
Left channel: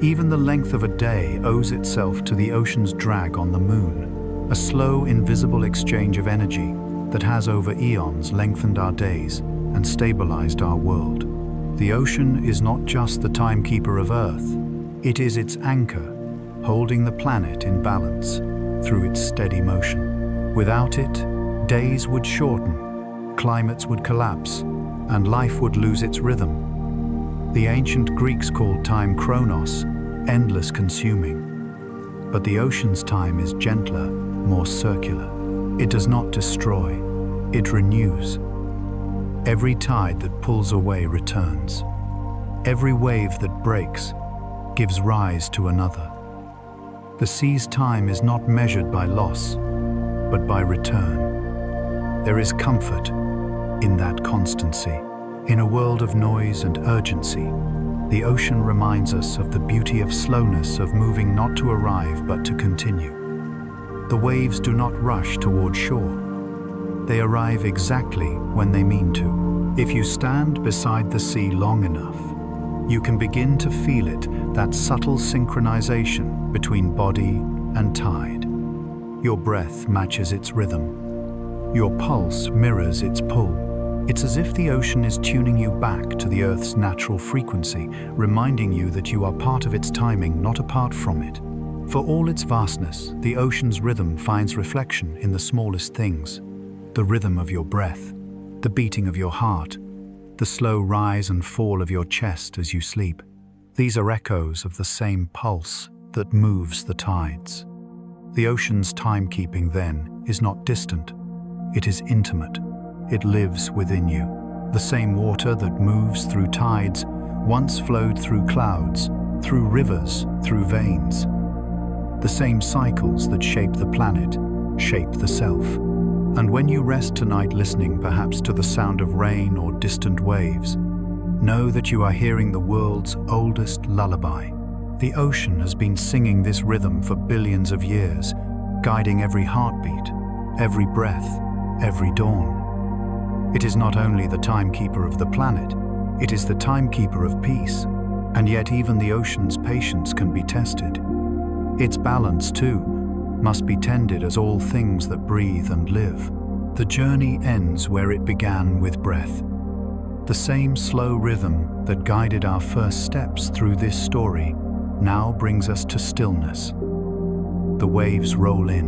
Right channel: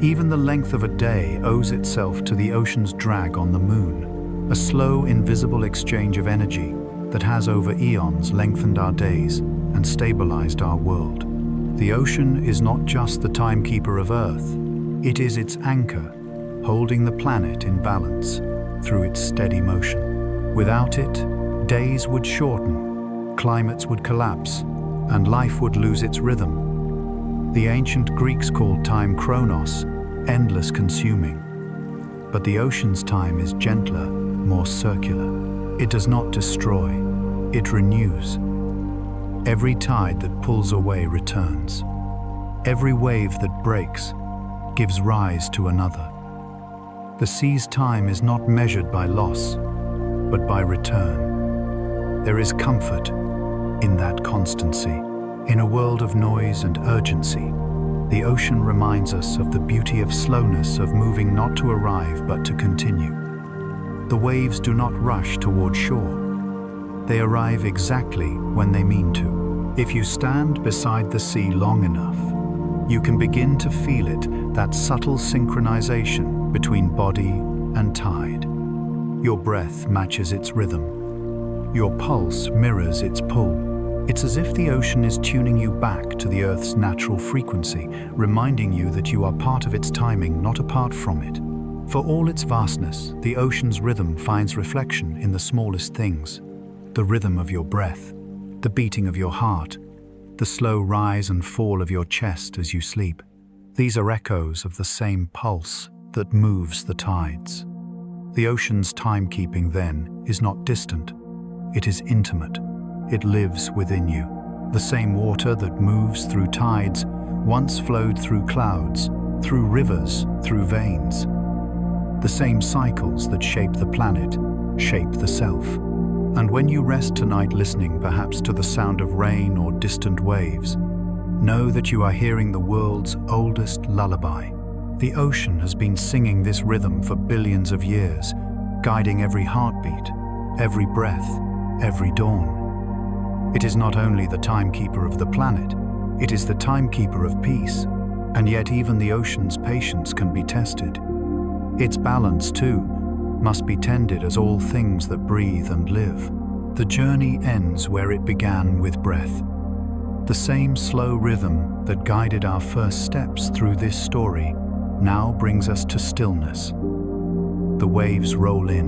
Even the length of a day owes itself to the ocean's drag on the moon, a slow, invisible exchange of energy that has over eons lengthened our days and stabilized our world. The ocean is not just the timekeeper of Earth, it is its anchor, holding the planet in balance through its steady motion. Without it, days would shorten, climates would collapse, and life would lose its rhythm. The ancient Greeks called time chronos, endless consuming. But the ocean's time is gentler, more circular. It does not destroy, it renews. Every tide that pulls away returns. Every wave that breaks gives rise to another. The sea's time is not measured by loss, but by return. There is comfort in that constancy. In a world of noise and urgency, the ocean reminds us of the beauty of slowness, of moving not to arrive but to continue. The waves do not rush toward shore. They arrive exactly when they mean to. If you stand beside the sea long enough, you can begin to feel it, that subtle synchronization between body and tide. Your breath matches its rhythm. Your pulse mirrors its pull. It's as if the ocean is tuning you back to the Earth's natural frequency, reminding you that you are part of its timing, not apart from it. For all its vastness, the ocean's rhythm finds reflection in the smallest things. The rhythm of your breath, the beating of your heart, the slow rise and fall of your chest as you sleep. These are echoes of the same pulse that moves the tides. The ocean's timekeeping, then, is not distant. It is intimate. It lives within you. The same water that moves through tides once flowed through clouds, through rivers, through veins. The same cycles that shape the planet shape the self. And when you rest tonight listening perhaps to the sound of rain or distant waves, know that you are hearing the world's oldest lullaby. The ocean has been singing this rhythm for billions of years, guiding every heartbeat, every breath, every dawn. It is not only the timekeeper of the planet, it is the timekeeper of peace, and yet even the ocean's patience can be tested. Its balance, too, must be tended as all things that breathe and live. The journey ends where it began, with breath. The same slow rhythm that guided our first steps through this story now brings us to stillness. The waves roll in.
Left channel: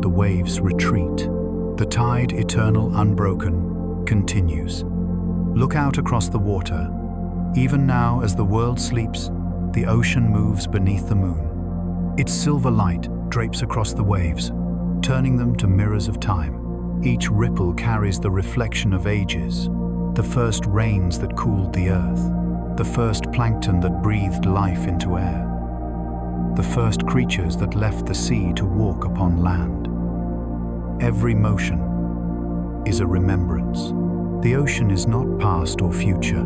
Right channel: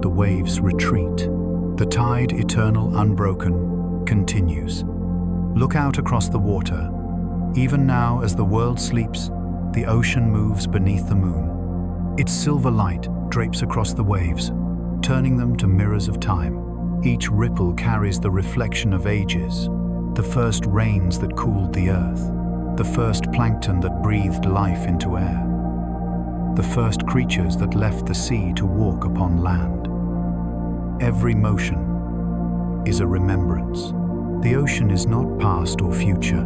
The waves retreat. The tide, eternal, unbroken, continues. Look out across the water. Even now, as the world sleeps, the ocean moves beneath the moon. Its silver light drapes across the waves, turning them to mirrors of time. Each ripple carries the reflection of ages, the first rains that cooled the earth, the first plankton that breathed life into air, the first creatures that left the sea to walk upon land. Every motion is a remembrance. The ocean is not past or future.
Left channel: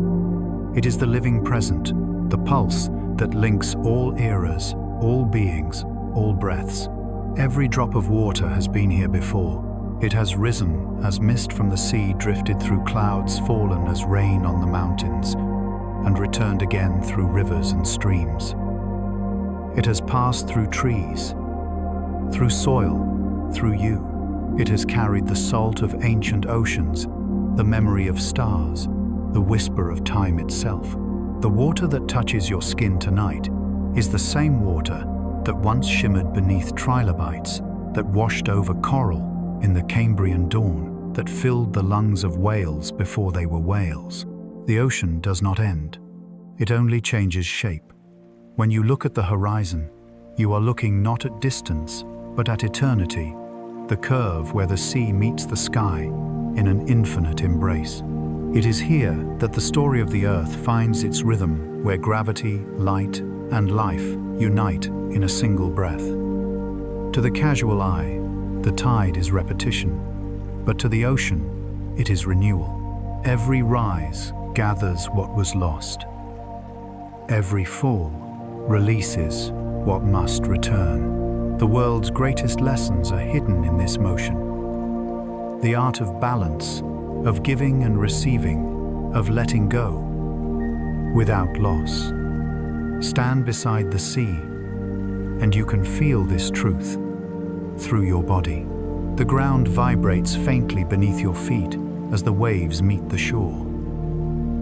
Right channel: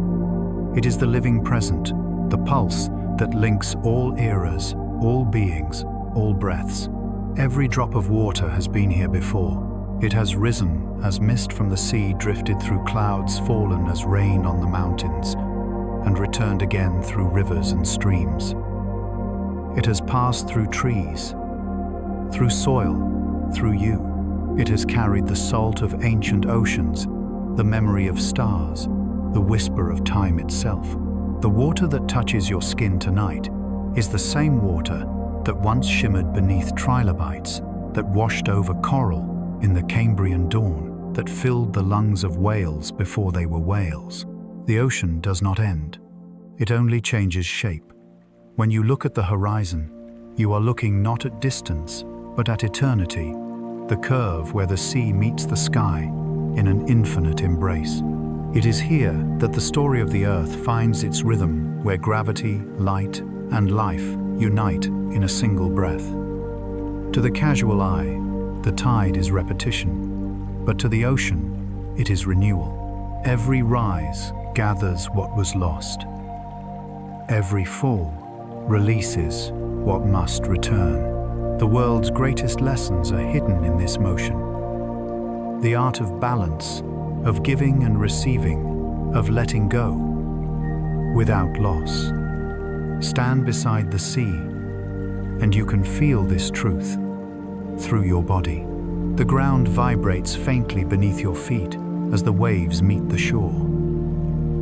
It is the living present, the pulse that links all eras, all beings, all breaths. Every drop of water has been here before. It has risen as mist from the sea, drifted through clouds, fallen as rain on the mountains. and returned again through rivers and streams. It has passed through trees, through soil, through you. It has carried the salt of ancient oceans, the memory of stars, the whisper of time itself. The water that touches your skin tonight is the same water that once shimmered beneath trilobites, that washed over coral in the Cambrian dawn, that filled the lungs of whales before they were whales. The ocean does not end. It only changes shape. When you look at the horizon, you are looking not at distance, but at eternity, the curve where the sea meets the sky in an infinite embrace. It is here that the story of the earth finds its rhythm, where gravity, light, and life unite in a single breath. To the casual eye, the tide is repetition, but to the ocean, it is renewal. Every rise gathers what was lost. Every fall releases what must return. The world's greatest lessons are hidden in this motion. The art of balance, of giving and receiving, of letting go, without loss. Stand beside the sea, and you can feel this truth through your body. The ground vibrates faintly beneath your feet as the waves meet the shore.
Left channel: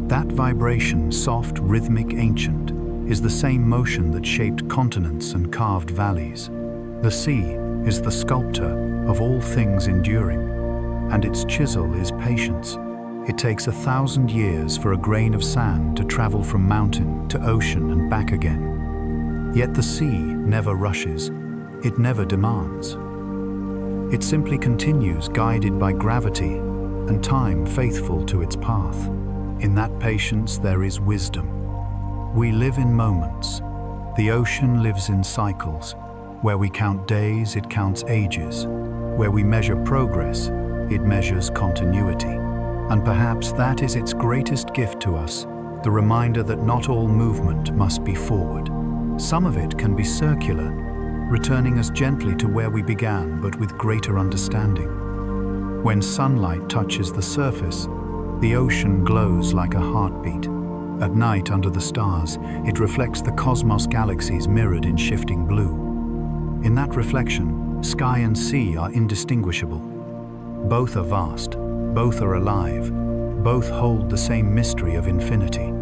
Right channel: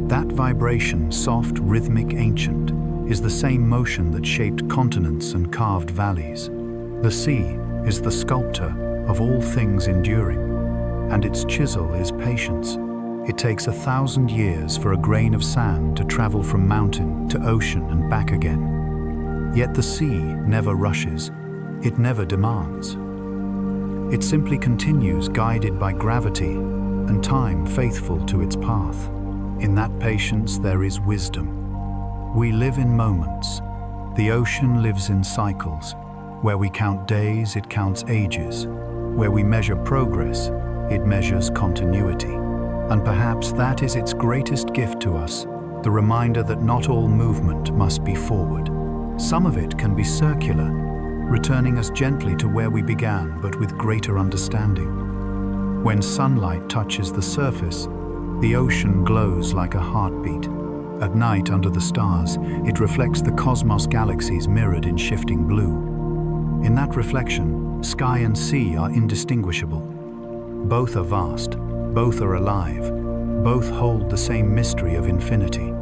That vibration, soft, rhythmic, ancient, is the same motion that shaped continents and carved valleys. The sea is the sculptor of all things enduring, and its chisel is patience. It takes 1,000 years for a grain of sand to travel from mountain to ocean and back again. Yet the sea never rushes, it never demands. It simply continues, guided by gravity and time faithful to its path. In that patience there is wisdom. We live in moments. The ocean lives in cycles. Where we count days, it counts ages. Where we measure progress, it measures continuity. And perhaps that is its greatest gift to us, the reminder that not all movement must be forward. Some of it can be circular, returning us gently to where we began, but with greater understanding. When sunlight touches the surface, the ocean glows like a heartbeat. At night, under the stars, it reflects the cosmos galaxies mirrored in shifting blue. In that reflection, sky and sea are indistinguishable. Both are vast, both are alive, both hold the same mystery of infinity.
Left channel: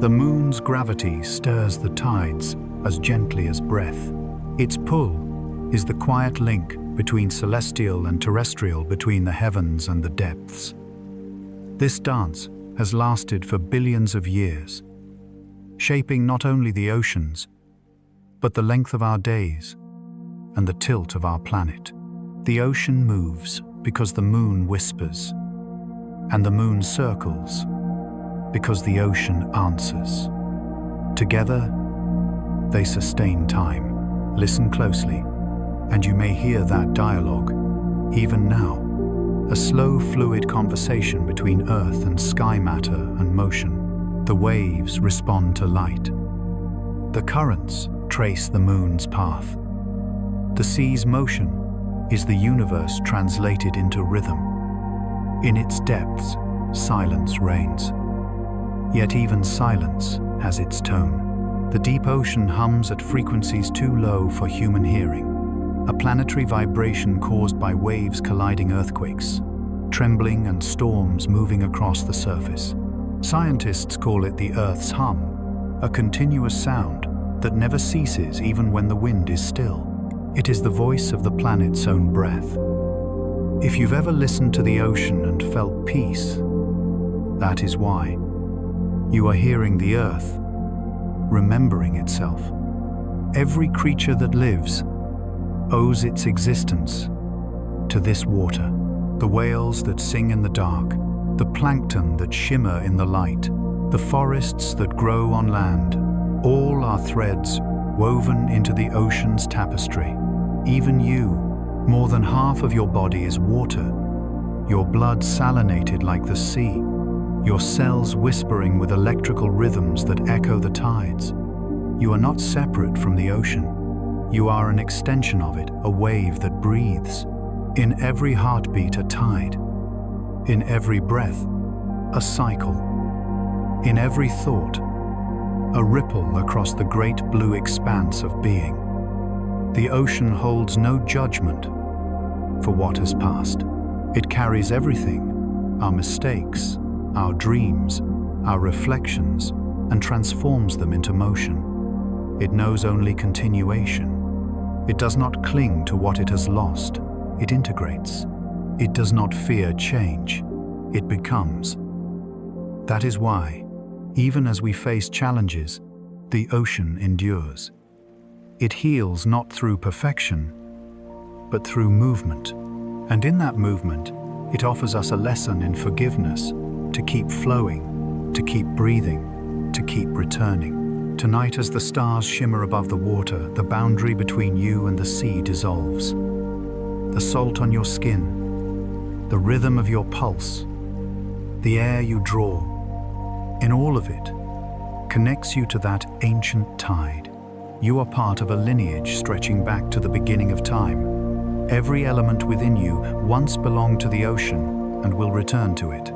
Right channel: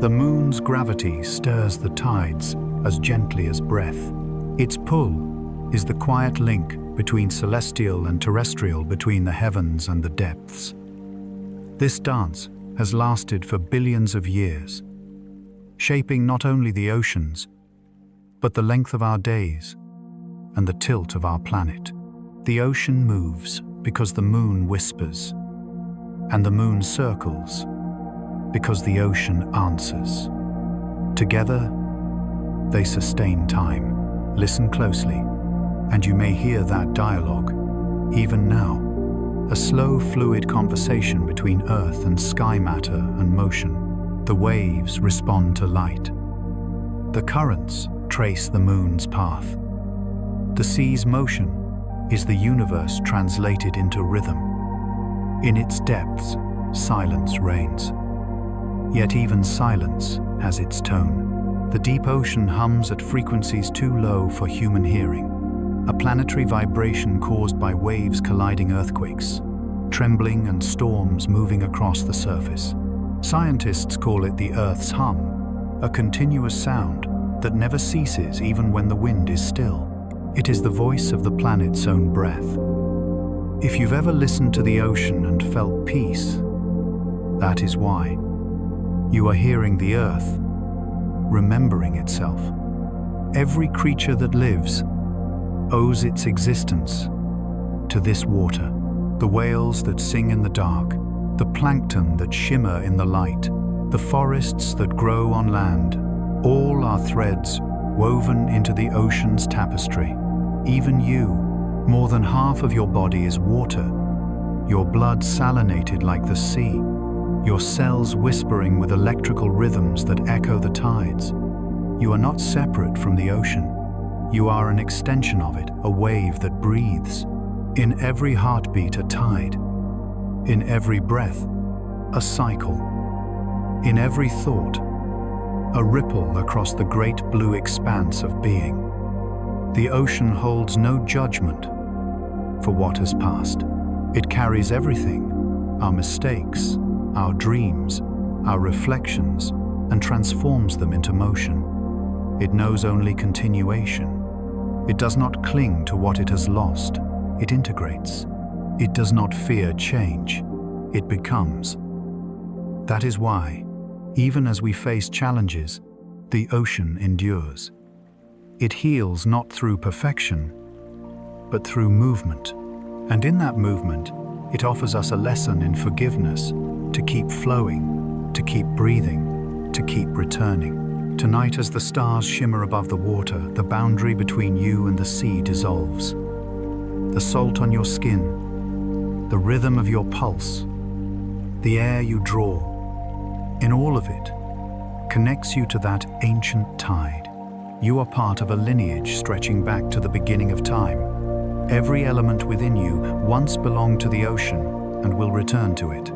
The moon's gravity stirs the tides as gently as breath. Its pull is the quiet link between celestial and terrestrial, between the heavens and the depths. This dance has lasted for billions of years, shaping not only the oceans, but the length of our days and the tilt of our planet. The ocean moves because the moon whispers, and the moon circles because the ocean answers. Together, they sustain time. Listen closely, and you may hear that dialogue, even now. A slow, fluid conversation between earth and sky matter and motion. The waves respond to light. The currents trace the moon's path. The sea's motion is the universe translated into rhythm. In its depths, silence reigns. Yet even silence has its tone. The deep ocean hums at frequencies too low for human hearing. A planetary vibration caused by waves colliding, earthquakes, trembling and storms moving across the surface. Scientists call it the Earth's hum, a continuous sound that never ceases even when the wind is still. It is the voice of the planet's own breath. If you've ever listened to the ocean and felt peace, that is why. You are hearing the earth, remembering itself. Every creature that lives owes its existence to this water. The whales that sing in the dark, the plankton that shimmer in the light, the forests that grow on land, all are threads woven into the ocean's tapestry. Even you, more than half of your body is water, your blood salinated like the sea, your cells whispering with electrical rhythms that echo the tides. You are not separate from the ocean. You are an extension of it, a wave that breathes. In every heartbeat, a tide. In every breath, a cycle. In every thought, a ripple across the great blue expanse of being. The ocean holds no judgment for what has passed. It carries everything, our mistakes, our dreams, our reflections, and transforms them into motion. It knows only continuation. It does not cling to what it has lost. It integrates. It does not fear change. It becomes. That is why, even as we face challenges, the ocean endures. It heals not through perfection, but through movement. And in that movement, it offers us a lesson in forgiveness, to keep flowing, to keep breathing, to keep returning. Tonight, as the stars shimmer above the water, the boundary between you and the sea dissolves. The salt on your skin, the rhythm of your pulse, the air you draw, in all of it, connects you to that ancient tide. You are part of a lineage stretching back to the beginning of time. Every element within you once belonged to the ocean and will return to it.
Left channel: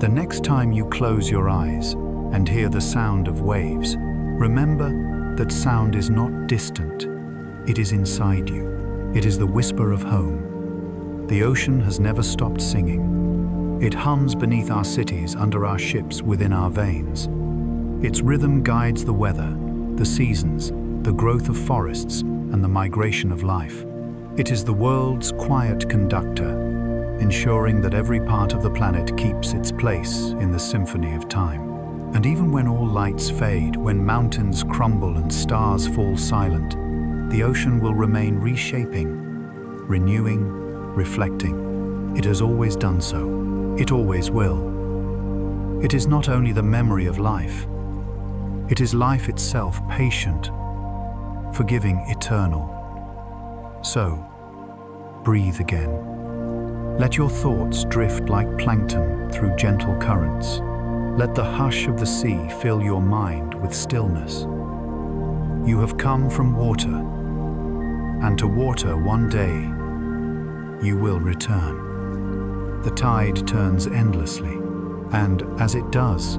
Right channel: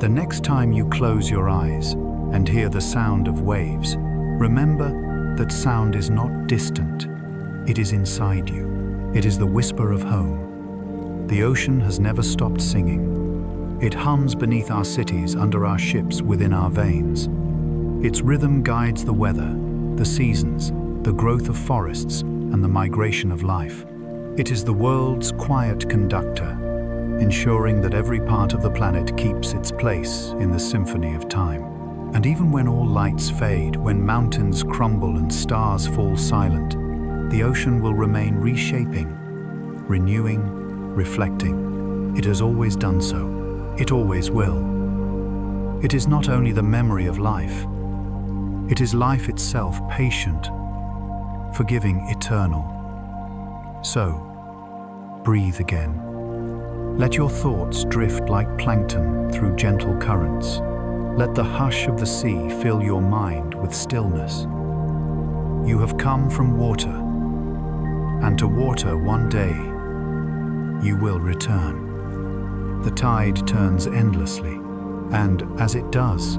The next time you close your eyes and hear the sound of waves, remember that sound is not distant. It is inside you. It is the whisper of home. The ocean has never stopped singing. It hums beneath our cities, under our ships, within our veins. Its rhythm guides the weather, the seasons, the growth of forests, and the migration of life. It is the world's quiet conductor, ensuring that every part of the planet keeps its place in the symphony of time. And even when all lights fade, when mountains crumble and stars fall silent, the ocean will remain reshaping, renewing, reflecting. It has always done so. It always will. It is not only the memory of life, it is life itself, patient, forgiving, eternal. So, breathe again. Let your thoughts drift like plankton through gentle currents. Let the hush of the sea fill your mind with stillness. You have come from water, and to water one day you will return. The tide turns endlessly, and as it does,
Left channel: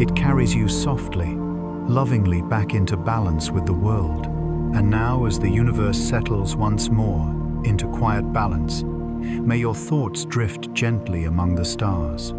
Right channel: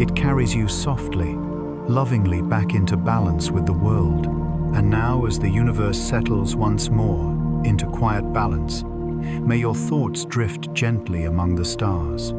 it carries you softly, lovingly back into balance with the world. And now, as the universe settles once more into quiet balance, may your thoughts drift gently among the stars.